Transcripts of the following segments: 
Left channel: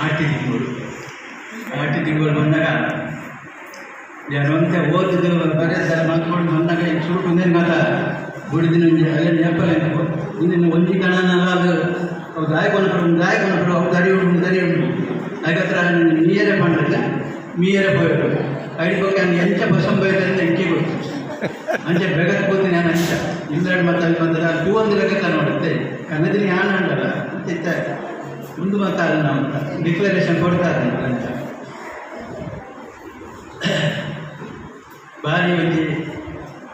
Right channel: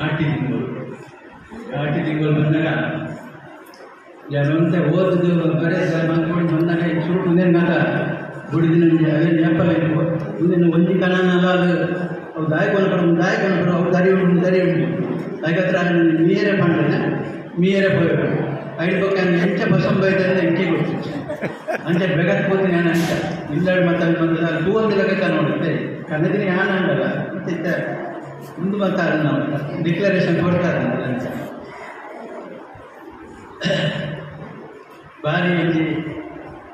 ಆಟಿ ತಿಂಗಳು ಬಂದಾಗ ಯಾರಂತೆ ಓದಿದೆವು ಬರೀ ಅದೆಲ್ಲ ಮಾಡ್ಕೊಂಡು ಬಂದಾಗ ಈಗ ಶೂಟ್ ಮುಂದಿನ ಕಾಲ ದುಡಿದಿನ ಅಲ್ಲೇ ನೆನಪಲ್ಲ ಮುಂದಿನ ಒಂದಿ ಕಣನೆಲ್ಲ ಅದು ದಾಯ ಕೊನಪಡು ಅವು ದರಿ ಉಂಟು ಅದಕ್ಕತ್ರ ಮೀಯರೇ ಮಾಡಿದ್ರೆ ಮೀಯರೇ ಹೋಯ್ತು ಐಡ್ಬೇಕು ಎಂಚ ಬಸಂ ಬೈದ್ರೆ ಇಂಟಿಗೆ ಗೊತ್ತು ಅಂಚೆ ಬೆಗತ್ ಕೂತೀನಿ ನಾನು ಅಂಚ ಇಂಗ್ಲೆಂಡ್ ಮತ್ತು ಟೂವೊಂದು ಲೆಕ್ಕ ನೋಡುತ್ತೆ ಕನ್ನದಿನ ಯಾರು ಅಂಡಲ್ಲ ಅಂತಿತ್ತ ಮುಂದೆ ಮಾತಾಡ ನಾವು ಡಿಕ್ಲರೇಷನ್ ಕೊಡ್ತಾರೆ ಅಂತ ಭಾರಿ ಒಂದು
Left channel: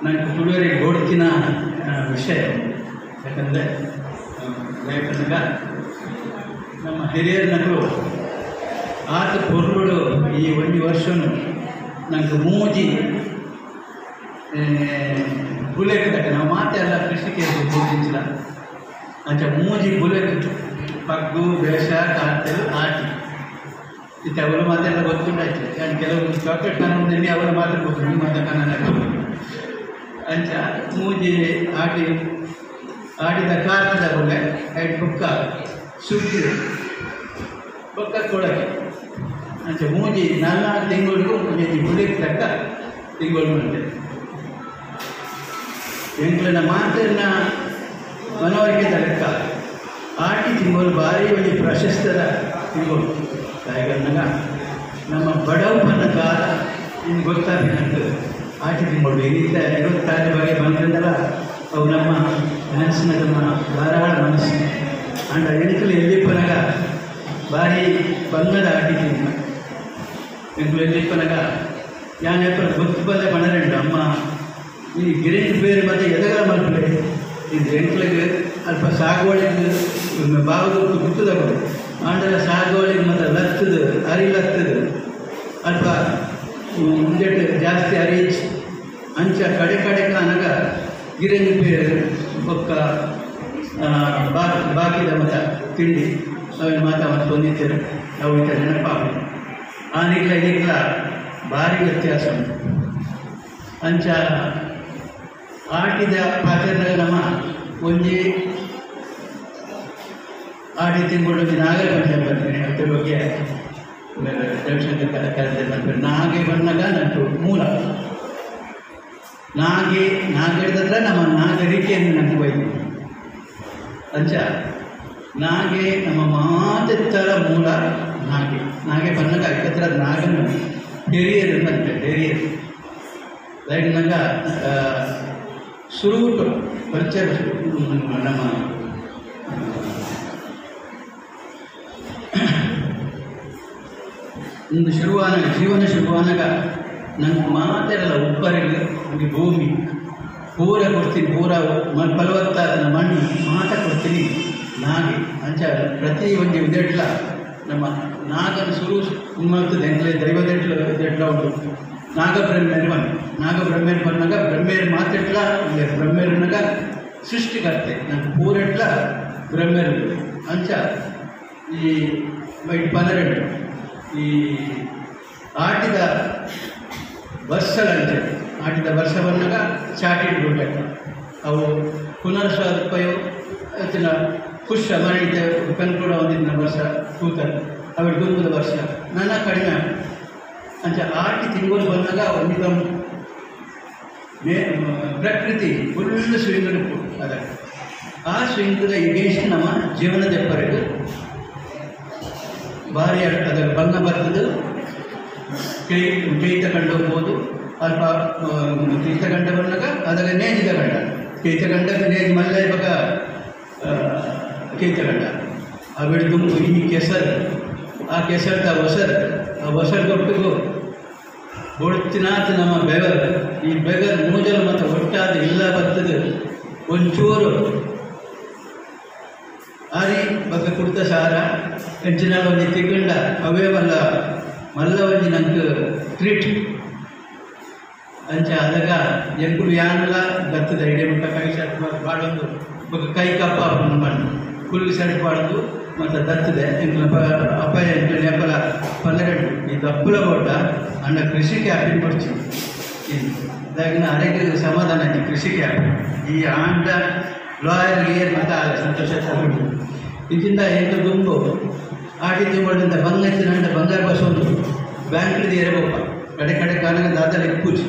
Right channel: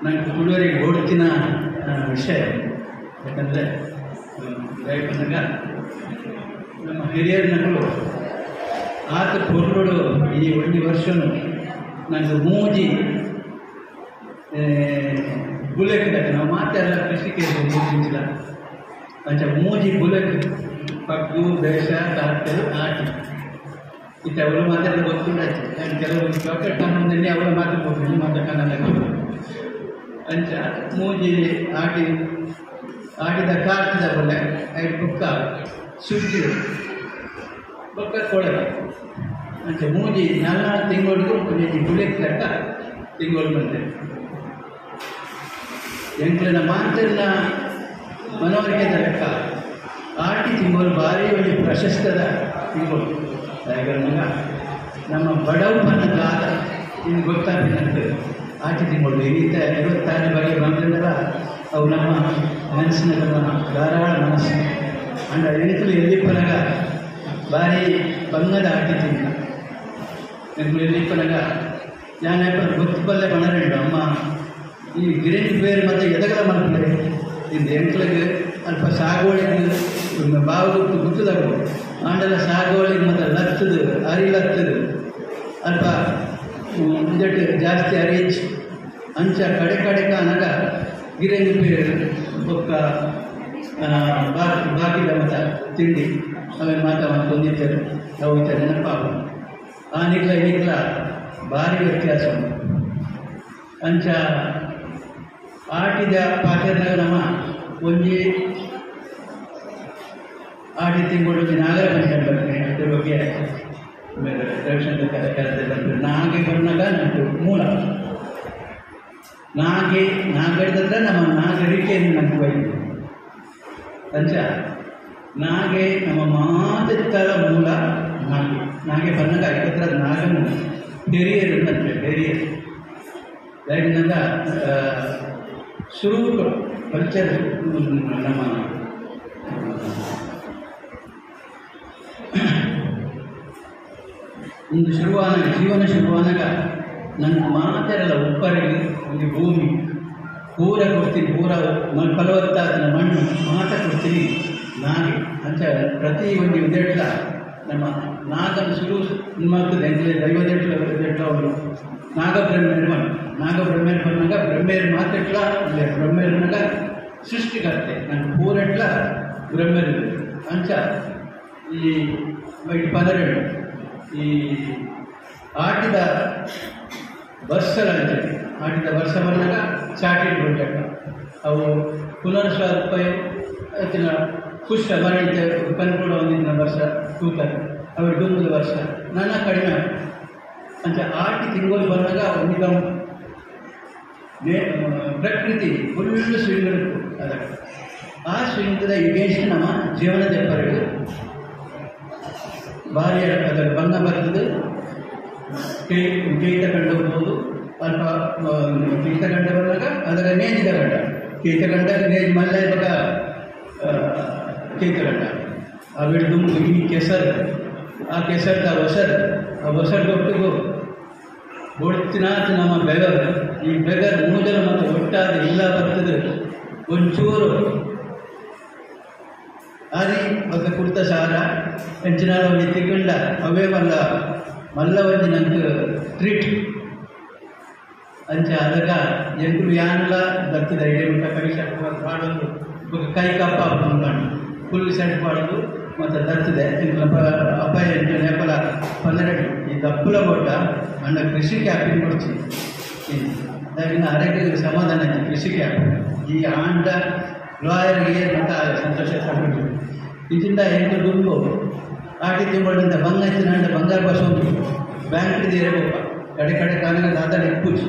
ನಾನು ತುಳುವರಿಗೆ ಓಡ್ತಿನ ವಿಷಯ ಯಾಕಂದರೆ ಯಾಕಂದಾಗ ನಮ್ಮ ಹಿರಿಯರನಗಳು ಆತ ಪೊರ್ಲುಡು ಈ ಒಂದು ವರ್ಷನು ನನಗೆ ಮೂಜಿ ಬುಲೆಕ್ ನಾವು ಮಾತೆಲ್ಲ ಕೃಷಿಗೆ ಗುರುತಿಂಚಿಲ್ಲ ಅಂಚ ಮೂಜಿ ಬುಲೆಕ್ ಪಗ್ಗು ಬೇಷ ಕಾರ್ತೆಲು ಆಟಿ ಇತ್ತು ಅವರು ಮಾತೆಲ್ಲ ಗೊತ್ತುಂಟಾಯ್ತು ನಾನು ಕೆಲವು ಚಾಕ್ಲೇಟ್ ಕಾನೂನಲ್ಲಿ ಅವರು ಮಾತು ಗೊತ್ತು ಮಾತ ಕನ್ನಡ ಅಂಚ ಮೂಜಿ ಆಡಿದ ಕಾರ್ತಿದ ಒಳ್ಳೆ ಐದು ಬುಕ್ಕ ಸುದ್ದಿ ಬೊಕ್ಕ ಕೊಡಕ್ಕೆ ಅಂಚ ಮೂಜಿ ನನ್ನ ತಿಂಗಳಿಗೂ ಮೂಜಿ ಬುಲೆಕ್ ತಕ್ಕ ತಿಂಗಳು ಬಂದೆ ಎಂಟ್ಲನ ಮಾತನ್ನ ಮನವರಿಕೆ ತಕ್ಕ ಆಟಿ ತಿಂಗಳು ಭಾರಿ ಒಂದು ಪ್ರಶಸ್ತದ ತಿಂಗಳು ಯಾಕಂದಾಗ ನಮ್ಮ ಬಡವನ ಕಾಲ ಇನ್ನು ಗೊತ್ತಾಗ್ತದೆ ಆಟಿ ತಿಂಗಳು ಈಗ 26 ಬಗ್ಗೆ ಬಂದ್ರಿಂದ ಅವು ನಮ್ಮ ಮನಸ್ಸಿನ ನಮ್ಮ ಧಾರಾಳ ಮನಸ್ಸು ಅಂಡ ಎಣಿಕಲು ಎಲ್ಲಿಪ್ಪನಾಗ ಭಾರಿ ಬಣ್ಣದ ಆಟಿ ತಿಂಗಳು ಎಂಕಲು ಎಲ್ಲಿಪ್ಪನಾಗ ಯಾನಪ್ಪ ಗೊತ್ತಬಲ್ಲೆ ಬಣರಂಡು ಅಮ್ಮ ಈ ಗಿರಣಿ ಬೇರೆ ಮತ್ತು ಎದಗಳ ಮಕ್ಕಳು ಇದು ಎಂಕ್ಳಿಗೆ ಅಲ್ಪ ಸಾಗುವಳಿಗೆ ಬಾವುದು ಗುತ್ತದವರು ಆಂಡಲ ಸಾಗುವಳಿಗೆ ಮತ್ತು ಲತ್ತದು ಅರಿಲತ್ತದು ಅಲ್ಪ ಮುಂಜೆಟ್ಟು ಜಾಸ್ತಿ ಅರಿಚ್ ಅಂಚ ಕಡೆ ಕಾನಾಗ ಗಿರಣಿ ಬೇರೆ ಬೊಕ್ಕ ಬಾಕಿದ ಮತ್ತು ತಿಂಡಿ ಅವೇನು ಮಾತ್ರ ಹೊಂದಿದ್ದಾರೆ ಅವು ಈ ಥರ ನೆನಪಾಗ ಆನಿಗ್ಲ ಭಾರಿ ವ್ಯತ್ಯಾಸ ಅಂಚ ಆಟಿದ ಪಾತ್ರದ ನಮ್ಮ ಒಂಜಿ ಆಟಿ ತಿಂಗಳು ನಾಗರ ಪಂಚಾಯತ್ ಅದ್ರ ಬಗ್ಗೆ ರವಿಶಂಕರ್ ಕರೆದ ನಾಗೆ ಬಂದಾಗ ನಮ್ಮದು ಮೂಲ ನಾಗಡಿದ್ರೆ ನಮ್ಮ ನಾಗರಿಕೆಯನ್ನು ನನಗೆ ಒಯ್ದು ಅಂಚ ನಾಗೆ ನಮ್ಮ ಮಾತೆತ್ತಲ ಮೂಲ ನಾಗೆ ಬಂದಾಗ ಐಕತ್ರ ನಾಗನು ಡೆರಿಯರ್ ಅಂತ ಡೆರಿಯರ್ ಲೈಟ್ನಾಗ ಸುರುಟು ಕಲ್ಚರ್ ನಮ್ಮ ಒಂದು ಜೀವನ ಶುರುವಾನಾಗ ನನ್ನ ಮಾತೆಲ್ಲ ಒಬ್ಬರಿಗೆ ಒಂದು ಭೂಮಿ ಪೂರ ಕೊಡ್ತೀನಿ ಪೂರ ಫಲವತ್ತಾದ ಮಣ್ಣು ಮಾತ ಕೊಡ್ತೀನಿ ನಾಗೆ ಅಂಚ ಪ್ರತಿ ಒಂದು ಇದೆಟ್ಲ ನಮ್ಮ ನಾಗನ ಶುರು ಮಾಡ್ತದೆ ಎಂಟ್ಲೆ ದೈವದೆಟ್ಲ ಉಂಟು ನಾಗಬ್ರಹ್ಮೇರು ಬಂದಾಗ ಬ್ರಹ್ಮೇರು ಮಾತೆಟ್ಲ ಇಲ್ಲ ಬ್ರಹ್ಮೇರನಾಗ ಸೃಷ್ಟಿಕರ್ತೆ ನಾನು ಪೂರೆಟ್ಲ ಬ್ರಹ್ಮೇರು ಅಂಚ ಈ ಪದರೆಡು ಈ ಆಟಿದ ವರ್ಷಗಳಂತೆ ಆಟಿದ ವರ್ಷ ಬಂದಾಗ ಚಾಟಿಟ್ ಬಿಡ್ಬೇಕು ಅವು ಪುನರ್ಸ್ವರೂಪಯೋ ಅದನ್ನ ಪುಷ್ಪ ಮಾಡಿದ ಕನ್ಕೂಡ ಒಂದಿನ ವರ್ಷ ತೂತ ಅವಳು ದುಂಬುದ ವರ್ಷ ನನ್ನ ಕಡಿಮೆ ಅಂಚ ಆಟಿ ತಿಂಗಳು ಬಂದಾಗ ಒಂದು ಪ್ರಕೃತಿ ಫುಲ್ ಸ್ವಿಂಗ್ ಅದ ಆ ಸ್ವಿಂಗದ ಎಗೇನ್ಸ್ಟ್ ನಮ್ಮ ಜೀವನದವರೆಗೂ ಭಾರಿ ಅದರ ಬಣ್ಣ ಬರ್ತದೆ ಕೈ ತಗೊಂಡು ಹೋಗ್ಬೋದು ಅಲ್ಪ ತಗೊಂಡು ಬಂದಾಗ ಅದರ ನೇಜಿದ ಗಂಡ ತಗೊಂಡ ನೇಜ್ ಮಲ್ಲ ಇವಾಗ ತಗೊಂಡ ಆ ಬಿಡ್ದು ಈ ಕೆಸರು ಆ ಕೆಸರದ ಹೊಸರು ಕೊಟ್ಟು ಬೊಡ್ತಿನಾಥ ನಮ್ಮ ಬೆವರು ಈ ಬೆಗರ್ ನೂಜಲು ಮತ್ತು ಒಟ್ಟಾದ ಇಲ್ಲ ಬರ್ತದೆ ಒಂಚೂರು ಆದಿ ಬಗ್ಗೆ ಕುರ್ತ ಸಾರ ಹೆಂಚಿನ ಒಂದು ತಿಗೊಂಡ ಅವೇ ಮಲ್ಲ ಒಂದು ನಮ್ಗೆ ಟ್ರೀಟ್ ಅಂಚ ಅದಕ್ಕ ಎಂಕುಲು ಯಾನಲ್ಲ ಬರ್ತದೆ ಐಡಿಯ ಮುಟ್ಟ ಕೈ ಶರ್ಟ್ ಮಾಡೋದು ಕೈ ಕಪ್ಪ ಮಾಡಿ ಫುಲ್ ಶರ್ಟ್ ಮಾಡೋದು ಮತ್ತು ದತ್ತದೆ ಅಪಾಯ ನೆಪಲ 12 ಈ ದಪ್ಪಲ ಕೊಟ್ಟ ಅಂಡ ಕೃಷಿ ಕ್ಯಾಪಿನ ಕೊಡ್ಚಿ ಅದಾಗಿನ ಆರೋಗ್ಯದ ಸಮಾಧಾನ ಕೃಷಿ ಕ್ಯಾಪ್ ಈ ಆಂಡ ಲಾಯರ್ ಇಯರ್ ಮತ್ತು ಸಂತೋಷ ತಗೊಂಡು ಇದರಿಂದ ಎಂಟು ದುಂಬು ಆಟಿ ತಿಂಗಳಿಂದ ಬಂಗಾಯ್ತಿನ ಅಂದ್ರೆ ಬಂಗಾರ ಬಸೋದು ಬ್ಯಾಂಕ್ದು ಇರಬೇಕು ಕಡೆ ಕಡೆ ಕಾಲಕ್ಕೆ ದಾದ ಇಪ್ಪುಜಿ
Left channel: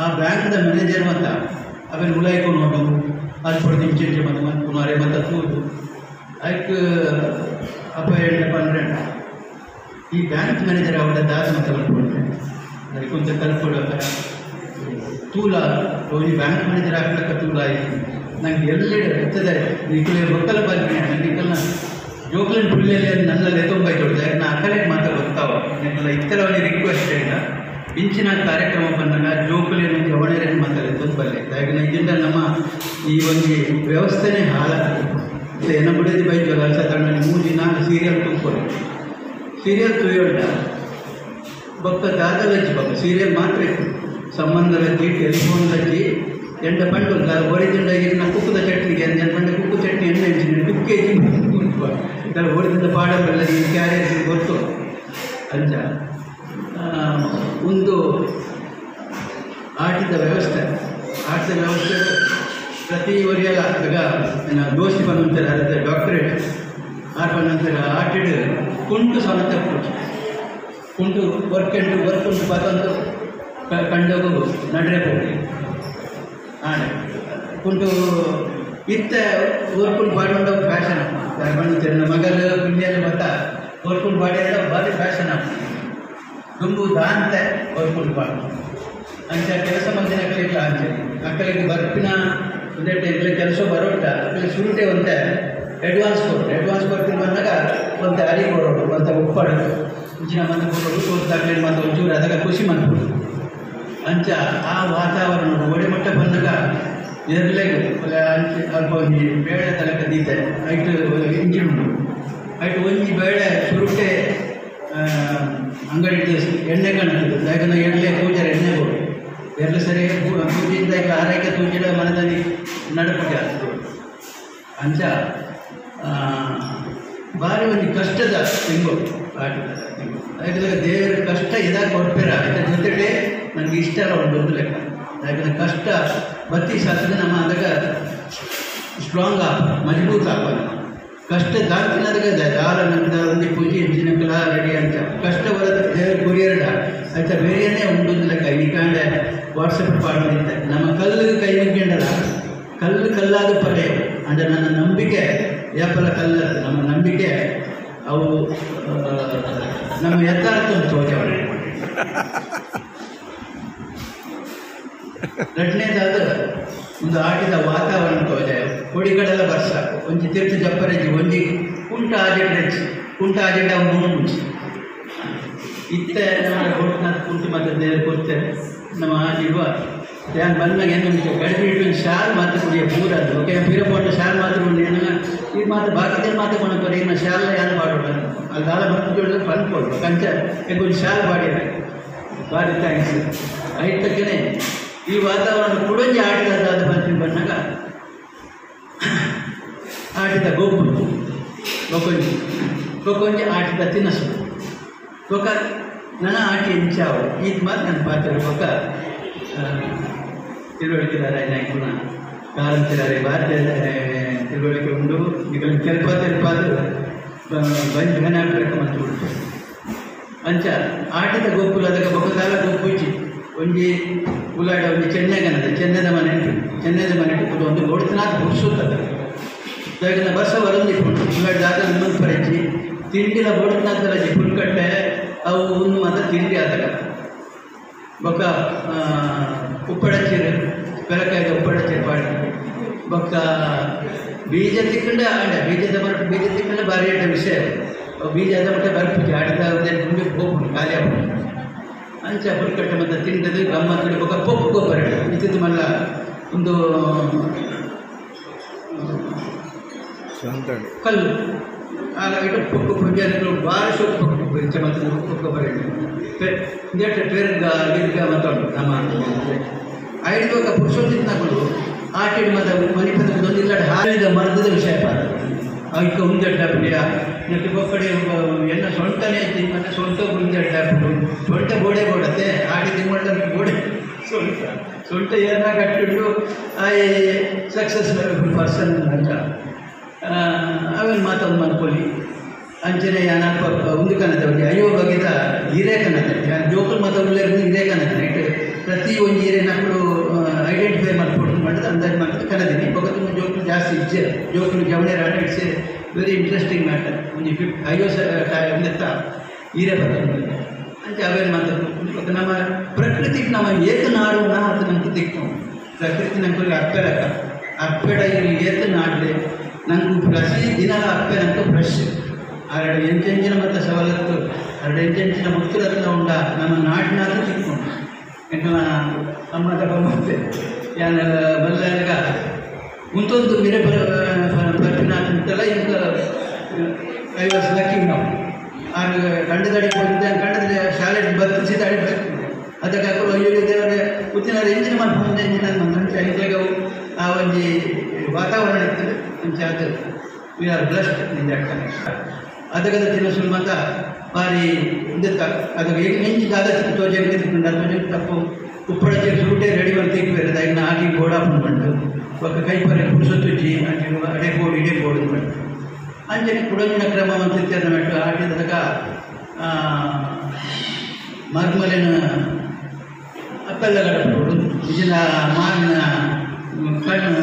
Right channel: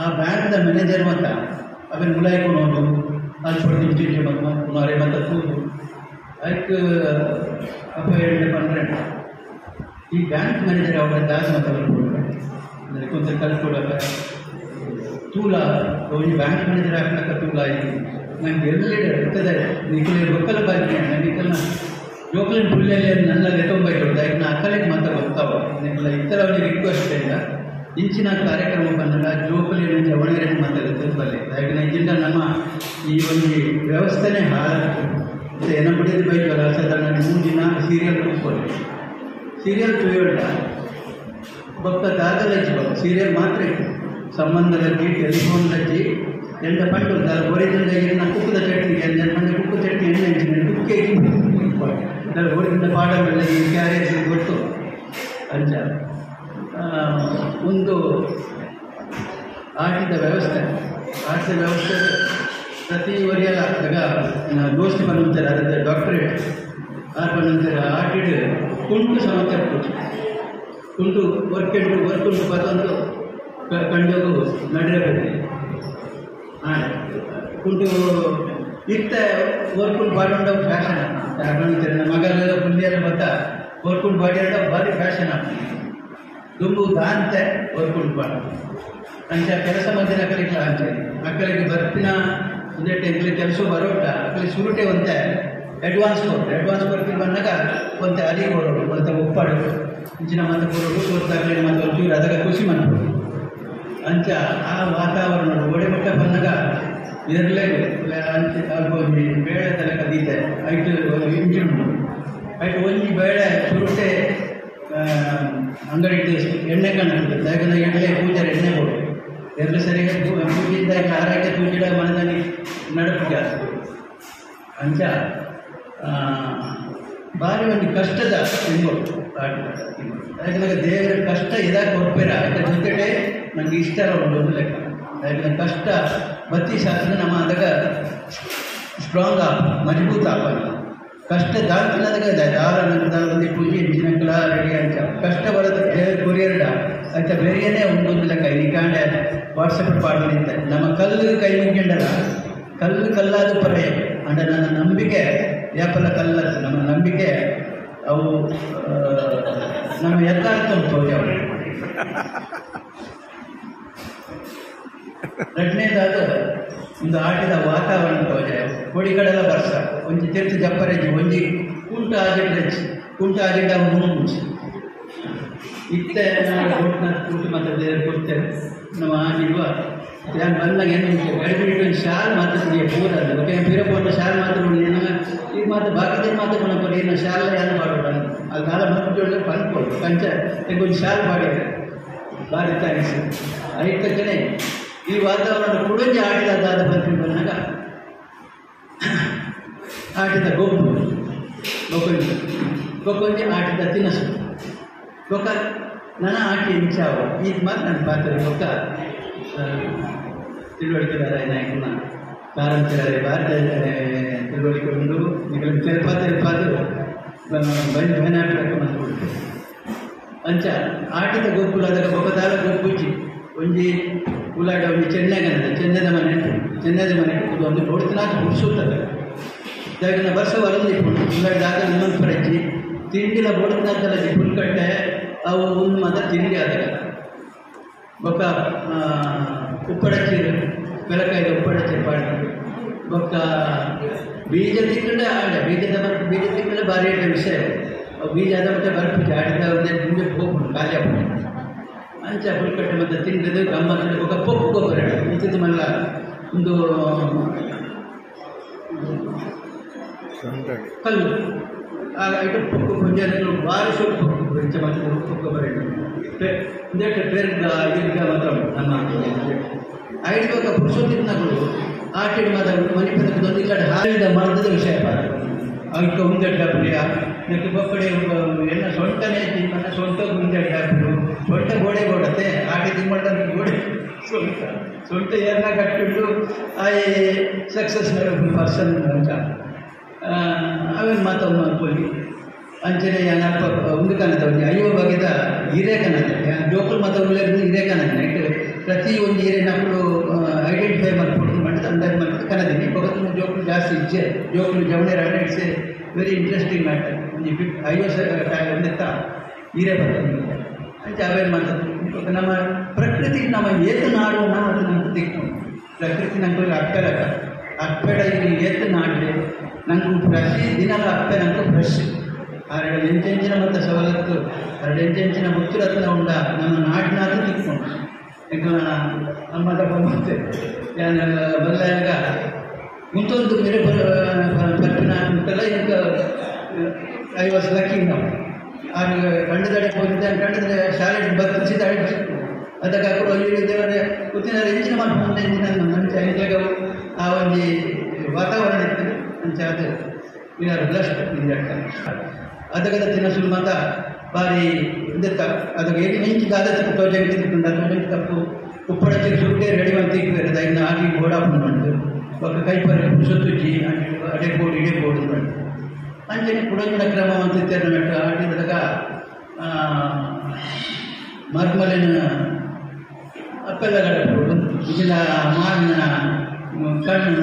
ಆ ಬ್ಯಾಂಕ್ದ ಮ್ಯಾನೇಜರ್ ಮತ್ತ ಅವೇನು ಉಲಾಯ್ಕೊಂಡು ಹೋಗೋದು ಅದು ಪಡೆದು ಇಂಚೆ ಮತ್ತು ಪುನಃ ಮತ್ತು ತೂದು ಅದಕ್ಕೆ ಅಪ್ಪ ಪನ್ನೆರಡು ಈ ಬ್ಯಾಂಕ್ ಮ್ಯಾನೇಜರ್ ಅವರ ದಾದ ಮತ್ತು ಕಲ್ಪೊಂಡ್ರೆ ಕೊಂತ ಕಲ್ಪೊಡಪ್ಪ ತೂಲ ಈ ಬ್ಯಾಂಕ್ ಮ್ಯಾನೇಜರ್ ಆಗ್ತಕ್ಕ ತೂಲ ಆಯಿತು ನಂಗೆ ಎಲ್ಲೆಡೆ ಇರ್ತದೆ ನಿಖಿಲ ಲೋಕಲ್ ಬಗ್ಗೆ ನಿಖಲ್ನ ಜೋಕ್ಲಿನ ಪುಲ್ಲೆಲ್ಲಿ ನನ್ನ ಲೆತ್ತೊಂಬೈ ಕೊಡ್ದೆ ಯಾಕೆ ನಾ ಅಕ್ಕಲಿಗೆ ಮಾತ್ರ ಬರ್ತಾವ ನಿಖಲ ಇತ್ತರ ಅವನಿಗೆ ರಿಕ್ವೆಸ್ಟ್ ಇಲ್ಲ ಇಂಚಿನ ಕಾರ್ಯಕ್ರಮ ಬಂದಾಗ ಜೋಕಲಿ ಮುಂಚೆ ಒಳ್ಳೆಯ ಮಾತಾಡಿ ತುಂಬಲ್ಲಿ ಯಾಕಂದರೆ ಇದರಿಂದ ನಮ್ಮ ಈ ಒಂದು ವ್ಯವಸ್ಥೆನೇ ಹಾಳಾಗ್ತದೆ ಏನೋ ಬಿಡಿದ ಬೇಕು ವರ್ಷದ 3 ದಿನ ಸೀರಿಯಲ್ ತುಂಬ್ಕೊಂಡು ಸೀರಿಯಲ್ ತುಯ್ಯೋಣ ಬೊಕ್ಕ ದಾದಲ ಹಚ್ಚಿಬೇಕು ಸೀರಿಯಲ್ ಮಾತ್ರ ಇತ್ತು ಸಂಬಂಧ ಹಚ್ಚಿ ಟೆಲಿಫೋನ್ ಹಚ್ಚಿ ಎಂಡ ಪಂಡು ಹೊರದಿಂದ ಏನ ಕುಕ್ಕದ ಚಟ್ನಿಗೆ ಎಂಡ ಕುಕ್ಕು ಚಟ್ನಿ ಎಣ್ಣೆ ಹಚ್ಚಿದ್ರೆ ಕುಕ್ಕೆ ಹೊರದಿಂದ ಪಾಡಲ್ಲ ಈ ಕ್ಯಾರಿಯರ್ ಗೊತ್ತು ಅಂಚ ಒಂದು ಆಟದ ವ್ಯವಸ್ಥೆ ಪ್ರತಿ ವರಿಯ ದೋಸ್ತಿ ಬಂದಂತಾರೆ ಅದರ ಡಾಕ್ಟರೇಟ್ ಆರು ಬಂದಂತಾರೆ ಆಟಿಡ್ ಕುಂಟು ಸಮೇತ ಕುಂಟು ವರ್ಕ್ ಉಂಟು ಪದಂದು ಕಂಡು ನಡೆಯಬಹುದು ಕುಂಟು ಇತ್ತ ಓರ್ಕುಂಡು ಬಾಡಿ ಫ್ಯಾಷನ್ ಬಂದಿರ್ತಾರೆ ಮಗಲು ಪುಣ್ಯದ ಮತ್ತ ಓರ್ಕುಂಡು ಬಾಡಿ ಅಂತ ಭಾರಿ ಫ್ಯಾಷನ್ ಆಗ್ತದೆ ದುಂಬು ದಾಂತೆ ಓರ್ಕುಂಡು ಬಾಡು ಅಂಚ ಕೆಲಸ ಮಂದಿನ ಅಕ್ಕಲಿಗೆ ಅಂಚೆ ಅಕ್ಕಲಿಗೆ ಬರ್ಪಿನ ಒಂದೇ ಟೈಮ್ಲಿ ಕೆಲಸ ಬರೋಟ ಅಕ್ಕಲಿಗೆ ಸುರುಟೆ ಒಂತೆ ಅಡ್ವಾನ್ಸ್ ಕೊಡ್ತೀವಿ ಬಂದಾಗ ಒಂತೆ ಅರಿಗೆ ಬರೋಡು ಒಂತ ಉಪ್ಪಾಡು ಇಂಚಿನ ಮಂದಿ ಬರೋಡು ತೋರಿಸ್ದಾಗಲಿ ಮತ್ತು ಒಂಚೂರು ಅದಕ್ಕೆ ಖುಷಿ ಮಾಡ್ಬೋದು ಅಂಚ ಆ ವಾತಾವರಣ ಗೋಡೆ ಮಟ್ಟ ಬಂದಾಗ ನಿರ್ಲೇಗೆ ಅಂಚೆ ಅಲ್ಪ ಒಂದು ಬೇಳೆ ತನಕ ದೀತೆ ಐಟು ಇಂಜಿನ್ ಐಟು ಒಂಜಿ ಬೇಳೆ ಸುರುಟೆ ಅಂಗಡಿ ಎಣ್ಣೆ ಕಾಣುತ್ತದೆ ಯಾಕಂದರೆ ಎಣ್ಣೆ ಪೂಜಾರ ಎಣ್ಣೆ ಕೊಡು ಎಲ್ಲ ಸರಿಯಾಗಿ ಪೂಜಿದ್ದಾಗ ಆರೋಗ್ಯ ತೂಜಿಡ ಮನದಲ್ಲಿ ನಡಪಕ್ಕೆ ಆಗ್ತದೆ ಅಂಚ ಭಾರಿ ಒಂದು ಕಷ್ಟದ ತಿಂಗಳು ಆಟದ ಯಾಕಂದರೆ ದೇವರ ಕಷ್ಟ ಇದಾಗ ಹೊರಪೇರ ಅದರ ಜೊತೆಗೆ ನನಗೆ ಇಷ್ಟ ಒಂದು ಲೆಕ್ಕ ಯಾಕಂದರೆ ಕಷ್ಟ ಬತ್ತಿ ಶಾಸ್ತ್ರ ನಮ್ಮ ಅದಾಗ ಸ್ಟ್ರಾಂಗ್ ಮಜಬೂತ್ ಆಗಲ್ಲ ಕಷ್ಟ ದಾಲ್ತಿನದಾಗ ದಾರ ನಂತರ ಒಂದು ಪೂಜೆ ಇಂಚಿನ ಕಲಾ ರೆಡಿ ಅಂತ ಕಷ್ಟ ಬರೋದು ದೇವ್ರ ಕೊರಿಯರ್ಡ ಆಯ್ತಾ ಬೇರೆಯೇ ಒಂದು ಲೆಕ್ಕ ನಿಕಾಂಡೆ ವಾಟ್ಸಪ್ ಪಾಡಿದ್ದೆ ನಮ್ಮ ಕಲ್ಲು ಕೈ ಮುಗ್ಕೊಂಡಲ್ಲ ಕಲ್ಲಾದ ಪರ್ಯ ಅಂದರೆ ನನ್ನ ನಂಬಿಕೆ ಯಾಪಲ ಕಲ್ಲ ನಮ್ಮ ನಂಬಿಕೆ ಅವು ನಮ್ಮ ಯಥಾರ್ಥ ತೋರೆ ಎರಡನೇದಾದ ಒಂದು ಆಟದ ವಾತಾವರಣ ತೋರೆ ಕೋಡಿಗಳೆಲ್ಲ ವರ್ಷ ಒಂಜಿ ತೀರ್ಥ ಜಪ್ಪರಜ್ಜಿ ಒಂಜಿ ಕುಂಟ ಆಜಿಡ್ರಜ್ಜಿ ಕುಂಟ ಆಜಿಡ್ಡ ಮುಂಚಿ ಇತ್ತ ನಾವು ಗೋಟ್ನ ಕುಂಟಿ ಮತ್ತು ದೇವರು ಕೊಡ್ತೇವೆ ನಮ್ಮ ಆಜಿವ ಧ್ಯಾನ ಬಂದಾಗ ಏನು ಗಡಿಬಿಟ್ಟು ಶಾಲ್ ಮಾತು ಕುಡಿಯ ಪೂರ ಅದು ಓಕೆ ಬೀರಪೋಟ ಶಾಲ್ ಮಾತು ಕುಡಿಯ ಇದು ಮಾತು ಬಾಕಿದ ಮಾತು ಕೊಡಪ್ಪ ಇನ್ನು ಶಾಲ್ ಯಾರು ಮಾಡೋಣ ಅಲ್ಲಿ ಕಾಲ ಬಂದು ಜೋಡಿದ್ರೆ ಬಂದ್ಕೊಡು ಕಂಚ ಒಂದು ಶಾಲ್ ಬಾಡಿದೆ ಬಾಡಿ ಥ್ಯಾಂಕ್ಸ್ ಐತಕ್ಕೇ ಈ ವಾತಾವರಣ ಕುಡಂಜಿ ಆಟಿದಾದ ಪ್ರತಿ ಬಂದಾಗ ಆಟಿದ ಗೊಬ್ಬಂಜಿ ಆಟಿದ ತಿನ್ನಸು ಗೊಕ್ಕ ನನ್ನ ಆಟಿ ಇಂಚಾವ ಇದು ಮಾತು ನನ್ನ ಪಾತ್ರ ಗೊಕ್ಕ ತಿಳುವಳಿಕೆದಾರೆ ನಾಯಕನ ಕಾಲಂತಿದ್ದಾರೆ ಭಾರತ ತಿಳುವಳಿಕೆ ಉಂಡು ಈಗ ತೆಲಪಾದು ಬಂಜನಾಟಕ ಮತ್ತು ಅಂಚ ಆಟಿದ ಗೋಪುಲದ ಗೊಬ್ಬದಾಲ ಗೋಪೂಜಿ ಒಂಜಿ ಉಲಾಡ ಒಂದು ಚೆನ್ನದ ಮನೆ ಉಂಟು ಒಂದು ನೋಡ್ತಿನಾಗ ಹುಡ್ಸುತ್ತದೆ ಯಾಕಂದ್ರೆ ವರ್ಷ ಹೊರೊಂದಿಟ್ಟು ಉಳ್ಳಾಡ್ದಾಗ ಇನ್ನೊಂದು ಪರಚಿ ತಿಂಡಿಲ ಬೋಡ್ತಿನಾಗ್ತಲ್ಲ ಪುಲ್ಕಟ್ಟೆ ಅವು ಒಂದು ಮಾತ್ರ ತಿಂಡಿ ಆದಾಗ ಬೊಕ್ಕ ಉಪ್ಪಡಚ್ಚೀರು ಬೆಳಕಾಯ್ದು ಉಪ್ಪಡಚ್ಚೀರು ಪಾಡಿ ಬೊಕ್ಕ ಬೀಜ ತಿಕ್ಕಂಡೆ ಆಡ ಬೀಜ ತಿಕ್ಕಂಡೆ ಭಾರಿ ಆಟ ವಿಷಯ ಬೀಜ ಆದ ಮಟ್ಟ ಬರ್ಪಿಟ್ಟು ಆಡಿದ ಮುಂದಕ್ಕೆ ಹೋಗ್ಬಿಟ್ಟು ಖಾಲಿ ಆಗ್ಬಿಟ್ಟು ಅಂಚ ಪುಲ್ಕಟ್ಟೆ ಮತ್ತು ತಿಂಡದು ಗಮ್ಮತ್ತು ಬೊಕ್ಕ ಪೊಪ್ಪು ಗೊಬ್ಬರ ಇತ್ತಿದ್ದು ಮಲ್ಲ ಒಂದು ಕಲ್ಲು ಆಗ ಇಟ್ಟು ಪೊಕ್ಕು ಪೂಜಾರಿಗಳು ಭಾಳ ಶೋಕ ಬೆಂಚ ಮತ್ತು ಪೊಕ್ಕ ಬರೆದು ಇಂದೇಟ ಪೇರ್ಗ ಇದೀಗ ಮಾತಾಡೋದು ನಮ್ಮ ಐದು ಪುರುಷೋತ್ತಿನಾಗಳು ಆಟಿಡ್ ಮಾತ್ರ ಮನೆ ಪದಕ್ಕೆ ಇಲ್ಲಾಡೆ ಹಾರಿದ ಮರದ ವಿಷಯ ಅದಕ್ಕೆ ಮುಂದೆಡ್ಡ ಪ್ರಿಯ ನೆಟ್ಟು ಪಕ್ಕಡೆ ಎಲ್ಲ ಸೊಂಟನೇ ತಿನ್ಮಟ್ಟ ಸೊಂಟ ಮುಂದೆಡ್ಡ ಸೊಂಟ ಗೋಡೆ ಕೊಡತ್ತೆ ಆಟಿ ತಿನ್ಮಟ್ಟ ಗೋಡೆ ಸೊಂಟ ಏನ ಕಟ್ಟಿಟ್ಟು ಸಕ್ಸಸ್ ಪರ್ಸನ್ ಅಂತ ಅವು ಅವೇನು ಮಾತಾಡು ಮಾಡ್ಕೊಳ್ಳಿ ಅಂಚನೆ ಒಂದು ಕನ್ನಡ ಅಯ್ಯೋ ಬಗೆದ ಹಿರೇ ಕನ್ನಡ ಜೋಕುಲು ಮಾತಾಡಲೇ ಹಿರೇ ಕನ್ನಡ ಇಟ್ಟು ಪ್ರತಿ ಒಂದು ಹಿರೇ ನಕ್ಕಳು ಐಡೆಂಟಿಫೈ ಮಾಡ್ಕೊಡೋದು ಮಾಡಿದ್ರೆ ಅಂತ ಮಾತಾಡ ಕನ್ನಡಿನಿ ಬಗತ್ತು ಜೋಕುಲು ಜಾಸ್ತಿ ಇಜ್ಜೆ ಜೋಕುಲು ಜವಣೆ ರಾಣ it's a very interesting matter ಒಂದು ಅಯ್ಯೋ ಒಂದೆತ್ತ ಹಿರೇ ಬರ್ತಾರೆ ಅಂತ ಅವೇನು ಮಾತಾಡ್ತಾರೆ ನಮ್ಮ ಪ್ರಕೃತಿಗೆ ನಾವು ಏತು ನಾಡೋಣ ಅಂತ ನಂಗೆ ತಿಕ್ಕು ಪ್ರಕೃತಿ ನಂಗೆ ಅಪ್ಪೆಡ ಏತು ನಾಡಲೆ ನಂಗೆ ಪ್ರತಿ ದಿನ ಅಪ್ಪೆ ನಂಗೆ ಫ್ರೆಶ್ ಎರಡು ಎಂಚೆಂಚಿನ ಮತ್ತು ಸವಲತ್ತು ಎರಡು ಎಂಚೆಂಚಿನ ಮುಚ್ಚಿರತ್ನ ಉಂಡ ನಮ್ಮ ನಾಡಿನಾದ್ರೂ ತಿಕ್ಕೊಂಡು ಎಂಟು ಅಮ್ಮದ ಮತ್ತೆ ಬಲ್ಲಾಗ ಮುಂತೊಂದು ಬೇರೆ ಪಟ್ಟಿನ ಉಂಟಲ್ಲ ಈಗ 50 ಲಕ್ಷ ನಾವು ಆಗ ಕಂಡದಡೆ ಹೋಗಿದ್ದೆ ಕಂಡದ್ರೆ ಶಾಲೆ ಬರ್ತಿಸಿದ ಅಡಿ ಬರ್ತಿದ್ದೆ ಅದಕ್ಕೆ ಅವರು ಅಯ್ಯೋ ದೇವರೇ ಉತ್ತಿನ ಎಂಚಿನ ಮಾಡ್ಕೊಂಡು ಎಂಚಿನ ಮಂಚಾಗ ಆ ಒಂದು ವಾತಾವರಣ ಇರ್ತದೆ ಅಂಚೆ ಅದು ವಿ ಆರ್ ಬ್ಲಸ್ಟ್ ನಿಂದ ಅದಕ್ಕೆ ತಿನ್ನಸುಲು ಮಾತ ಬಾರಿ ಇದಕ್ಕೆ ಅದಕ್ಕೆ ಏನು ಮಿಂಚಿದ ತೋಜಂಗೆ ತೋಜಂಗೆ ತಪ್ಪು ಉಪ್ಪಳಕ್ಕೆ ಸುರುಟೆ ರೆಡಿ ಮಾಡಿ ತಿಕ್ಕಿದ್ದಾರೆ ಅದನ್ನ ಆಗಿ ಗೋಡಾಪು ಮಾಡಿತು ఒక ಕೈ ಪರ ಸುತ್ತುಜ್ಜಿ అంటే ಅಡೆಗೋಡು ಇಡೆಗೋಡು ಮಾಡಿತು ಅಂಚನೆ ಕುಡಂಜಿನ ಕ್ರಮ ಅಂತ ಮೆಟ್ಟು ಆಡಿದಾಗ ಮರ್ಮಲಿನ ಅಪ್ಪೆಲ್ಲಗಳ ಇದನ್ನ ಮಾವಿನ ಕಣ್ಣು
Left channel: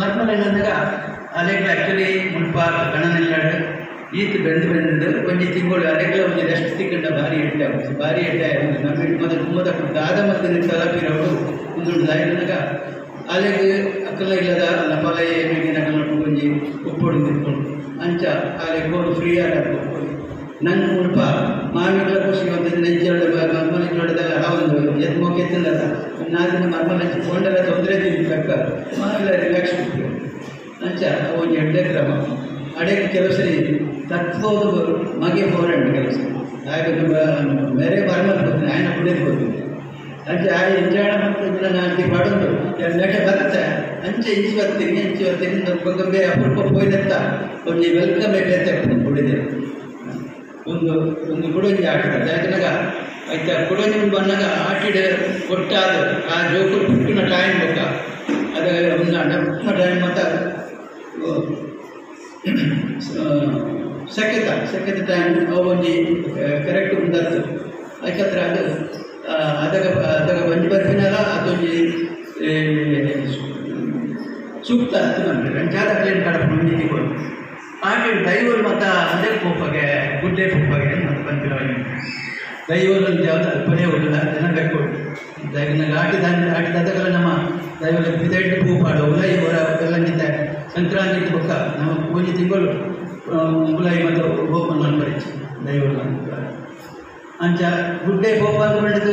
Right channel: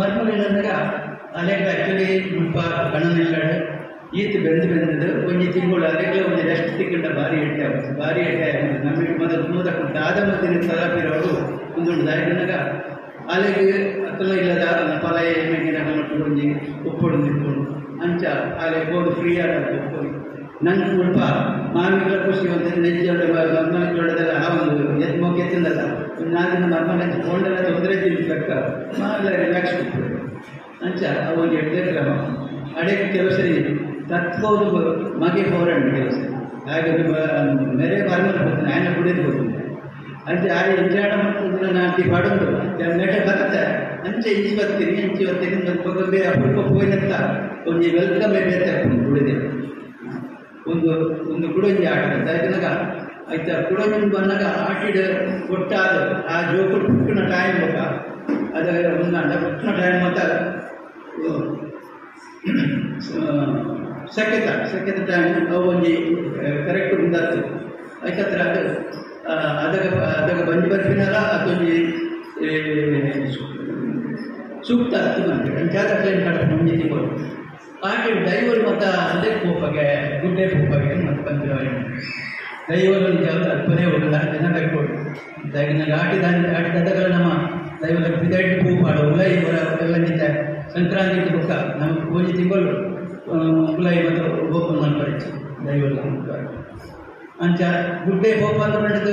ಮರ್ಮಲಿನಂದಾಗ ಅಲೆಗಳು ಆ್ಯಕ್ಚುಲಿ ಮುಲ್ಪ ಕಣ್ಣನೆಲ್ಲಾಡು ಈತು ಬೆಂದು ಒಂದು ತಿಂಗಳು ಅಲೆಗಳು ಒಂದು ಎಷ್ಟು ತಿಂಗಳ ಭಾರಿ ಇಟ್ಟೆ ನಮ್ಮ ಮೊದಲು ಮೂದಕ್ಕೆ ಆದ ಮಧ್ಯೆ ತಲಪಿರೋಡು ಒಂದು ದಾಯಿನಾಗ ಅಲ್ಲಿಗೆ ಅಕ್ಕಲ್ಲ ಇಲ್ಲದ ಅಲ್ಲ ಫಲ ಏನಿಗೆ ನೊಟ್ಕೊಂಡಿ ಉಪ್ಪೊಡು ನಿಂತ್ಕೊಂಡು ಅಂಚ ಅಲ್ಲಿ ಗೋಡು ಫ್ರೀ ಆಗಿ ನನ್ನ ಮುಲ್ಪ ಮಾವಿನ ಖುಷಿ ಒಂದು ನೆಜ್ಜೊಳ್ಳೆ ಮರ್ಮಲ ಜೊಡ್ಡದಲ್ಲ ಒಂದು ಎದ್ದು ಮೊಕ್ಕೆತ್ತಿಲ್ಲದ ಒಂದು 4 ದಿನ ಮರ್ಮಲ ಹಚ್ಕೊಂಡೆಲ್ಲ ತೊಂದರೆ ತಿನ್ಬೇಕ ಎಲ್ಲ ರಿಲ್ಯಾಕ್ಸ್ ಬಿಡ್ಬೇಕು ಅಂಚ ಒಂದು 8 ಕ್ರಮ ಅಡೆಗೆ ಕೆಲಸ ತತ್ವದು ಮಗೆ ಹೋರಾಟ ಕೆಲಸ ಹಾಗೆ ಬೇರೆ ಬಾರ್ಮಲ್ ಹೋಗ್ತೀನಿ ಆಯ್ನ ಕುಡಿಯೋದು ಹೋಗ್ತೀನಿ ಅಂಚೆ ಆ ಎಂಜಾಣ ಮತ್ತು ನಾಲ್ಕು ಪಾಡೋದು ನೆಟ್ಟೆ ಬರುತ್ತೆ ಅಂಚೆ ಇಂಚಿ ಬರ್ತೀನಿ ನನ್ನ ಬೇರೆ ಅಪರೂಪ ಹೋಯ್ನಂತ ಒಂದು ವೆಲ್ಕಮ್ ಬೇರೆ ಕುಡಿದೆ ಒಂದು ಕುಡಂಜಿ ಆಟ ಯಾಕಂದಾಗ ಆಯ್ತಾ ಕುಡಂಜಿ ಬಂದಾಗ ಆಟಿಡ ಕೊಟ್ಟಾದ ಆ ಜೋಕುಲು ಪುಟ್ಟಿನ ಟೈಮ್ ಬೇಕಾ ಅದ ಒಂದು ಪುಟ್ಟಿನ ಟೈಮ್ ಮತ್ತು ಸೆಕೆತ ಟೈಮ್ ಒಂದು ಕರೆಕ್ಟ್ ಮುಂದಾತು ಯಾಕಂದ್ರೆ ಅದಾಗ ಬಂದು ಬರ್ತೀನಲ್ಲ ಅದೊಂದು ಸೂಕ್ತ ಅರ್ಥ ಮಾಡ್ತಾರೆ ಅಂಚಾದ ಕ್ಲೈನ್ ಕಡಪು ನೀತಿ ಕೊಡು ಹಾಗೆ ದೈವರು ಮತ್ತು ಅದಕ್ಕೆ ಹೋಪಾಗೆ ಗುಡ್ಡೆ ಹೋಪಾಗೆ ಮತ್ತು ಬಂದಿರೋ ದೈವದಲ್ಲಿ ಯಾವುದು ಅಲ್ಪನೇ ಹೋಗಿಲ್ಲ ಜನಬೇಕು ನನಗೆ ಆಟಿದಗಳ ನಮ್ಮ ದೈವದ ಬಿದಟ್ಟು ಹೂ ಪಾಡು ಉಲೈ ಎಲ್ಲ ನಿಂತ ಸಂಕ್ರಾಂತಿ ಬೊಕ್ಕ ನಮ್ಮ ಒಂದು ತಿಂಗಳು ಉಲೈ ಮತ್ತು ಹೋಪನ್ ಮಾಡ್ಬಾರಿச்சு ದೈವಲ್ಲ ಅಂಚ ಗುಡ್ಡೆ ಹೋಪಾದ ಬಂಡದ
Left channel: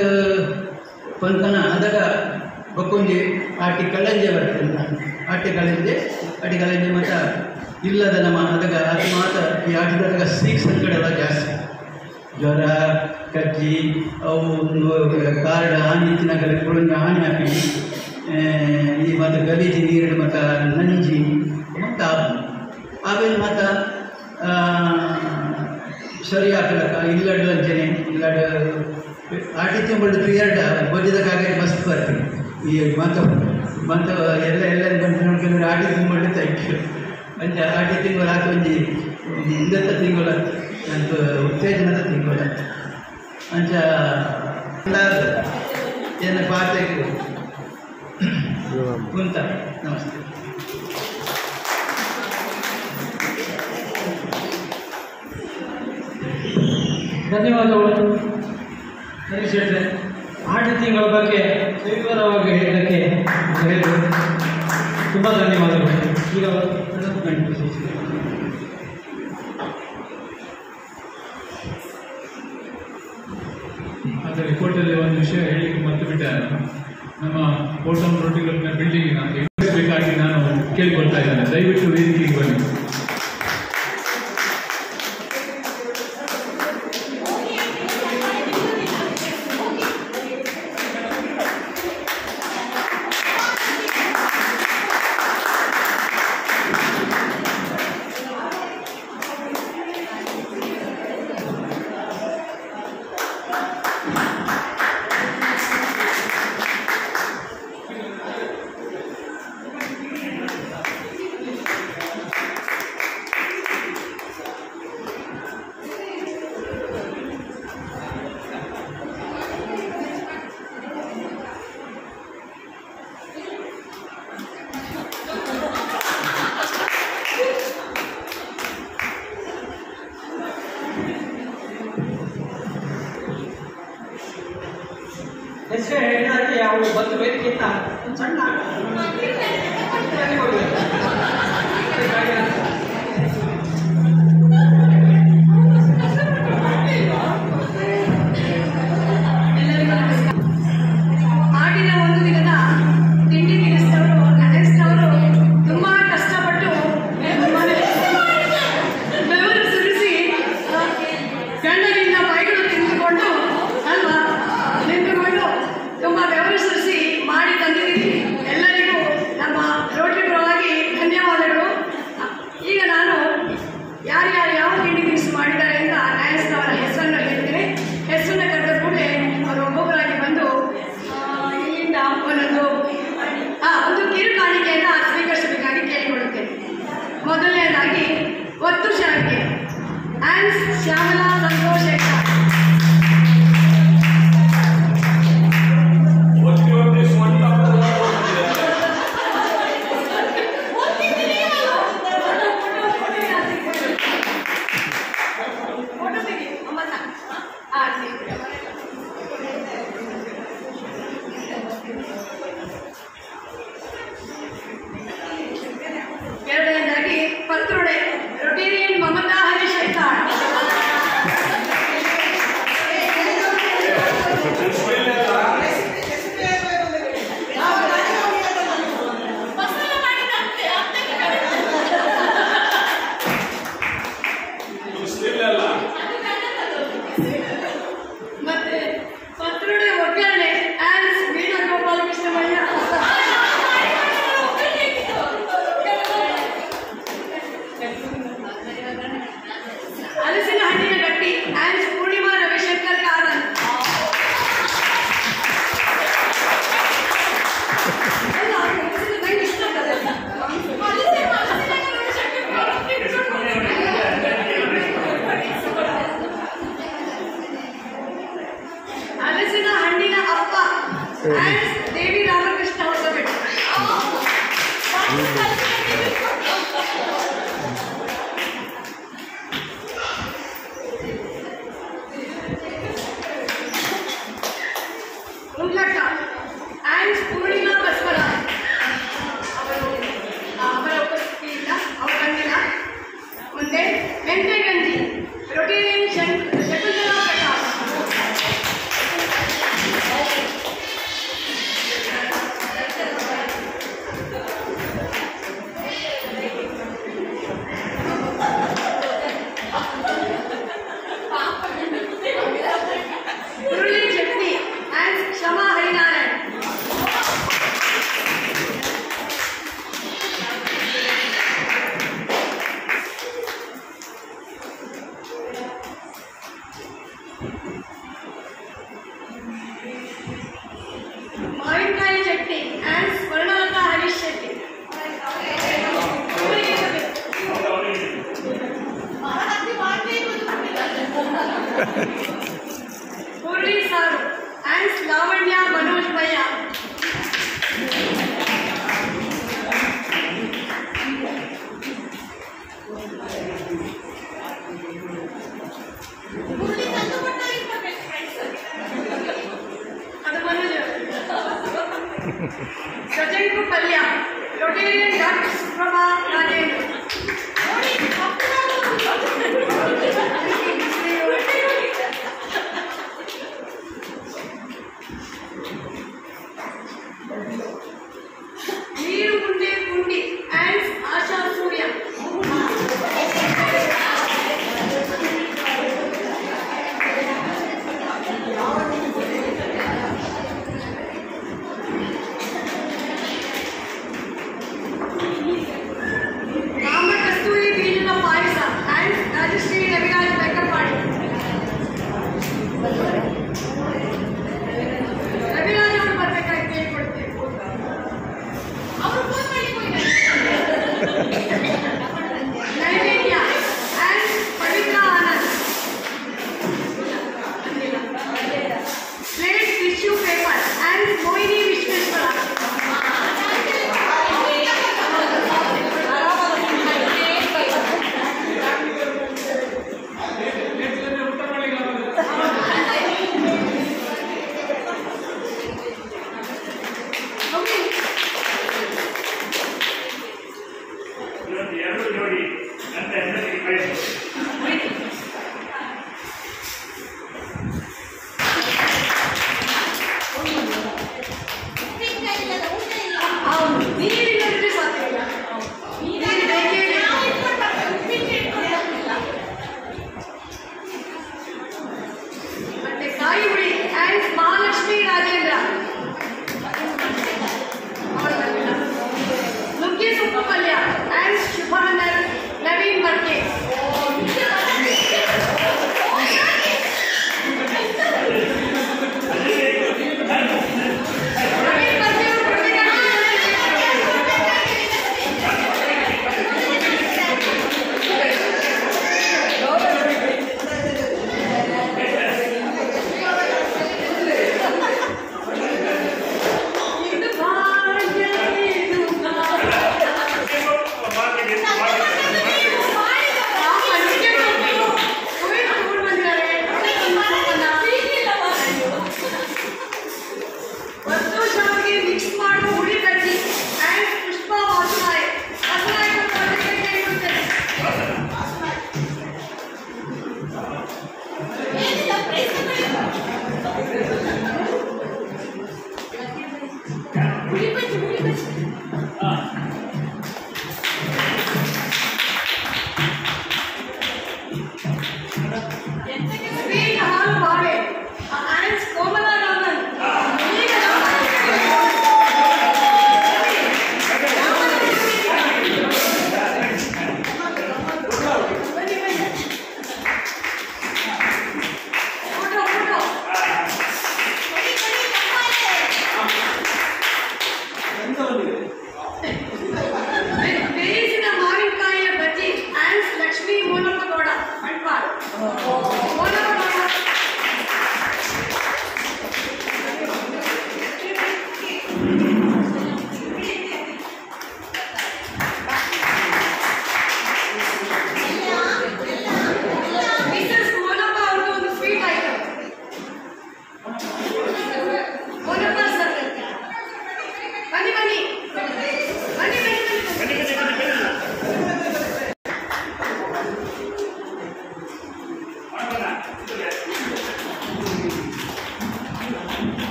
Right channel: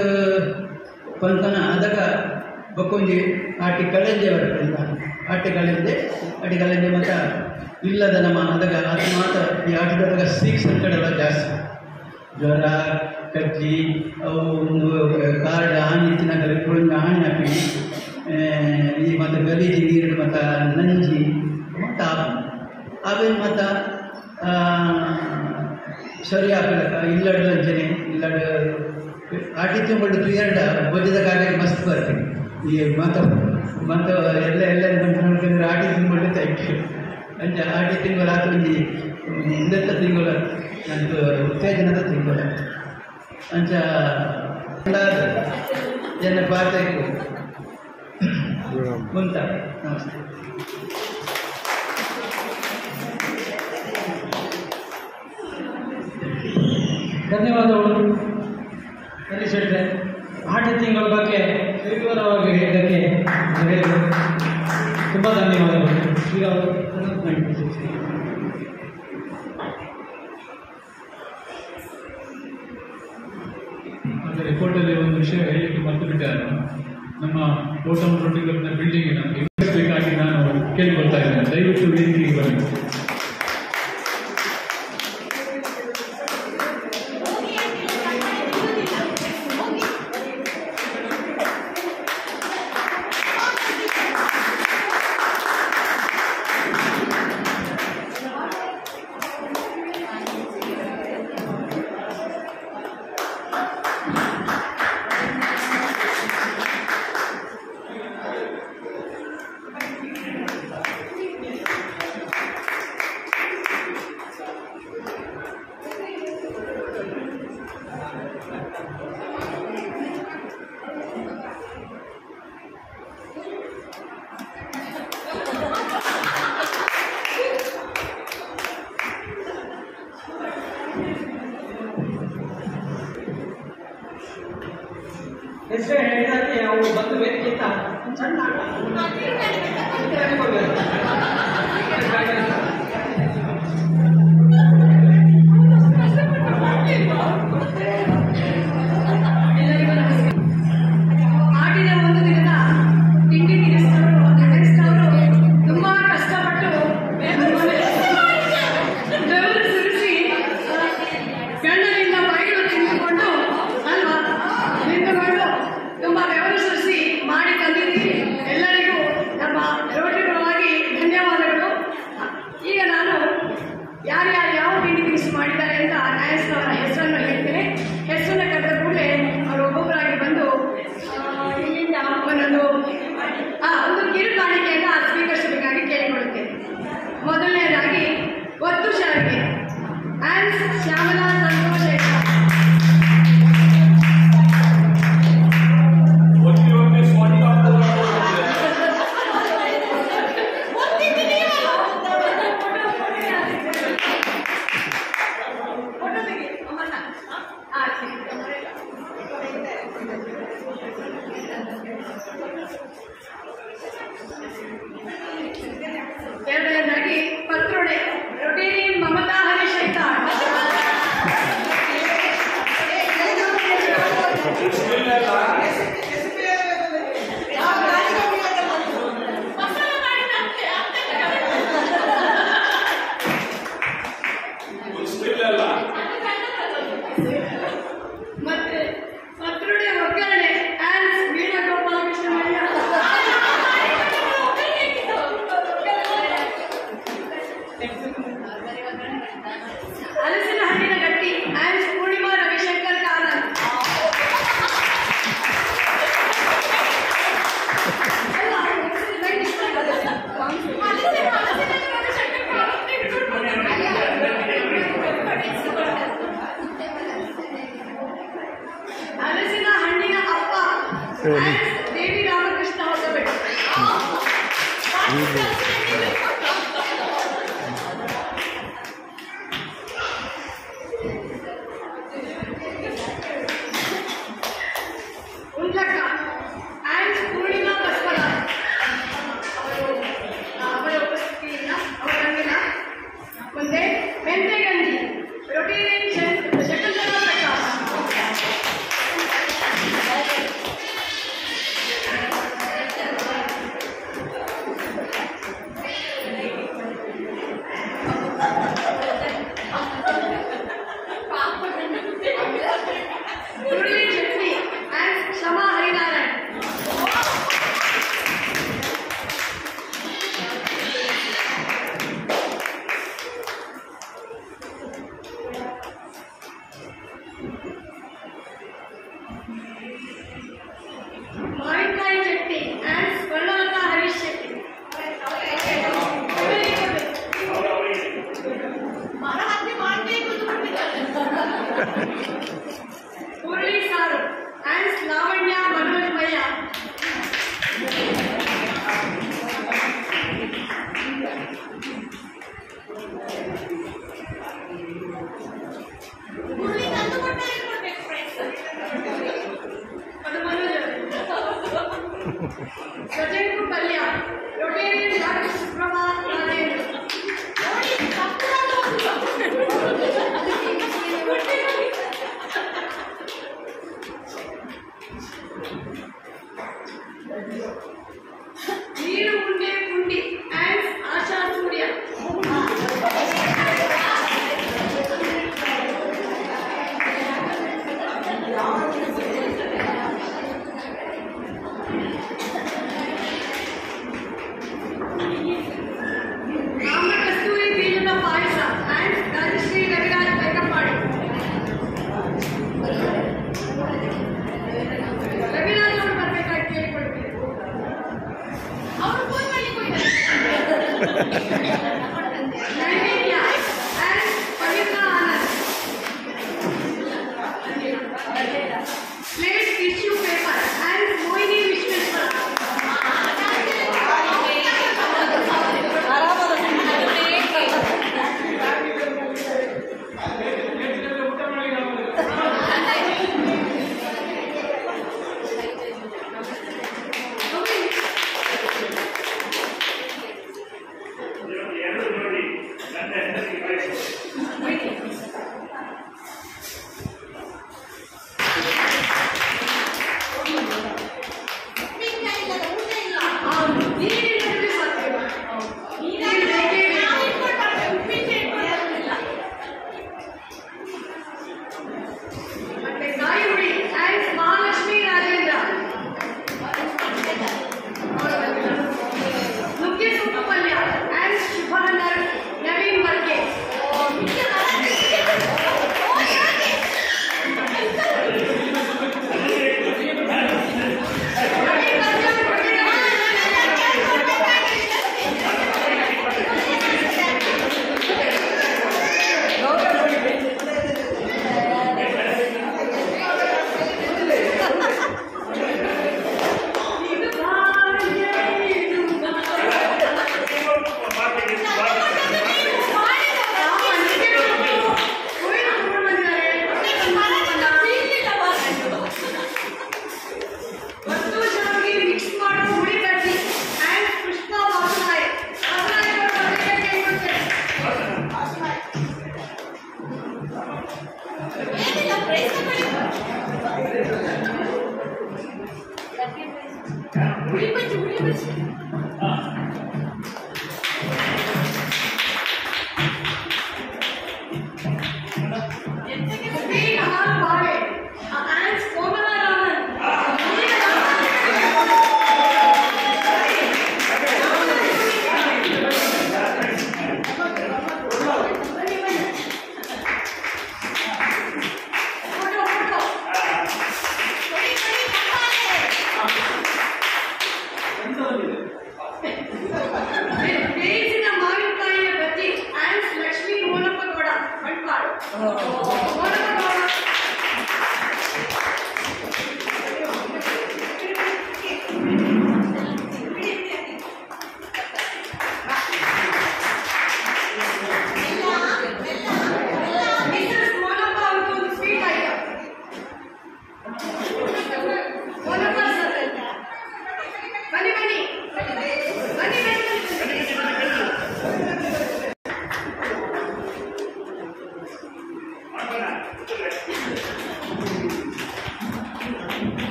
ಪಂತನ ಅದಾಗ ಬಕ್ಕೊಂಜಿ ಆಟಿ ಕಳಂಜೆ ಬರ್ತದೆ ಆಟಿ ಕಳಂಜೆ ಮತ್ತು ಇಲ್ಲದ ನಮ್ಮ ಅದಾಗ ಅದು ಮಾತ್ರ ಈ ಆಟದಾಗ ಸ್ಪೀಕ್ಸ್ ಕಡೆಲ್ಲ ಜಾಸ್ತಿ ಜ್ವರ ಕಜ್ಜಿ ಅವು ಕಾರ್ಡ ಆಣಿ ತಿನ್ನಗಲ ಕುಳಂಜ ಆಣಿ ಹಾಕಿ ಈ ಮತ್ತು ಗಲೀಜಿ ನೀರು ಮತ್ತು ನಂಜಿ ಮತ್ತು ಆಮೇಲೆ ಮತ್ತು ಸರಿ ಹಾಕಲಕ್ಕ ಇಲ್ಲಡ ಲಂಚನೆ ಇಲ್ಲಡ ಆಟಿ ತಿಂಗಳು ಪೀರಿಯಡ್ ಬೊಜ್ಜದ ಕಾಗಜ ಮಸ್ತ್ ಬರ್ತೀನಿ ಈ ಮತ್ತು ಎಲ್ಲ ಬಂದು ಆಟಿ ತಿಂಗಳು ತೈಕೆ ಅಂಚ ಆಟಿ ತಿಂಗಳು ಆತ ಒಂದು ಹಿಂದತ್ತ ತಿಂಗಳು ನನಗೆ ಉತ್ತೇಜನದ ತಿಂಗಳು ಅಂಚ ಏನು ಪಾಠಕ್ಕೆ ಕುಂತ ನಮಸ್ತೆ ಧನ್ಯವಾದಗಳು ಹರೀಶ್ ಶೆಟ್ಟರೆ. ಆಟ ತಿಂಗಳ ಬಗ್ಗೆ ವಿವರವಾಗಿ ಹೇಳಿದ್ದಕ್ಕೆ ತುಂಬ ಧನ್ಯವಾದಗಳು. ಈಗ ಅದೇ ರಿಪೋರ್ಟಲ್ಲಿ ಒಂದು ವಿಷಯ ಹೇಳಲಿಕ್ಕೆ ಮರ್ತು ಬಿಟ್ಟೆ. ನಮ್ಮ ಕೋಟಂ ರೊಟ್ಟಿಗಳನ್ನ ಬಿಲ್ಡಿಂಗ್ ನನಗೆ ಬೇಕಾಗಿ ನಾನು ಕೇಳಿಕೊಳ್ತಾ ಇದ್ದೇನೆ, ದಯವಿಟ್ಟು ವೇದಿಕೆಗೆ ಬನ್ನಿ.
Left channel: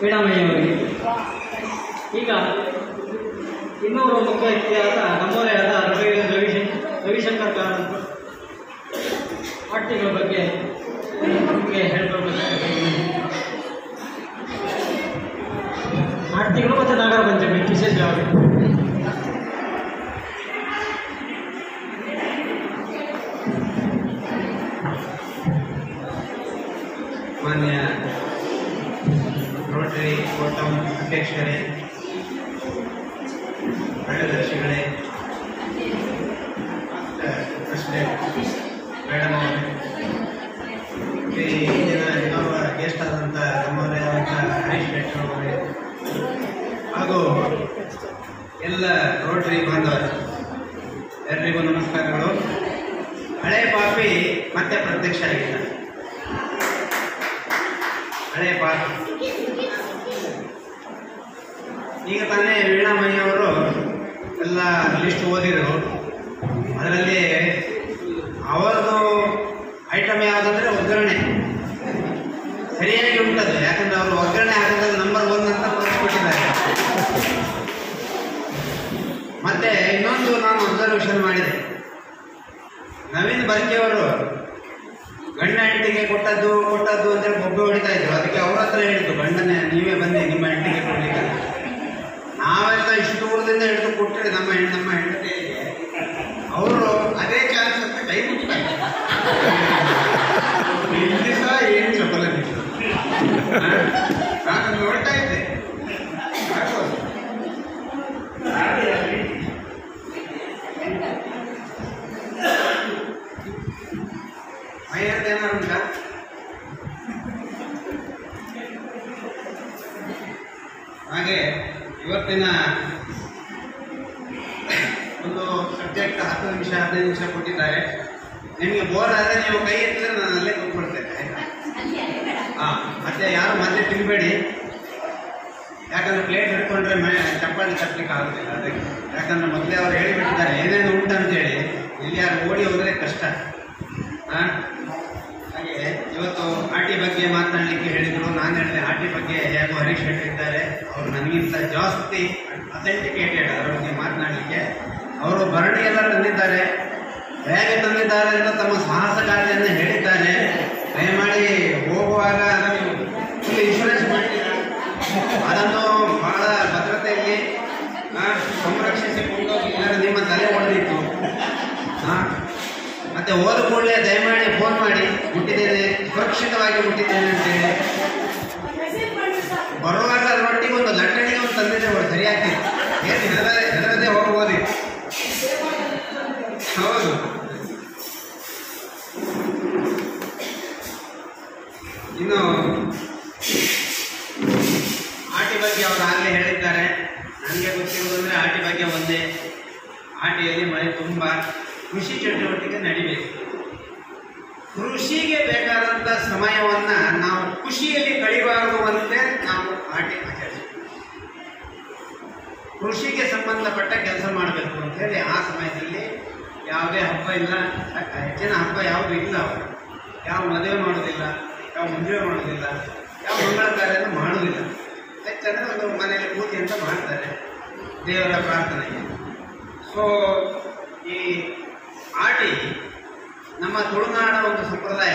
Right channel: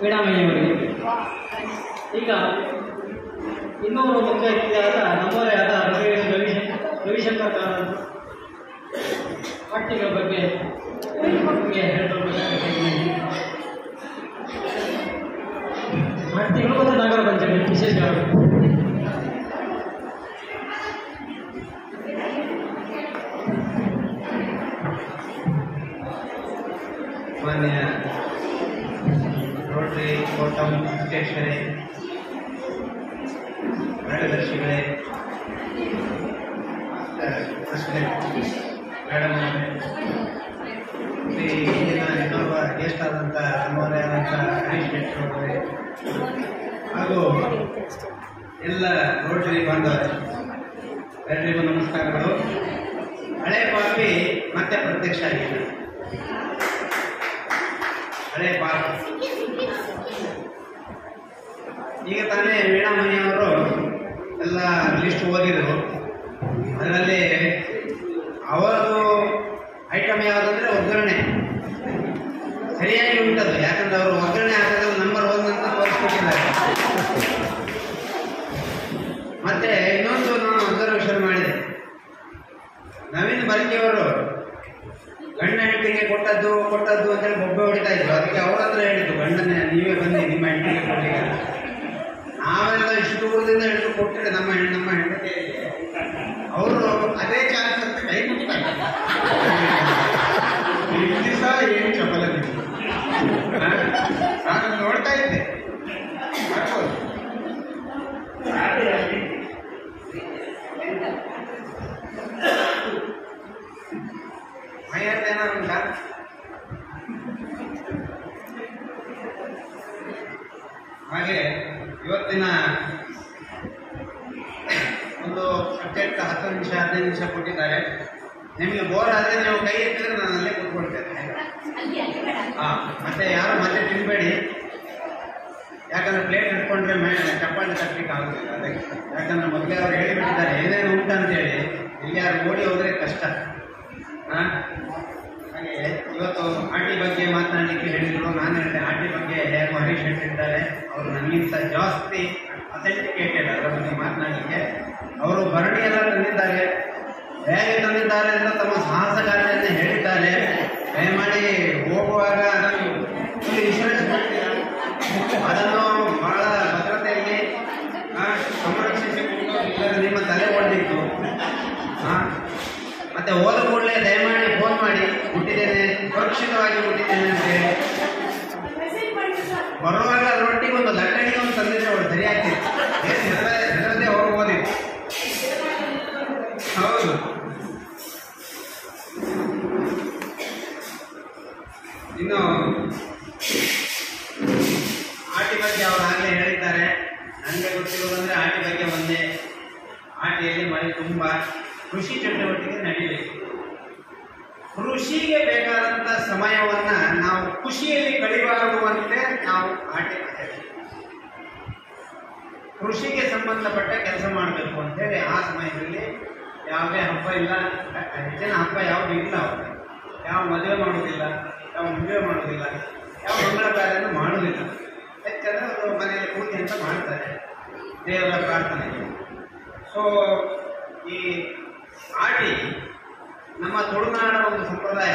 ವೀಣಾಮಯ್ಯವರಿಗೆ. ಈಗ ಇನ್ನೊಬ್ಬರು ಮುಖ್ಯ ವ್ಯಕ್ತಿಯಾದ ನಮ್ಮವರೇ ಆದ ರವಿಶಂಕರ್ ಕಾರಂತ ಪಾಠ್ಯಗಳ ಬಗ್ಗೆ ನಿಮಗೆ ಹೇಳ್ಕೊಳ್ಬೇಕಾಗುತ್ತೆ. ನಾಟ್ಯಗಳು ಮತ್ತು ನಾಗರ ಪಂಚಮಿ ವಿಶೇಷವಾಗಿ ಮಾನ್ಯ ರೋಟರಿ ಕೋಟಂ ಅಧ್ಯಕ್ಷರೇ, ಕಾರ್ಯದರ್ಶಿಗಳೇ, ಪ್ರೆಸಿಡೆಂಟ್ ಮೇಡಮ್ ಅವರೇ, ಇಂದಿನ ಇನ್ನೊಬ್ಬ ಗೆಸ್ಟ್ ಆದಂಥ ನಮ್ಮವರೇ ಆದಂಥ ಹರೀಶ್ ಶೆಟ್ಟಿ ಅವರೇ ಹಾಗೂ ಎಲ್ಲ ರೋಟರಿ ಬಾಂಧವರೇ, ಎಲ್ಲರಿಗೂ ನಮಸ್ಕಾರಗಳು. ಹಳೆ ಪಾಪಿ ಮತ್ತೆ ಪ್ರತ್ಯಕ್ಷ ಆಗಿದೆ. ಹಳೆ ಪಾಪಿ ಈಗ ತಾನೇ ವೀಣಾಮಯ್ಯವರು ಎಲ್ಲ ಲಿಸ್ಟ್ ಓದಿದ್ರು. ಅದರಲ್ಲಿ ಅವರದು ಐಟಮ್ ಯಾವುದಂದ್ರೆ ಒಗ್ಗರಣೆ ಸರಿಯಾಗಿ ಉಂಟದು. ಯಾಕಂದ್ರೆ ಅವರು ಒಗ್ಗರಣೆ ಹಾಕೋದ್ರಲ್ಲಿ ನಂಬರ್ 1 ಅಂತ ತೋರಿಸ್ಬಿಟ್ಟಿದ್ದಾರೆ. ಮತ್ತೆ ಇನ್ನೊಂದು ನಾನು ಅಬ್ಸರ್ವೇಷನ್ ಮಾಡಿದೆ, ನವೀನ್ ಬರ್ಕಿಯವರು ಗಂಡ ಹೆಂಡತಿಗೆ ಕೊಟ್ಟದ್ದು ಅಂತೇಳಿ ಬೊಬ್ಬೆ ಹೊಡಿತಾ ಇದ್ರು. ಅದಕ್ಕೆ ಅವ್ರ ಹತ್ರ ಹೇಳಿದ್ರು, ಗಂಡನೇ ನೀವೇ ಬನ್ನಿ ನಿಮ್ಮ ಹೆಂಡತಿಗೆ ಕೊಡ್ಲಿಕ್ಕೆ. ನಾವೆಲ್ಲ ಇಷ್ಟು ದೂರದಿಂದ ಹಿಡಿದು ಕೊಟ್ಟಿರಿ ನಮ್ಮ ಹೆಂಡತಿಗೆ. ಅವರು ಅದೇ ಚಾನ್ಸ್ ಅಂತ ಕೈ ಮುಟ್ತಾರೆ. ಇಲ್ಲಿ ಸಹ ಏನು ಚೊಕ್ಕಲ ನಾನು ನೋಡ್ತಾ ಇದ್ದೆ. ಏನಾರು ಉಂಟಾ? ಹಾಗೆ ಇವತ್ತಿನ ಒಂದು ಸಬ್ಜೆಕ್ಟ್ 10 ನಿಮಿಷ 15 ನಿಮಿಷ ಕೊಟ್ಟಿದ್ದಾರೆ. ನಿಮಗೆ ಬೋರ್ ಆದರೆ ನೀವು ಕೈ ಎತ್ತಿದ್ರೆ ನಾನು ಅಲ್ಲೇ ಕೂತ್ಕೊಳ್ತೇನೆ. ಮತ್ತೆ ಯಾರು ಮತ್ತೆ ತಿನ್ಬೇಡಿ, ಯಾಕಂದ್ರೆ ಪ್ಲೇಟ್ ಇಟ್ಕೊಂಡ್ರೆ ಚಪ್ಪಾಳಿ ತಪ್ಪಲಿಕ್ಕೆ ಆಗುದಿಲ್ಲ. ಅದಕ್ಕೆ ಯಾಕಂದ್ರೆ ಮೊದಲೇ ಅವ್ರು ಹೇಳಿಬಿಟ್ಟಿದ್ದಾರೆ ಏನೇನು ಉಂಟು ಅಂತೇಳಿ. ಇಲ್ಲಿ ಯಾರು ಓಡಿ ಹೋದರೆ ಕಷ್ಟ. ಹಾಗೆ ಇವತ್ತು ಆಟಿ ಬಗ್ಗೆ ಮಾತನಾಡಲಿಕ್ಕೆ ಹೇಳಿದ್ರು. ನಾನು ಹೇಳಿದೆ ಆಟಿ ಬಗ್ಗೆ ಹೇಗೋ ಹರೀಶ್ ಶೆಟ್ಟಿ ಇದ್ದಾರೆ, ಅವರು ನನಗಿಂತ ಜಾಸ್ತಿ ಅಥೆಂಟಿಕೇಟೆಡ್ ಅವರ ಬಗ್ಗೆ ಮಾತನಾಡಲಿಕ್ಕೆ. ಅವರು ಭರಣಿಯೆಲ್ಲ ತಂದಿದ್ದಾರೆ. ಹೇಗೆ ತಂದಿದ್ದಾರೆ ಅಂತ ತಮ್ಮ ಸಾಹಸಗಾರಿಯನ್ನು ಹೇಳಿದ್ದಾರೆ. ದಯಮಾಡಿ ಹೋಗುವಾಗ ಇಲ್ಲಿ ಇನ್ಶೂರೆನ್ಸ್ ಮಾಡಿದ್ದೀರಾ, ಅದನ್ನು ಬಹಳ ಭದ್ರತೆಯಲ್ಲಿ ಸಂರಕ್ಷಿಸಿಕೊಂಡು ಇಲ್ಲದೆ ನಿಮ್ಮ ತಲೆ ಹೊಡೆದಿತ್ತು. ಮತ್ತೆ ಹೋದ ಕೂಡಲೇ ದಯಮಾಡಿ ಫೋನ್ ಮಾಡಿ ಬಿಟ್ಟಿದ್ದೇನೆ, ಸುರಕ್ಷಿತವಾಗಿ ಬಿಟ್ಟಿದ್ದೇನೆ ಅಂತೇಳಿ. ಬರುವಾಗ ಅದರೊಟ್ಟಿಗೆ ಒಂದು ಲಟ್ಟಣಿಗೆ ಒಂದು ತಂದಿದ್ರು, ಸರಿಯಾಗ್ತಿತ್ತು. ಹೆದರದೆ ಹೋಗ್ಬೋದಿತ್ತು. ಹೌದು. ಇನ್ನು ಆಟಿ ಬಗ್ಗೆ ಅವರು ಆಗಲೇ ಹೇಳಿದ್ದಾರೆ. ನನಗೆ ಗೊತ್ತಿರೋದಂದ್ರೆ ಆಟಿ ಬಗ್ಗೆ ಒಂದೇ, ಆಟಿಯಲ್ಲಿ ಮಳೆ ತುಂಬ, ಕೃಷಿ ಚಟುವಟಿಕೆ ನಡಿಬೇಕು. ಕೃಷಿಗೆ ಬೇಕಾದಂಥ ಸಮಯವನ್ನು ನಾವು ಖುಷಿಯಲ್ಲಿ ಕಳಿಬಾರದುವಂತೆ ನಾವು ಆಟಿ ಆಚರಿಸ್ತೀವಿ. ಕೃಷಿಗೆ ಸಂಬಂಧಪಟ್ಟ ಕೆಲಸ ಮಾಡಬೇಕು ಅಂತೇಳಿ ಆ ಸಮಯದಲ್ಲಿ ಯಾವುದೇ ಹಬ್ಬ ಇಲ್ಲ, ಹೆಚ್ಚಿನ ಹಬ್ಬ ಯಾವುದು ಇಲ್ಲ. ಅವರು ಯಾವ ಮದುವೆ ಮಾಡೋದಿಲ್ಲ, ಯಾವ ಮುಂಜಾನೆ ಮಾಡೋದಿಲ್ಲ, ಯಾವ ಮಂಗಳ ಕಾರ್ಯನೂ ಮಾಡೋದಿಲ್ಲ. ಹೆಚ್ಚಂದ್ರೆ ಅದು ಮನೆಯಲ್ಲಿ ಪೂಜೆ ಅಂತ ಮಾಡ್ತಾರೆ ದೇವರ ಪ್ರಾರ್ಥನೆಗೆ. ಸೊ ಈ ಆಟಿ ನಮ್ಮ ತುಳುನಾಡಿನ ಒಂದು ಸಂಪ್ರದಾಯ.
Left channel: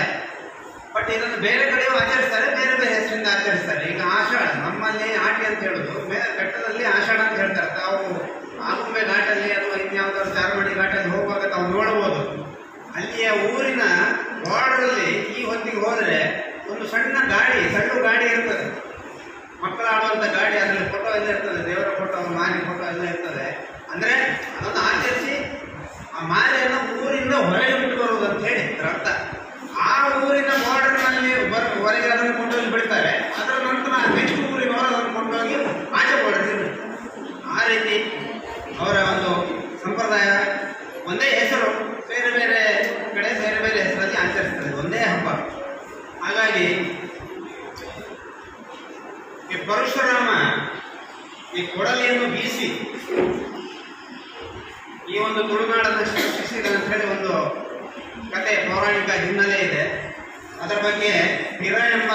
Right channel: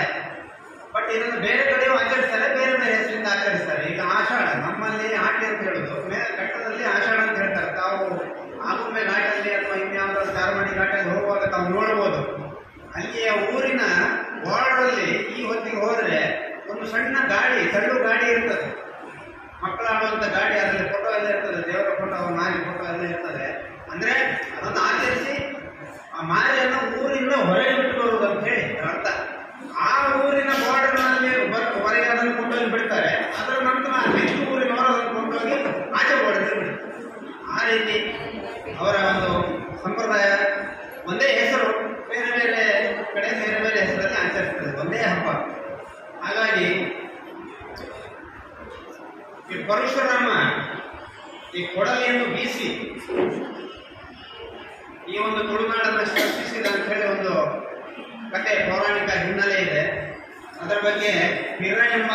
ಬಟ್ ಇದನ್ನು ಬೇರೆ ಕಡೆಯೂ ಆಚರಿಸ್ತಾರೆ, ಬೇರೆ ಬೇರೆ ಹೆಸರಿಂದ ಆಚರಿಸ್ತಾರೆ. ಈಗ ಆಷಾಢ, ನಮ್ಮಲ್ಲಿ ಆಟಿ ಅಂತ ಹೇಳೋದು, ಘಟ್ಟದಲ್ಲಿ ಆಷಾಢ ಅಂತ ಹೇಳ್ತಾರೆ. ತಾವು ಆಗುಂಬೆ ಘಾಟಲ್ಲಿ ಅಥವಾ ಇನ್ಯಾವುದಾದ್ರು ಚಾರ್ಮಡಿ ಘಾಟಲ್ಲಿ ಹೋಗುವಾಗ ತಾವು ನೋಡ್ಬೋದು. ಅಲ್ಲಿಯ ಊರಿನ ಬಾರ್ಡ್ರಲ್ಲಿ ಈ ಹೊತ್ತಿಗೆ ಹೋದರೆ ಒಂದು ಸಣ್ಣ ಗಾಡಿ, ಸಣ್ಣ ಗಾಡಿ ಇರ್ತದೆ, ಮಕ್ಕಳು ಆಡುವಂಥ ಗಾಡಿ. ಅದರಲ್ಲಿ ಫೋಟೋ ಎಲ್ಲ ಇರ್ತದೆ, ದೇವರ ಫೋಟೋ, ಮಾರಿ ಫೋಟೋ ಎಲ್ಲ ಇರ್ತದೆ. ಅಂದರೆ ಅದನ್ನು ಆಚರಿಸಿ ಆ ಮಾರಿಯನ್ನು ಊರಿಂದ ಹೊರಗೆ ಬಿಟ್ಟು ಬರುವುದು ಅಂತ ಹೇಳಿ ಅದರ ಅರ್ಥ. ಆ ಊರಿನ ಬಾರ್ಡರ್ನಲ್ಲಿ ಹೊರಗೆ ಅದನ್ನು ಕೊಂಡೋಗಿ ಬಿಡ್ತಾರೆ. ಅದರ ನಂತರ ನೆಕ್ಸ್ಟ್ ಊರಿನವರು ಅದನ್ನು ಕೊಂಡೋಗಿ ಆಚೆ ಹೊಡೆದು. ಆ ರೀತಿ ಅವರ ಒಂದು ಸಂಪ್ರದಾಯ. ಒಂದೇ ಹೆಸರು, ಬೇರೆ ಬೇರೆ ಕಡೆ ಬೇರೆ ಬೇರೆ ಹೆಸರಲ್ಲಿ ಆಚರಿಸ್ತದೆ, ಒಂದೇ ಹಬ್ಬ. ಹಾಗಾಗಿ ಈ ಪರಶುರಾಮ ಈ ಕೊಡಲಿಯನ್ನು ಬೀಸಿ ಈ ಒಂದು ತುಳುನಾಡನ್ನು ಸೃಷ್ಟಿಸಿದ ಅಂತ ಹೇಳಿ ಒಂದು ಕತೆ, ಪೌರಾಣಿಕ ಹಿನ್ನೆಲೆ ಇದೆ. ಅದರ ಬಗ್ಗೆ ಪಿರ ಎಂಬ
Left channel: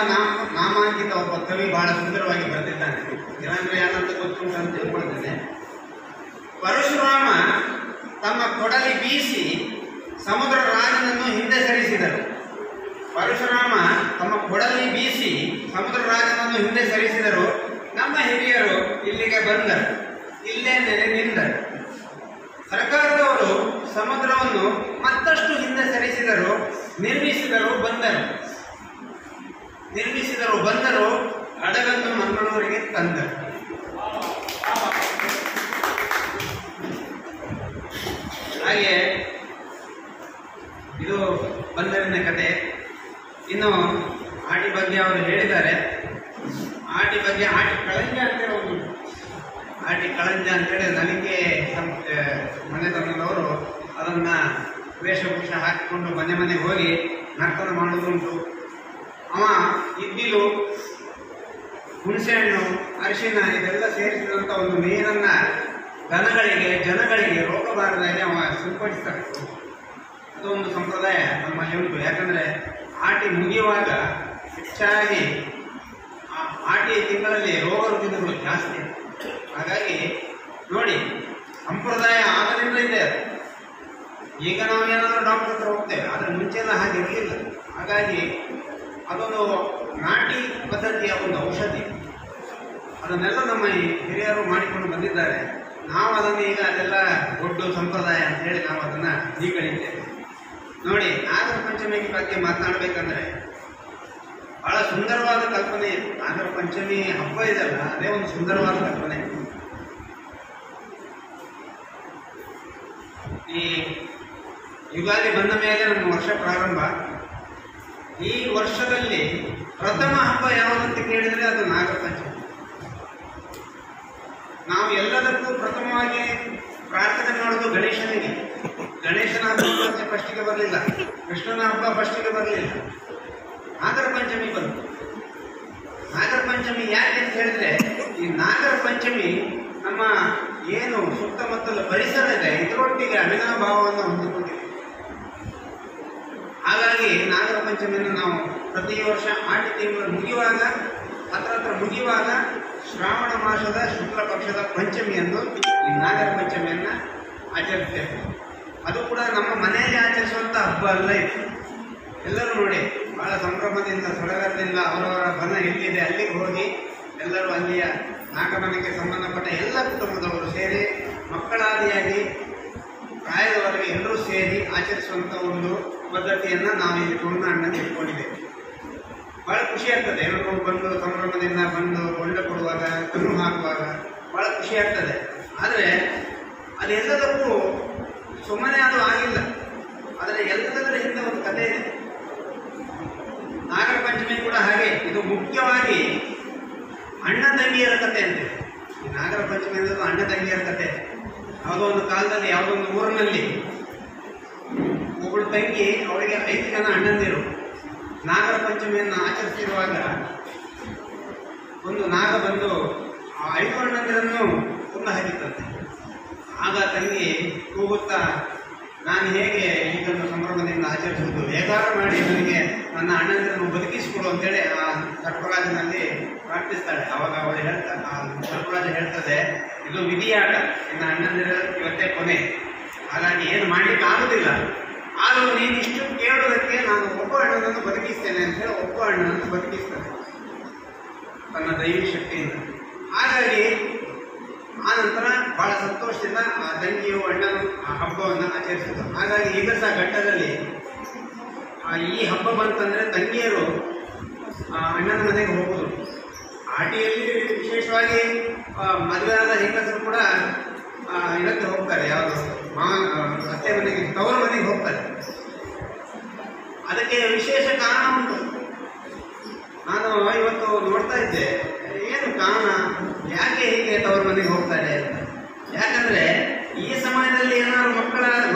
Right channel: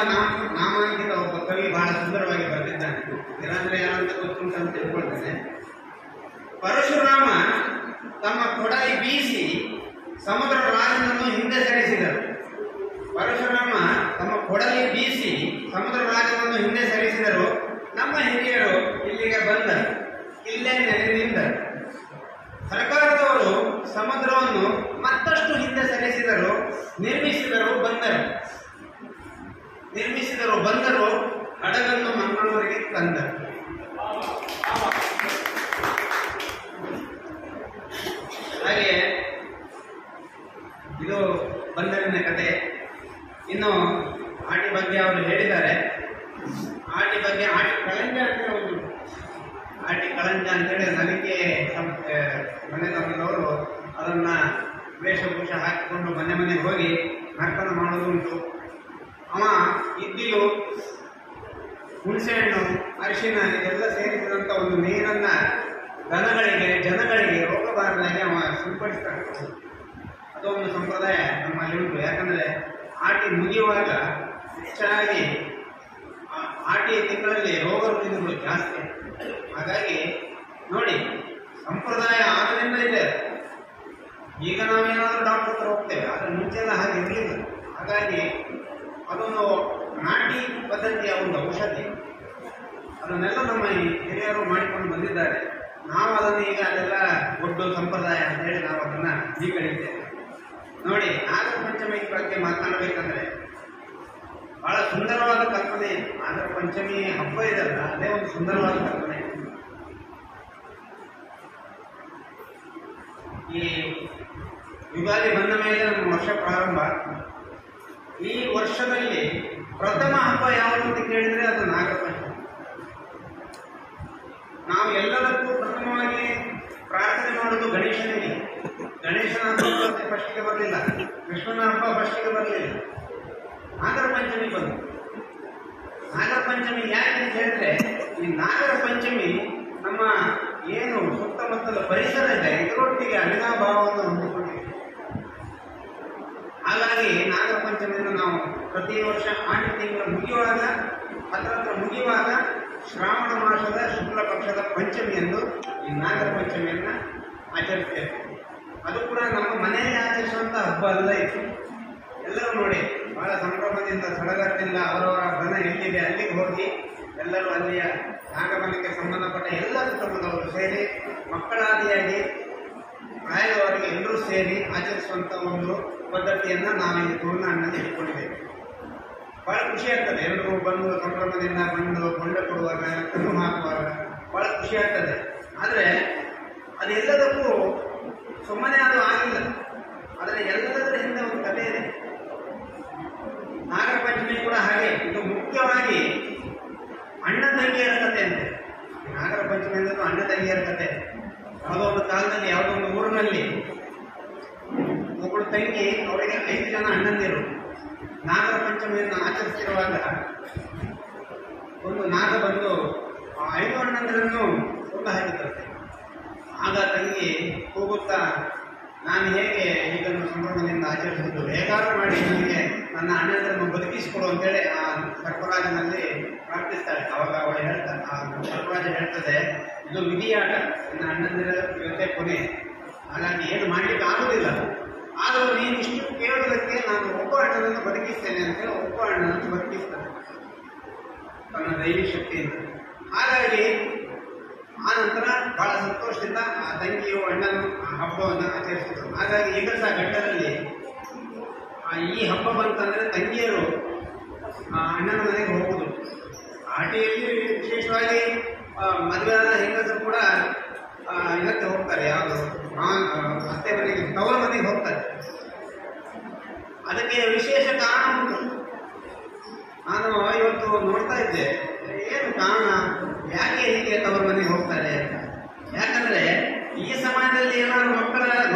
ನಾಮಾಂಕಿತ ಒಬ್ಬ ಕವಿ ಬಹಳ ಸುಂದರವಾಗಿ ಬರೆದಿದ್ದಾನೆ. ಇಲ್ಲಾಂದ್ರೆ ಏನಂತ ಗೊತ್ತುಂಟು ಅಂತ ತಿಳ್ಕೊಳ್ತೇನೆ. ಪರಶುರಾಮ ತಮ್ಮ ಕೊಡಲಿ ಬೀಸಿ ಸಮುದ್ರ ರಾಜನನ್ನು ಹಿಂದೆ ಸರಿಸಿದರು. ಪರಶುರಾಮ ತಮ್ಮ ಕೊಡಲಿ ಬೀಸಿ ಸಮುದ್ರ ರಾಜನನ್ನು ಹಿಂದೆ ಸರಿಸಿದರು. ನಮ್ಮ ಹಿರಿಯರು ಇಲ್ಲಿಗೆ ಬಂದರು, ಇಲ್ಲೇ ನೆಲೆ ನಿಂದರು. ಸರ್ಕಾರದವರು ಸಮುದ್ರವನ್ನು ಮತ್ತಷ್ಟು ಹಿಂದೆ ಸರಿಸಿದರು, ನಿರ್ಮಿಸಿದರು, ಬಂದರು, ಹಡಗನ್ನು ಮಂಗಳೂರಿಗೆ ತಂದರು. ಹಾಗೆ ಇದು ಬಂದರಿನ ಕತೆ. ಇನ್ನು ಆಟಿ ಬಗ್ಗೆ ಅವರು ಹೇಳಿದ್ದಾರೆ. ಆಟಿ ಬಗ್ಗೆ ಆಟಿ ಕಳಂಜ ಅಂತೇಳಿ ಒಂದು ಆಟಿ ಕಳಂಜ ಅಂತೇಳಿ ನನಗೆ ಮನೆತನದವರು ಅದನ್ನ ವೇಷಭೂಷ ಹಾಕಿಕೊಂಡು ಮನೆಗೆ ಹೋಗಿ ನರ್ತನ ಮಾಡೋದುಂಟು. ಅವ ಇದ್ದಿಲು, ಹುಣಸೆಹಣ್ಣು, ಅರಿಶಿನ ಇದೆಲ್ಲ ಸೇರಿಸಿದಂಥ ಒಂದು ನೀರನ್ನ ಜನಗಳಿಗೆ ರೋಗ ಬಾರದಾಗೆ ಅವ ಸಿಂಪಡಿಸ್ತಾರೆ. ಅದೊಂದು ಸಂಪ್ರದಾಯ ನಮ್ಮಲ್ಲಿ ಉಂಟು. ಯಾಕಂದ್ರೆ ಆಟಿ ಮುಗಿಯುವಾಗ ಹೆಚ್ಚಾಗಿ ಆಟಿ ತಿಂಗಳಲ್ಲಿ ರೋಗ ರುಜಿನಗಳು ಜಾಸ್ತಿ. ಹಾಗಾಗಿ ನೋಡಿ, ಸಂಪ್ರದಾಯ ಆಗದಿಂದ ಇದೆ. ಈಗ ನಾವೇನಾದ್ರೂ ಡಾಕ್ಟರ್ ಹತ್ರ ಹೋಗ್ತೇವೆ, ಅದ್ರ ಮುಂಚೆಲ್ಲ ಹಾಗೆ ಇರಲಿಲ್ಲ. ಹಾಗಾಗಿ ಅದೊಂದು ನಾಟಿ ಪದ್ಧತಿಯ ಒಂದು ಔಷಧಿ. ಅದನ್ನೆಲ್ಲ ನಮ್ಮ ಹಿರಿಯರು ಮಾಡಿಕೊಂಡು ಬಂದಿದ್ದಾರೆ. ನಾವು ಅದನ್ನು ಈಗ ಅದೆಲ್ಲ ದೊಡ್ಡ ಸಂಪ್ರದಾಯ ಅಂತ ಹೇಳಿ ನಾವು ಅದನ್ನ ಸ್ವೀಕರಿಸ್ತೇವೆ. ನೋಡಿ, ನಾಗರ ಪಂಚಮಿ ಬಗ್ಗೆ ಮಾತನಾಡಬೇಕಂದ್ರೆ ಬಹಳ ಸುಂದರವಾದ ಕಲ್ಪನೆ ಇದೆ. ನಾಗರ ಪಂಚಮಿ ಹಬ್ಬ ಇದೆಲ್ಲ, ಅದೇ ಒಂದು ಸುಂದರವಾದ ಕಲ್ಪನೆ. ಈ ಯುಗಾದಿ ಬಂದ ಮೇಲೆ ನಮ್ಮ ವರ್ಷ ಪ್ರಾರಂಭ. ಈ ವರ್ಷದಲ್ಲಿ ಪ್ರಥಮ ಹಬ್ಬ ಯಾವುದಂತ ಕೇಳಿದ್ರೆ ಅದು ನಾಗರ ಪಂಚಮಿ. ನಾವು ಎಲ್ಲದಕ್ಕೂ ಪ್ರಥಮವಾಗಿ ಪ್ರಾರ್ಥನೆ ಮಾಡೋದು ಗಣೇಶನಿಗೆ. ಗಣೇಶನ ಹಬ್ಬ ಫಸ್ಟಿಗೆ ಬರಲಿಲ್ಲ, ಕೃಷ್ಣನ ಹಬ್ಬ ಫಸ್ಟಿಗೆ ಬರಲಿಲ್ಲ, ನಾಗರ ಪಂಚಮಿ ಬಂತು. ನಾಗರ ಪಂಚಮಿ ಯಾಕೆ ಅಂತ ಹೇಳಿದ್ರೆ, ಈ ನಾಗರ ಪಂಚಮಿ ನಮ್ಮ ಏನು ಸುತ್ತಮುತ್ತಲ ಪರಿಸರ ಇದೆ ಇದರೊಟ್ಟಿಗೆ ಅವಿನಾಭಾವವನ್ನು ಹೊಂದಿಕೊಂಡಿದೆ. ಹಾಗಾಗಿ ನಾಗರ ಪಂಚಮಿಯನ್ನು ನಾವು ಪ್ರತಿ ವರ್ಷ ಆಟಿ ತಿಂಗಳು ಮುಗಿಯುವಾಗ ಮುಗಿಯುವಾಗ ಶ್ರಾವಣ ಮಾಸದ ಶುಕ್ಲ ಪಕ್ಷದ ಪಂಚಮಿಯಂದು ಈ ನಾಗರ ಪಂಚಮಿಯನ್ನ ಆಚರಿಸ್ತೇವೆ. ಅದು ಕೂಡ ನಮ್ಮ ಮನೆಯಲ್ಲಿ ಆಚರಿಸುವಂತ ಹಬ್ಬ ಅಲ್ಲ ಇದು. ಎಲ್ಲರೂ ನೋಡಿ ಬಹಳ ಸಂಭ್ರಮದಿಂದ ಸಡಗರದಿಂದ ಅವರವರ ಮನ ಎಲ್ಲಿದೆ ಅಲ್ಲಿಗೆ ಹೋಗಿ ಎಲ್ಲರೂ ಅಲ್ಲಿಯ ನಾಗಮನಕ್ಕೆ ಸಂಬಂಧಪಟ್ಟ ಎಲ್ಲ ಕುಟುಂಬದವರು ಸೇರಿ ಮಕ್ಕಳಾದಿಯಾಗಿ ಪ್ರಾಯದವರೆಗೆ ಎಲ್ಲರೂ ಸೇರಿ ಆಚರಿಸುವಂತ ಒಂದು ಪದ್ಧತಿಯನ್ನ ನಾವು ಇಲ್ಲಿ ತುಳುನಾಡಿನಲ್ಲಿ ಇಟ್ಕೊಂಡಿದ್ದೇವೆ. ಬಹಳ ಖುಷಿ ಆಗ್ತದೆ. ಎಲ್ಲರೂ ಬಂದು ಸಂಭ್ರಮದಿಂದ ಬಂದು ಕೊಂಡ ಕೊಡುವಾಗ, ಕಣ್ಣು ಹಾಕುವಾಗ ಬಹಳ ಖುಷಿ ಆಗ್ತದೆ. ಆದರೆ ಅದೆಲ್ಲದಕ್ಕೂ ಸುಮ್ಮನೆ ಅದು ಆಗಿಲ್ಲ. ಆದರೆ ಎಲ್ಲದರ ಹಿಂದೆ ಒಂದು ಕಥೆ ಇದೆ. ನಾಗರ ಪಂಚಮಿ ಕೂಡ ಹಾಗೆ. ಇದು ಮುಖ್ಯವಾಗಿ ಅಣ್ಣ ತಂಗಿಯರ ಕಥೆ ಅಂತೆ. ಈ ನಾಗರ ಪಂಚಮಿ ಅನ್ನೋದು ಅಣ್ಣ ತಂಗಿಯರ ಕಥೆ. ಯಾವುದೋ ಒಂದು ಕಾಲದಲ್ಲಿ ಯಾವುದೋ ಒಂದು ಊರಿನಲ್ಲಿ ಒಬ್ಬಳು ತಂಗಿ, ಅವಳಿಗೆ 5 ಜನ ಅಣ್ಣಂದಿರು. ನಾಗರ ಪಂಚಮಿಯನ್ನು ಆಚರಿಸಿರುವಾಗ ಒಂದು ನಾಗ ಬಂದು ಆ 5 ಅಣ್ಣಂದಿರನ್ನು ಕೊಂದು ಹಾಕಿತ್ತಂತೆ. ಆಗ ತಂಗಿ ಕೂಗುತ್ತಾ, ನಾನು ಹೇಗೆ ಇದನ್ನು ಸಂಭ್ರಮದಿಂದ ಆಚರಿಸುವುದು, ಹೇಗಾರು ಮಾಡಿ ನನಗೆ ನನ್ನ ಅಣ್ಣಂದಿರನ್ನು ಬದುಕಿಸಿಕೊಡು ಅಂತೇಳಿ ಆ ಸರ್ಪರಾಜನಲ್ಲಿ ಪ್ರಾರ್ಥಿಸ್ತಾಳೆ. ಅವಾಗ ಅವಳು ಹೇಳ್ತಾಳೆ, ಆ ಸರ್ಪರಾಜ ಹೇಳ್ತದೆ, ಇದು ವಿಧಿಯಾಟ, ನಿನ್ನ ಅಣ್ಣಂದಿರ ಇವತ್ತೇ ಕೊನೆ, ಹಾಗಾಗಿ ಏನು ಮಾಡ್ಲಿಕ್ಕೆ ಆಗುದಿಲ್ಲ. ಆದರೂ ನೀನು ಇಷ್ಟು ಕೇಳೋದಕ್ಕೆ ನಾನು ಒಬ್ಬ ಅಣ್ಣನನ್ನು ಬದುಕಿಸ್ತೇನೆ ಅಂತೇಳಿ ಒಬ್ಬ ಅಣ್ಣನನ್ನು ಬದುಕಿಸ್ತಾನೆ ತನ್ನ ದೈವಿ ಶಕ್ತಿಯಿಂದ. ಹಾಗಾಗಿ ಆ ನಂತರ ಬಹಳ ಸಂತೋಷದಿಂದ ಆ ತಂಗಿಯು ಅಣ್ಣನು ಆ ಹಬ್ಬವನ್ನು ಆಚರಿಸಿದರು. ಹಾಗಾಗಿ ಈಗ ಸಹ ಘಟ್ಟದಲ್ಲಿ ಈ ಹಬ್ಬ ಬಂತಂದ್ರೆ ತಂಗಿಯರು ಅಣ್ಣನ ಮನೆಗೆ ಹೋಗುದು. ಆಟಿಯಲ್ಲಿ ವಿಶೇಷವಾಗಿ ಮದುವೆಯಾದ ಹೆಂಗಸರು ಕೂಡ ಇದಕ್ಕೆ ಹೋಗ್ತಾರೆ, ಯಾವುದು ಅತ್ತೆ ಮನೆಗೆ, ತವರು ಮನೆಗೆ ಹೋಗ್ತಾರೆ. ಅದಕ್ಕೆ ವಿಶೇಷ ಕಾರಣ ಉಂಟು. ನಾನು ಇವತ್ತು ನೋಡ್ತಾ ಇದ್ದೆ, ಏನು ಕಾರಣ, ಯಾಕೆ ಹೀಗೆ ತವರು ಮನೆಗೆ ಹೋಗ್ತಾರೆ ಅಂತ. ಯಾಕಂದ್ರೆ ಈ ಸಮಯದಲ್ಲಿ ಏನಾದ್ರು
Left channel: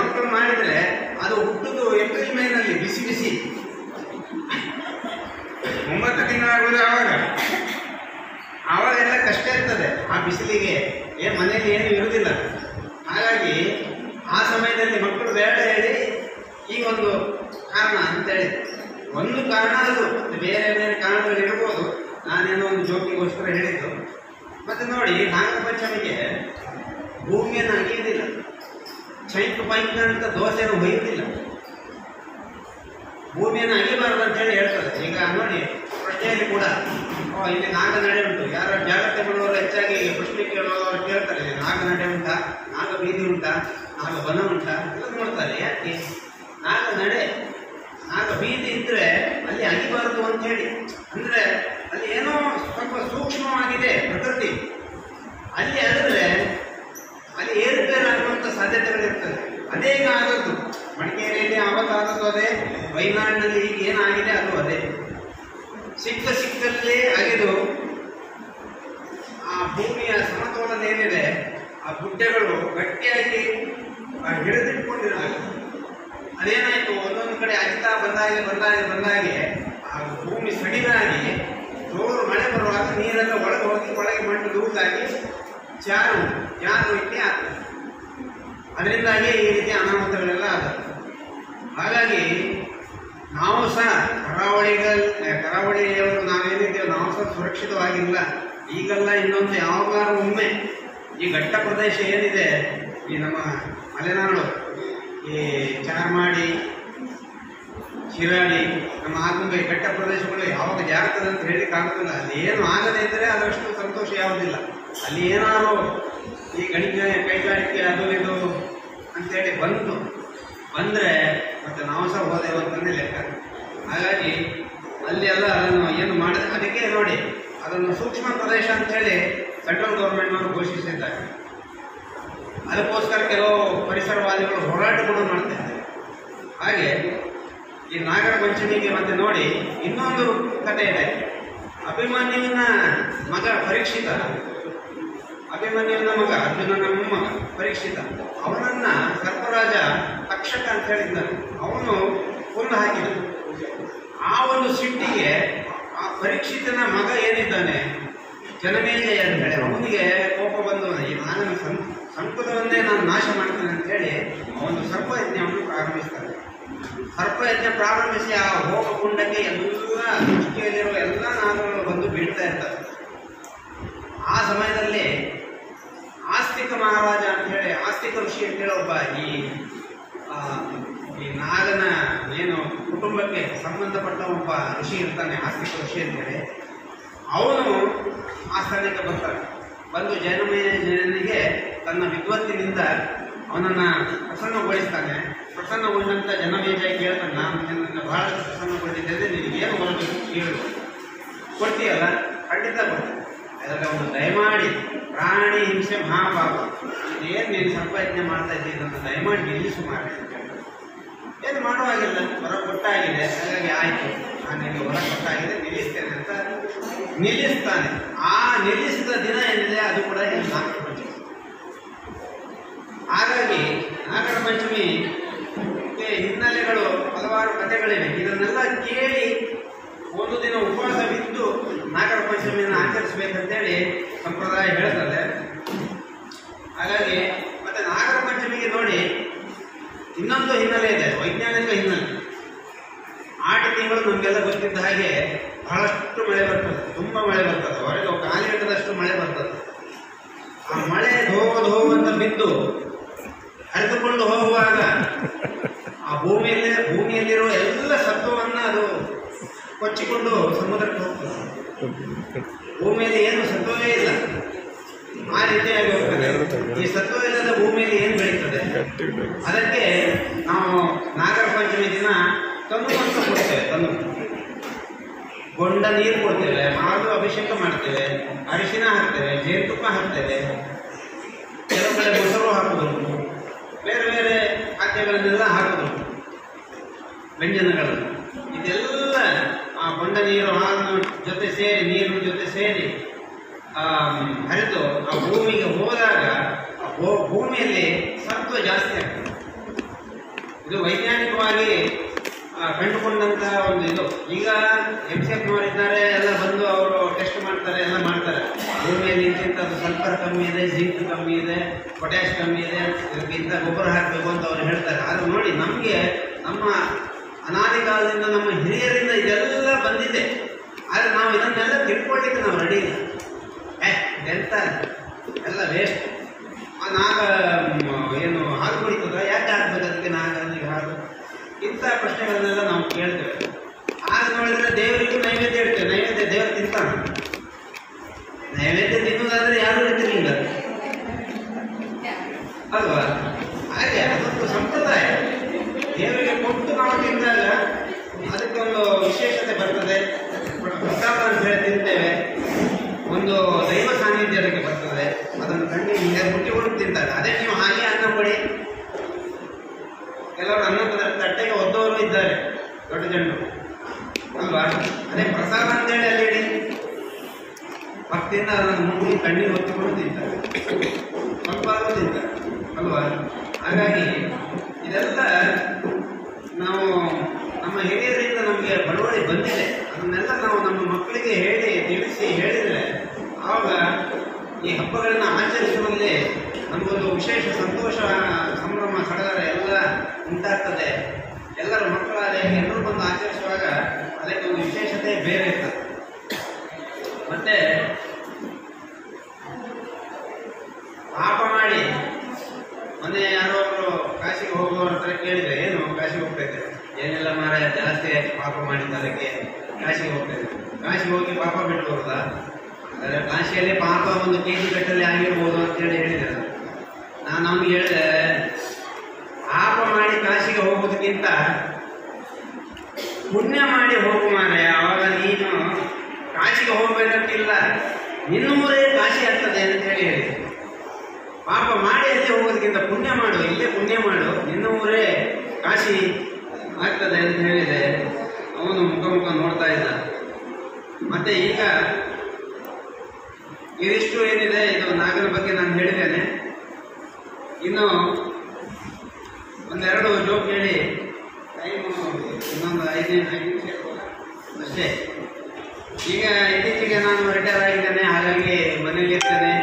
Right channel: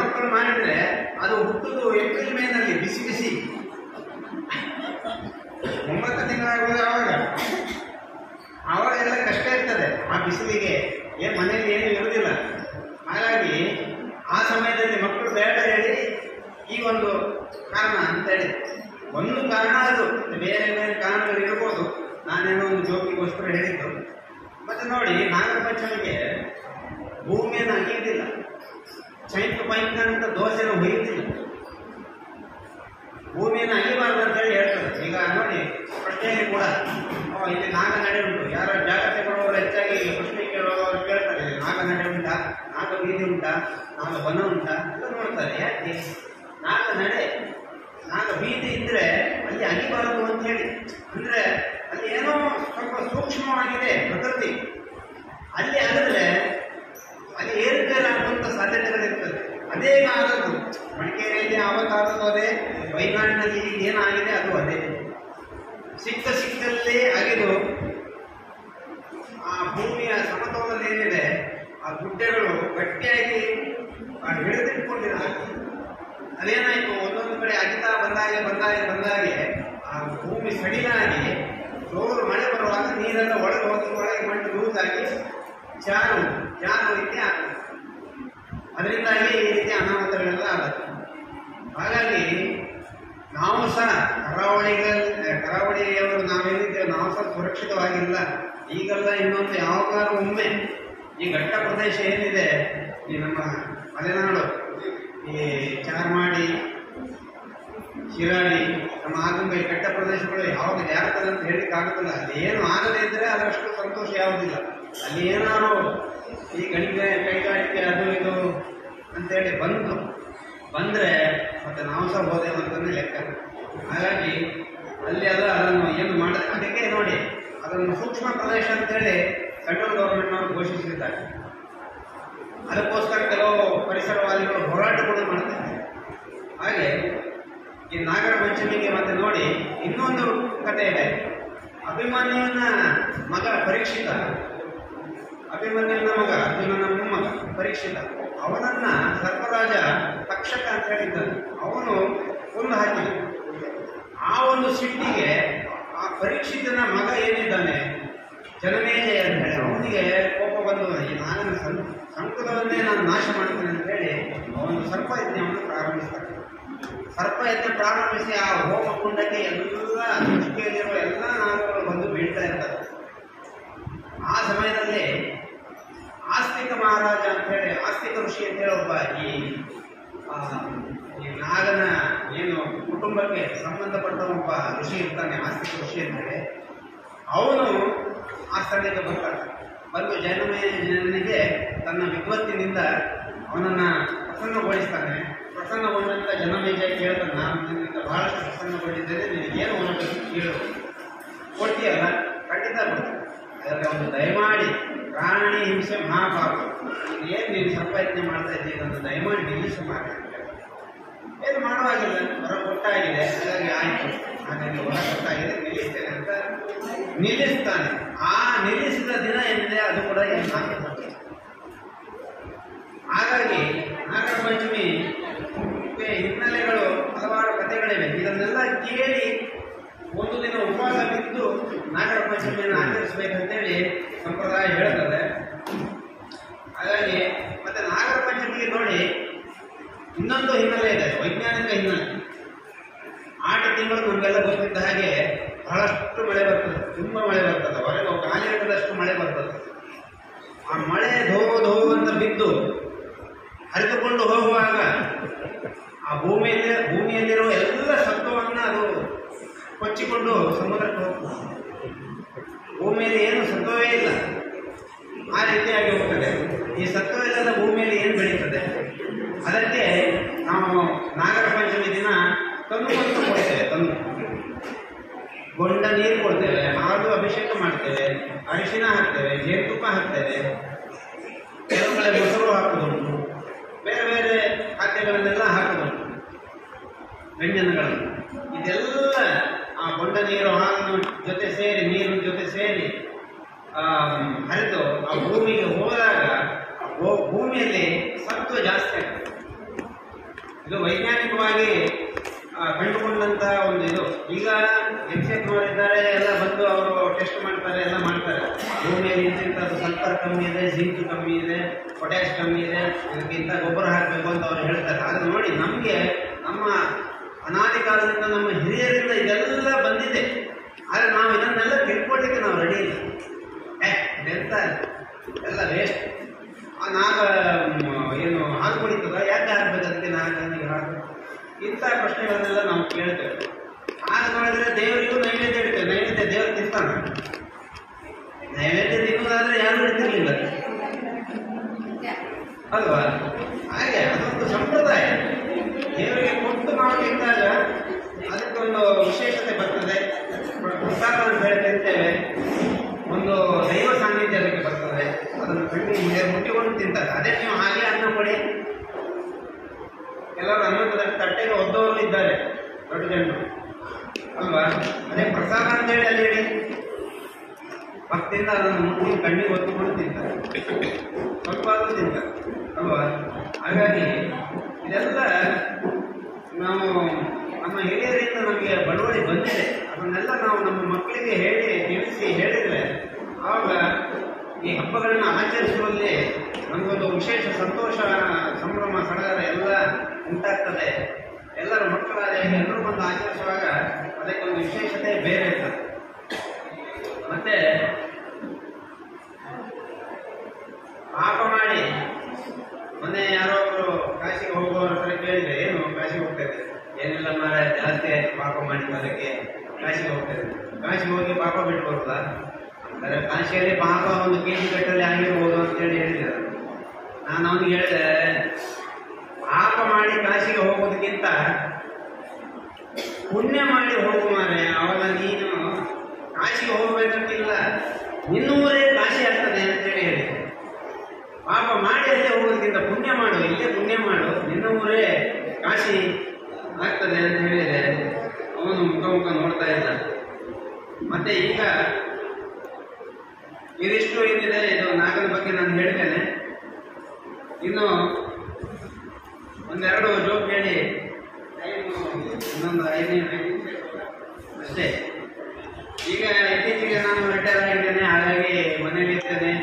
ಮಕ್ಕಳು ಮಾಡಿದ್ರೆ ಅದು ಹುಟ್ಟುದು ಏಪ್ರಿಲ್ ಮೇನಲ್ಲಿ ಬಿಸಿ ಬಿಸಿ 9 ತಿಂಗಳಾಗುವುದು. ಆವಾಗೆಲ್ಲ ಕಷ್ಟ ಇರ್ತದೆ ಆ ಬಿಸಿಲಿಗೆ, ಮನೆಯಲ್ಲಿ ಏನು ಇರುವುದಿಲ್ಲ. ಹಾಗಾಗಿ ಆ ಸಮಯದಲ್ಲಿ ಮಕ್ಕಳು ಬೇಡ ಹೇಳಿ ಈ ಒಂದು ಕಾರಣ ಅಂತ ಹೇಳಿ. ಒಂದು ಕಾರಣ ನೋಡಿ, ನಾಗರ ಪಂಚಮಿಗೆ ಭೂಮಿಯನ್ನು ಅಗೆಯುವುದಿಲ್ಲ, ಚೈತ್ರ ಪೈಪ್ನ ಅಂತ ದೋಸೆಯನ್ನು ಹೊಯ್ಯುತ್ತಿಲ್ಲ. ಭೂಮಿಯನ್ನು ಅಗಿಬಾರದು ಅಂತ ಹೇಳಿ ಹೇಳ್ತದೆ. ಈಗ ನೋಡಿ, ಪ್ರಶ್ನೆಯಲ್ಲಿ ಕೂಡ ಇಲ್ಲಿ ನಾಗ ನಡೆ ಉಂಟು. ಯಾರೋ ಜಾಗ್ರತೆ ಮಾಡುವವರು ಹೆಚ್ಚಾಗಿ ಪ್ರಶ್ನೆ ಕೇಳುವವರು ಕೇಳ್ತಾರೆ, ನಾಗ ನಡೆ ಉಂಟಾ, ನಾಗ ಬೀದಿ ಉಂಟಾ, ನಾಗ ಬನ ಉಂಟಾ ಎಲ್ಲ ನೋಡ್ತಾರೆ. ಯಾಕೆ ನಾಗ ನಡೆ, ನಾಗ ಬೀದಿ ಇದ್ರೆ ಅಲ್ಲಿ ಅಗಿಬಾರದು ಅಂತ ಹೇಳಿ. ಅಂದ್ರೆ ಅಲ್ಲಿ ಏನೋ ಸ್ವಲ್ಪ ಸೂಕ್ಷ್ಮವಾಗಿದೆ ಪ್ರಕೃತಿ. ಅಲ್ಲಿ ಆಗಿದ್ರೆ ಅಲ್ಲಿ ಏರುಪೇರಾಗುವಂಥ ಸಾಧ್ಯತೆಗಳಿರ್ತದೆ. ಅದೇ ಆದದ್ದು ಮಡಿಕೇರಿಯಲ್ಲಿ ಆವತ್ತಾದದ್ದು ಅದೇ, ವೈನಾಡಿನಲ್ಲಿ ಈಗ ಏನಾಗಿದೆ ಅದು ಅದೇ. ಸಿಕ್ಕಲ್ಲೇ ಅಗೆದು ಆ ಭೂಮಿಯ ಸಮತೋಲನ ಏನಿದೆ, ಆ ಗುಡ್ಡೆಗಳು ಗಟ್ಟಿಯಾಗಿ ಹಿಡಿದಿಟ್ಕೊಂಡಿರಲ್ಲ. ಅದೇನಾಯಿತು, ಒಂದೊಂದು ಕಡೆ ಅಗಿತಾ ಬಂದಾಗೆ ಆ ಭೂಮಿ ಸಡಿಲಾಗಿ ಜೋರು ಮಳೆ ಬರುವಾಗ ನೀರೆಲ್ಲ ಒಳಗೆ ಹೋಗಿ ಒಳಗೆ ಮಣ್ಣು ಲೂಸಾಗಿ ಜಾರು ಇಟ್ಟೆ ಆಗ್ತದೆ. ಅದರಿಂದಾಗಿ ಈ ರೀತಿ ಅನಾಹುತಗಳೆಲ್ಲ ಆಗುತ್ತೆ. ಹಾಗಾಗಿ ನಾವು ಸಹ ಕರಾವಳಿಯವರು ನಾವೇನಿದ್ದೇವೆ, ನಾವು ಸಹ ಸುರಕ್ಷಿತವಾಗಿಲ್ಲ. ಈಗೆಲ್ಲ ಇನ್ನೊಂದು ಯಾವಾಗಾದ್ರೂ ಒಮ್ಮೆ ಈ ಘಟ್ಟ ಪ್ರದೇಶ ಏನಿದೆ, ಈ ನಮ್ಮ ಮಲೆನಾಡು, ಈ ಚಾರ್ಮಾಡಿ, ಶಿರಾಡಿ, ನಮ್ಮ ಆಗುಂಬೆ ಬೆಟ್ಟ ಪ್ರದೇಶಗಳು ಯಾವಾಗ ಜಾಗ್ತದೆ ಅಂತ ಹೇಳಲಿಕ್ಕಾಗುತ್ತಿಲ್ಲ. ಅಲ್ಲಿ ಏನು ಆಗದೇ ಇದ್ದರೆ ಅದಷ್ಟು ಸಂತೋಷ ಯಾವುದಿಲ್ಲ. ಅಲ್ಲಿ ಏನಾದ್ರು ಈ ಕೈಗಾರಿಕೆ ಅದು ಇದು ಅಂತೇಳಿ ಬಂದರೆ ಮತ್ತೆ ನಾವು ಸಹ ಹೋದೆವು ಅಂತಂದೇ ಲೆಕ್ಕ. ಹಾಗಾಗಿ ಅಲ್ಲಿ ಎಲ್ಲ ಅದನ್ನು ಏನು ಮಾಡಿದ್ರೆ, ಅದಕ್ಕೆ ನೋಡಿ ಅದನ್ನು ಸೂಕ್ಷ್ಮ ಪ್ರದೇಶ ಅಂತೇಳಿ ಸೆಂಟ್ರಲ್ ಗೌರ್ಮೆಂಟ್ನವರು ಘೋಷಿಸಿದ್ದಾರೆ. ಅದಕ್ಕೋಸ್ಕರ ಕೆಲವು ಪರಿಸರವಾದಿಗಳು ಹೋರಾಟಗಳು ಮಾಡ್ತಾ ಇದ್ದಾರೆ. ಹಾಗೆ ಈ ನಾಗರ ಪಂಚಮಿಗೆ ಮತ್ತೆ ನೋಡಿ ಇನ್ನೊಂದು ಕಥೆ ಇದೆ. ಅಭಿಮನ್ಯುವಿನ ಮಗ ಪರೀಕ್ಷಿತ, ಅಭಿಮನ್ಯುವಿನ ಮಗ ಅರ್ಜುನನ ಮೊಮ್ಮಗ ಪರೀಕ್ಷಿತ, ಅವನನ್ನ ಸರ್ಪರಾಜ ತಕ್ಷಕ ಅಂತ ಹೇಳಿದ್ದಾನೆ. ಅವನು ಕೊಂದು ಹಾಕಿದ. ಆ ಒಂದು ಸಿಟ್ಟಿಗೆ ಆ ಪರೀಕ್ಷಿತನ ಮಗ ಏನಿದ್ದಾನೆ ಜನಮೇಜಯ ಅಂತ ಹೇಳಿ, ಅವನಿಗೆ ಕೋಪ ಬಂದು ನಾನು ಸಂಕುಲವನ್ನೇ ನಾನು ನಾಶ ಮಾಡ್ತೇನೆ ಅಂತ ಹೇಳಿ ಅವನು ಸರ್ಪಯಜ್ಞವನ್ನು ಪ್ರಾರಂಭಿಸ್ತಾನೆ. ಸರ್ಪಯಜ್ಞ ಪ್ರಾರಂಭಿಸಿ ಆ ಹೋಮಕುಂಡಕ್ಕೆ ಎಲ್ಲ ಸೃಷ್ಟಿಯಲ್ಲಿರುವ ಎಲ್ಲ ನಾಗಗಳು ಬಂದು ಬೀಳ್ತಾ ಇರ್ತಾರೆ. ಆ ಸಮಯದಲ್ಲಿ ಆಸ್ತಿಕ ಮಹಾರಾಜ ಅಂತ ಹೇಳಿ, ಆಸ್ತಿಕ ಋಷಿ ಅಂತ ಹೇಳಿ ಒಬ್ಬ ಈ ನಾಗನ ಏನು ಕುಟುಂಬಕ್ಕೆ ಸಂಬಂಧಪಟ್ಟ ಒಬ್ಬ ಋಷಿ ಇರ್ತಾನೆ, ಆಸ್ತಿಕ ಋಷಿ ಅಂತೇಳಿ. ಅವನು ಆ ಸ್ಥಳಕ್ಕೆ ಬರ್ತಾನೆ. ಬಂದು ಜನನಿಗೆ ತನ್ನ ವಿದ್ವತ್ತಿನಿಂದ ಅವನನ್ನು ಪ್ರಸನ್ನಗೊಳಿಸ್ತಾನೆ. ಪ್ರಸನ್ನಗೊಂಡಂಥ ಜನಮೇಜಯ ಕೇಳ್ತಾನೆ, ನಾನು ನಿನ್ನಿಂದ ಬಹಳಷ್ಟು ಪ್ರಸನ್ನಗೊಂಡಿದ್ದೇನೆ, ನಿನಗೇನು ಮಾಡಬೇಕು ಕೇಳು, ಕೊಡ್ತೀಯಲ್ಲ, ಖಂಡಿತ ಬರ್ತದೆ. ಅದಕ್ಕೆ ಅವನು ದಯಮಾಡಿ ಪ್ರಾಣಿ ಹಿಂಸೆ ಮಹಾಪಾಪ, ಏನು ನೀನು ಸಂಪಾದನೆ ಮಾಡ್ತಾ ಇದ್ದೀನಿ ಅಂತ ದಯಮಾಡಿ ನಿಲ್ಲಿಸು ಮಾರೆ ಅಂತ ಹೇಳಿ. ಏನು ಮಾಡುವಾಗಿಲ್ಲ, ಹೊರ ಕೊಟ್ಟಾಗಿದೆ, ಹಾಗಾಗಿ ಆಯಿತು, ಹಾಗಾಗಿ ಹೊರ ಕೊಟ್ಟಾಗಿದೆ, ನಿಲ್ಲಿಸ್ತೇನೆ ಅಂತ ನಿಲ್ಲಿಸ್ತಾನೆ. ಆ ನಿಲ್ಲಿಸಿದ ದಿನ ಏನಿದೆ ಅದು ಕೂಡ ಏನು ನಾಗರ ಪಂಚಮಿ. ಹಾಗಾಗಿ ನಾಗರ ಪಂಚಮಿ ಹಿನ್ನೆಲೆಗಳು ಹಲವಾರು ಕಥೆಗಳಿವೆ. ಇದನ್ನೆಲ್ಲ ಕೇಳಿ ಒಂದು ದಿನ ಉಪವಾಸ ಬಿದ್ದು ನಾಗರ ಪಂಚಮಿಯನ್ನು ಆಚರಿಸಬೇಕಂತೇಳಿ ಸಂಪ್ರದಾಯ ಹೇಳ್ತದೆ. ಹಾಗಾಗಿ ಮತ್ತೆ ನಾಗರ ಪಂಚಮಿಗೆ ನೋಡಿ ಇನ್ನೊಂದು ಹಿನ್ನೆಲೆ ಇದೆ, ವೈಜ್ಞಾನಿಕ ಹಿನ್ನೆಲೆ. ಆಟಿ ತಿಂಗಳು ನಮಗೆಲ್ಲ ಗೊತ್ತಿದ್ದ ಹಾಗೆ ಬಹಳಷ್ಟು ಮಳೆ ಬರ್ತದೆ, ತುಂಬ ಮಳೆ ಬರ್ತದೆ, ಹೊರಗೆ ಗಾಳಿ ಹಿಡಿದಷ್ಟು ಮಳೆ ಬರ್ತದೆ. ಆ ಮಳೆ ಧೋ ಅಂತ ಬಿದ್ದು ಹರಿದುಕೊಂಡು ಹೋಗುವಾಗ ಆ ಭೂಮಿಯಲ್ಲಿರುವ ಎಲ್ಲ ಸತ್ವವನ್ನು ಅದು ಕೊಚ್ಚಿಕೊಂಡು ಸಮುದ್ರಕ್ಕೆ ಹೋಗ್ತದೆ. ಭೂಮಿಯಲ್ಲಿ ಏನು ಸತ್ವವೇ ಇಲ್ಲ, ಆ ರೀತಿಯಾಗಿ ಹೋಗ್ತದೆ. ಈ ಸತ್ವವಿಲ್ಲದ ಭೂಮಿಯಲ್ಲಿ ಏನು ಬೆಳೀತದೆ? ಅದಕ್ಕೆ ನಾವು ನಾಗರ ಪಂಚಮಿ ದಿನ ತಂದು ಕೊಡ್ತೇವೆ. ಗೊಂಡ ನೀರು ಕೊಡ್ತೇವೆ, ಹಾಲು ಅಭಿಷೇಕ ಮಾಡ್ತೇವೆ, ಅರಿಶಿನ ಹಾಕ್ತೇವೆ, ಜೇನುತುಪ್ಪ ಹಾಕ್ತೇವೆ, ಕೆಲವು ಕಡೆ ಮೊಸರು ಹಾಕುವುದುಂಟು, ಬೇರೆ ಬೇರೆ ಖಾದ್ಯಗಳನ್ನೆಲ್ಲ ಹಾಕುವುದುಂಟು, ವ್ಯಂಜನಗಳನ್ನು. ಇದೆಲ್ಲ ಆ ಗೊಂಡ ನೀರು ಹಾಲಿನ ಜೊತೆ ಸೇರಿ, ನೀರಿನ ಜೊತೆ ಸೇರಿ ಹರಿದು ಆ ಭೂಮಿಗೆ ಹೋದಾಗ ಭೂಮಿಯಲ್ಲಿ ಸತ್ವ ಜಾಸ್ತಿ ಆಗ್ತದೆ. ಇದು ವೈಜ್ಞಾನಿಕವಾಗಿ ಕಂಡುಕೊಂಡಂತ ಒಂದು ಇದು. ಈಗ MCF ಮಾಡಿದ್ದಾರೆ, ಎಲ್ಲ ಬಂದು ಅವರು ಟೆಸ್ಟ್ ಮಾಡ್ತಾರೆ, ಎಲ್ಲ ಮಾಡ್ತಾರೆ. ಭೂಮಿಯಲ್ಲಿ ಇಂತಿಂಥದ್ದು ಸಲ್ಫರ್ ಕಮ್ಮಿ ಇದೆ, ಜಿಂಕ್ ಕಮ್ಮಿ ಇದೆ, ಪೊಟ್ಯಾಶ್ ಕಮ್ಮಿ ಇದೆ, ಇದಕ್ಕಿಂತ ಗೊಬ್ಬರ ಹಾಕಬೇಕು ಅಂತ ಅವ್ರು ಹೇಳ್ತಾರೆ. ಆದರೆ ನೋಡಿ, ನಮಗೆ ನಮ್ಮ ಅನಾದಿ ಕಾಲದಿಂದ ನಮ್ಮ ಹಿರಿಯರಿಂದ ಇದೆಲ್ಲ ಬಂದಿದೆ. ಆದರೆ ನಾವು ಇದನ್ನೆಲ್ಲ ತಿಳ್ಕೊಳ್ಳಿಕ್ಕೆ ನಾವು ರೆಡಿ ಇಲ್ಲ. ಇದೆಂತ ದೇವಸ್ಥಾನ. ನೈವೇದ್ಯ ತಿನ್ನುವುದಾದ್ರೆ ಯಾರು ಇರ್ತಿರ್ಲಿಲ್ಲ ಅಲ್ವಾ? ಹಾಗೆ ಅದೊಂದು ಸಂಪ್ರದಾಯ. ದೇವರಿಗೆ ಕೊಟ್ಟು ನಾವು ತಿಂದಾಗ ಅದಕ್ಕೊಂದು ವಿಶೇಷತೆ ಬರ್ತದೆ. ಪ್ರಸಾದ ಅಂತ ಹೇಳಿ ತಿಂತೇವೆ, ಒಂದು ದೈವ ಸಾನ್ನಿಧ್ಯ ಅದಕ್ಕೆ ಬರ್ತದೆ. ಅದನ್ನು ಕಣ್ಣಿಗೆ ಹಿಂದೆ ಮುಟ್ಟಿಕೊಂಡು ತಿಂತಾರೆ. ಅದೇ ನೀವು ಹಾಗೆ ಅನ್ನ ಕೊಡಿ. ಕೆಲವರು ಅನ್ನದ ತಟ್ಟೆಗೆ ಒದ್ದವರು ಇದ್ದಾರೆ, ದೊಡ್ಡ ಜನರು ಅಲ್ವಾ? ಅದೇ ಪ್ರಸಾದ ಅಂತೇಳಿ ಅಲ್ಲಿ ಇಡಿ ಭಕ್ತಿಯಿಂದ ಅದನ್ನು ಮುಟ್ಟಿ ಕಣ್ಣಿಗೆ ಹೊತ್ತುಕೊಂಡು ತಿಂತಾರೆ, ಸ್ವಲ್ಪ ತಿಂತಾರೆ ಅಲ್ವಾ? ಹಾಗಾಗಿ ಇದೆಲ್ಲ ನಾವು ನಮ್ಮ ಹಿರಿಯರಿಂದ ನಮಗೆ ಬಳುವಳಿ ಬಂದಿದೆ. ಅದನ್ನೆಲ್ಲ ನಾವು ನಮ್ಮ ಮಕ್ಕಳಿಗೆ ಹೇಳಿ ತಿಳಿಸಿ ಹೇಳಿದರೆ ಆವಾಗ ಈ ಹಬ್ಬಗಳನ್ನು ಆಚರಿಸುವಲ್ಲಿ ನಮಗೊಂದು ವಿಶೇಷ ಸಂತೋಷ, ಸಂಭ್ರಮ, ಸಡಗರ ಎಲ್ಲ ಉಂಟಾಗ್ತದೆ. ಎಲ್ಲರ ಮಕ್ಕಳಾದ ಎಲ್ಲರೂ ಬಂದು ಆಚರಿಸುವಾಗ ಅದಕ್ಕೆ ಒಂದು ವಿಶೇಷತೆ ಬೇರೆ ಇರ್ತದೆ. ಮತ್ತೆ ಪಾಪ ಮಾಡಿ ಮೊನ್ನೆ ಯಾರೋ ಒಬ್ಬರು ಕಾಶಿಗೆ ಹೋಗುವವ್ರ ಹತ್ರ ಕೇಳಿದ್ರೆ, ಏನು ಕಾಶಿಗೆ ಹೋಗ್ತಾ ಇದ್ದೆ? ಏನೆಲ್ಲ ಮಾರ ಜಾಸ್ತಿ ಆಯ್ತು ಪಾಪ ಮಾಡಿದ್ದು, ಅದಕ್ಕೆ ಕಾಶಿಗೆ ಹೋಗ್ತಾ ಇದ್ದೆ. ಕಾಶಿಗೆ ಹೋಗಿ ಪಾಪ ಬಿಟ್ಟು ಬರ್ತದ? ಅಂದರೆ ಕಾಶಿಯಲ್ಲಿ ಪಾಪ 1 kg ಪೆಟ್ರೋಲ್ ಆಗಿರ್ಬೋದು ಅಂತೇಳಿ ಹೇಳಿದೆ. ನಾನು ಅವನಿಗೆ ಹೇಳಿದೆ, ಪಾಪ ಮಾಡಿ ಕಾಶಿಗೆ ಹೋಗೋದಕ್ಕಿಂತ ಪುಣ್ಯ ಮಾಡಿ ಹೋಗು ಮಾರೆ. ಆವಾಗ ನೀನು ಕಾಶಿಗೆ ಹೋಗ್ಬೇಕಂತಿಲ್ಲ, ನಿನ್ನೂರೇ ಕಾಶಿ ಆಗ್ತದೆ ಅಂತೇಳಿ ಹೇಳಿದೆ. ಪಾಪ ಮಾಡಿ ಅಲ್ಲೇ ಹೋಗೋದಕ್ಕಿಂತ ಪುಣ್ಯ ಮಾಡು, ಇಲ್ಲೇ ಪುಣ್ಯ ಮಾಡು, ನಿನ್ನೂರೇ ಕಾಶಿ ಆಗ್ತದೆ ಅಂತ ಹೇಳಿದೆ. ಅವನು ಮುಖ ನೋಡ್ತಾ ಇದ್ದ. ಮತ್ತೆ ಈಗ ಇದಿಷ್ಟು ಏನಿದೆ, ಇದು ನಾಗನ ಬಗ್ಗೆ ನಾನು ಹೇಳಿದ್ದೇನೆ. ಇನ್ನು ಒಂದೆರಡು ಜೋಕ್ ಹೇಳಿ ಟೈಮ್ ಇನ್ನೊಂದು 5 ನಿಮಿಷ ಅಷ್ಟೇ. ಈಗ ಇತ್ತೀಚೆಗೆ ನಾನು ರಿಟೈರ್ ಆಗಿದ್ದೇನೆ, ಹಾಗಾಗಿ ಮನೇಲಿ ಇರ್ತೇನೆ,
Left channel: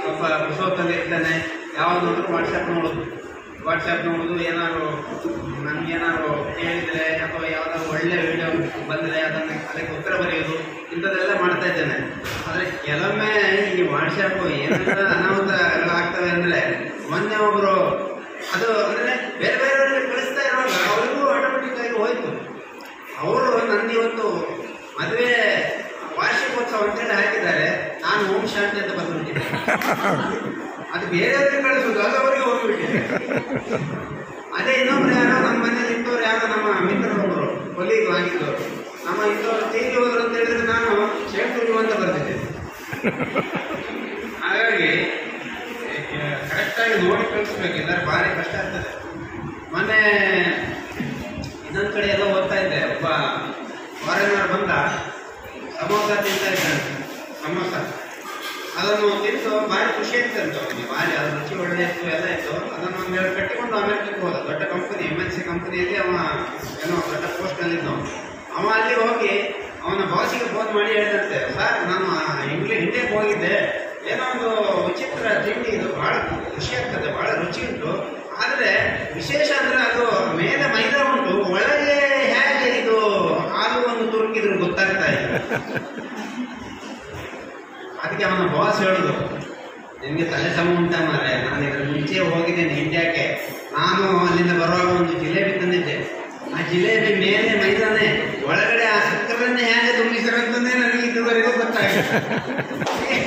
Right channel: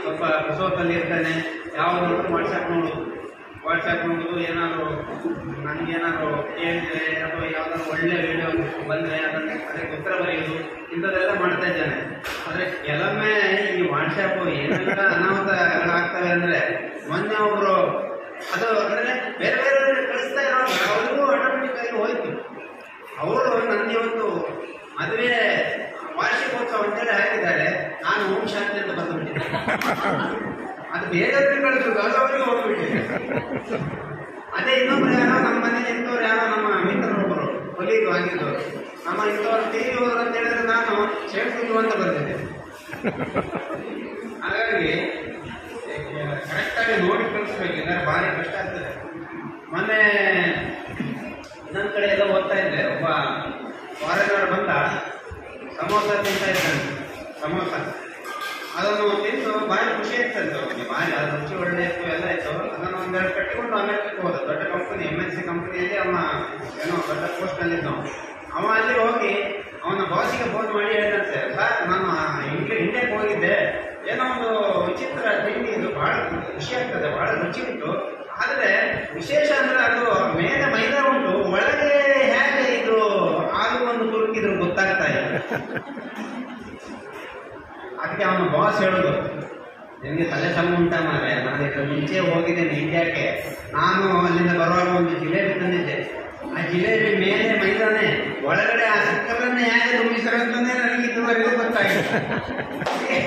ಸ್ವಲ್ಪ ಕುಸೋತಲ್ಲಿ ಇರ್ತೇನೆ. ಯಾವುದಾದ್ರೂ ವಾಟ್ಸಪ್ ನೋಡೋದು, ಏನಾದ್ರು ನನಗೇನಾದ್ರು ಕೇಳಿದರೆ ಅಥವಾ ಯಾವುದಾದ್ರು ಒಳ್ಳೆ ವಿಡಿಯೋ ಬಂದರೆ ಅದಕ್ಕೆ ಉತ್ತರ ಬರೆಯೋದು, ಇಂಥದ್ದೆಲ್ಲ ಮಾಡ್ತಾ ಇದ್ದೇನೆ. ಆದರೆ ಕೆಲವೊಮ್ಮೆ ಈ ವಾಟ್ಸಪ್ ಏನೆಲ್ಲ ಅನಾಹುತಗಳಾಗ್ತವೆ ಅಂದರೆ, ಮೊನ್ನೆ ಒಬ್ಬರು ಅದು ಅಂದರೆ ಬೇರೆ ಬೇರೆ ಕಳಿಸ್ತಾ ಇರುವಾಗ ಅವ್ರಿಗೂ ಆಟೋಮೆಟಿಕ್ ಆಗಿ ಹೋಯ್ತು. ಅವರು ನನಗೆ ಇವತ್ತು ಮದುವೆ ವಾರ್ಷಿಕೋತ್ಸವ ಅಂತೇಳಿ ಹಾಕಿದ್ದಾರೆ, ನಾನು ಓಂ ಶಾಂತಿ ಅಂತ ಬಂದ್ಬಿಟ್ಟಿದ್ದೆ. ಅದು ಬೇರೆಯವ್ರಿಗೆ ಕಳಿಸೋದು, ಅದು ಅವರಿಗೆ ಹೋಗ್ಬಿಟ್ಟಿದೆ. ಅದೇ ಇನ್ನೊಬ್ರು ಯಾರೋ ನಮ್ಮ ಮನೇಲಿ ಇಂಥವ್ರು ಯಾರೋ ನಮ್ಮ ಮಿತ್ರರು ಕೊಲೀಗ್ ಆಗಿದ್ದವರು, ನಮ್ಮ ಇಂಥವ್ರು ತೀರಿ ಹೋದ್ರು ಅಂತ ಹೇಳಿದ್ರೆ ನಾನು ಸೇರ್ತೀನಿ ಅಂತ ಬರ್ತಿದ್ದೆ. ಹಾಗಾಗಿ ಕರೆಕ್ಟಾಗಿ ನೋಡಿ ಕಳಿಸ್ಬೇಕು, ಇದ್ದಾರೆ ಭಾರಿ ಕಷ್ಟ ಆಗ್ತದೆ. ಮೊನ್ನೆ ಇನ್ನೊಂದು ಕಡೆ ಎಲ್ಲ ಹೋಗ್ತಾ ಇದ್ದೆ, ಒಬ್ಬ ಫಾರಿನರ್ ಬಂದ ಸಮೋಸ ತಿಂತಾ ಇದ್ದಾನೆ. ಸಮೋಸ ಅದನ್ನು ತಿಂದು ಭಾರಿ ಖುಷಿ ಇರ್ತಂತೆ ಅವನಿಗೆ, ಭಾರಿ ಅದ್ರ ರುಚಿ ಒಳ್ಳೆ ಇತ್ತು, ಎಲ್ಲ ಇತ್ತು. ಅದನ್ನು ಆಮೇಲೆ ಕಟ್ಟಿಕೊಂಡು ಅಮೆರಿಕಕ್ಕೆ ಹೋದ. ದೊಡ್ಡ ಕಂಪನಿ, MNC ಕಂಪನಿಯಲ್ಲಿ ಅವ ಏನೋ ದೊಡ್ಡ ಪೋಸ್ಟ್ನಲ್ಲಿದ್ದವ. ಅವ ಅಲ್ಲಿ ಹೋಗಿ ಅವನ ಬಾಸಿಗೆ ಫೋನ್ ಮಾಡಿ ಹೇಳ್ತಂತೆ, ಸರ್ ನಾನು ಇಂಡಿಯಾಕ್ಕೆ ಹೋಗಿದ್ದೆ, ಏನೋ ಒಂದು ವಿಚಿತ್ರ ತಿಂಡಿ, ಇದು ಭಾಳ ಖುಷಿ ಆಗ್ತದೆ, ಭಾಳ ರುಚಿ ಉಂಟು. ಆದರೆ ವಿಶೇಷ ಅಂದರೆ ಅದು ಮೇಲೆ ಮೈದಾ ಉಂಟು, ಒಳಗೆ ಹೇಗೆ ಇದು ಆಲೂ ಒಂದು ತುರುಕಿದ್ರು ಗೊತ್ತಾಗ್ತಾ ಇಲ್ಲ. ಅದಕ್ಕೆ ಅವನ ಬಾಸ್ ಹೇಳೋದು, ನಿಮಗೆ ತಲೆ ಸಮ ಉಂಟಾ ಮಾರೆ, ನಾನು ಇದರ ಮುಂಚೆ ಹೋಗಿದ್ದೇನೆ ಇಂಡಿಯಾಕ್ಕೆ, ನಾನು ಅಲ್ಲಿಂದ ಬರುವಾಗ ಒಂದು ಜಿಲೇಬಿ ತಂದಿದ್ದೆ. ಆ ಜಿಲೇಬಿ ಮೇಲೆ ಮೈದಾನೆ, ಒಳಗಡೆ ಆ ಸಕ್ಕರೆಯನ್ನೇ ಹೇಗೆ ತುಂಬಿಸಿರೋದಂತೆ ನನಗೆ ಇದುವರೆಗೂ ಗೊತ್ತಾಗಿದೆ.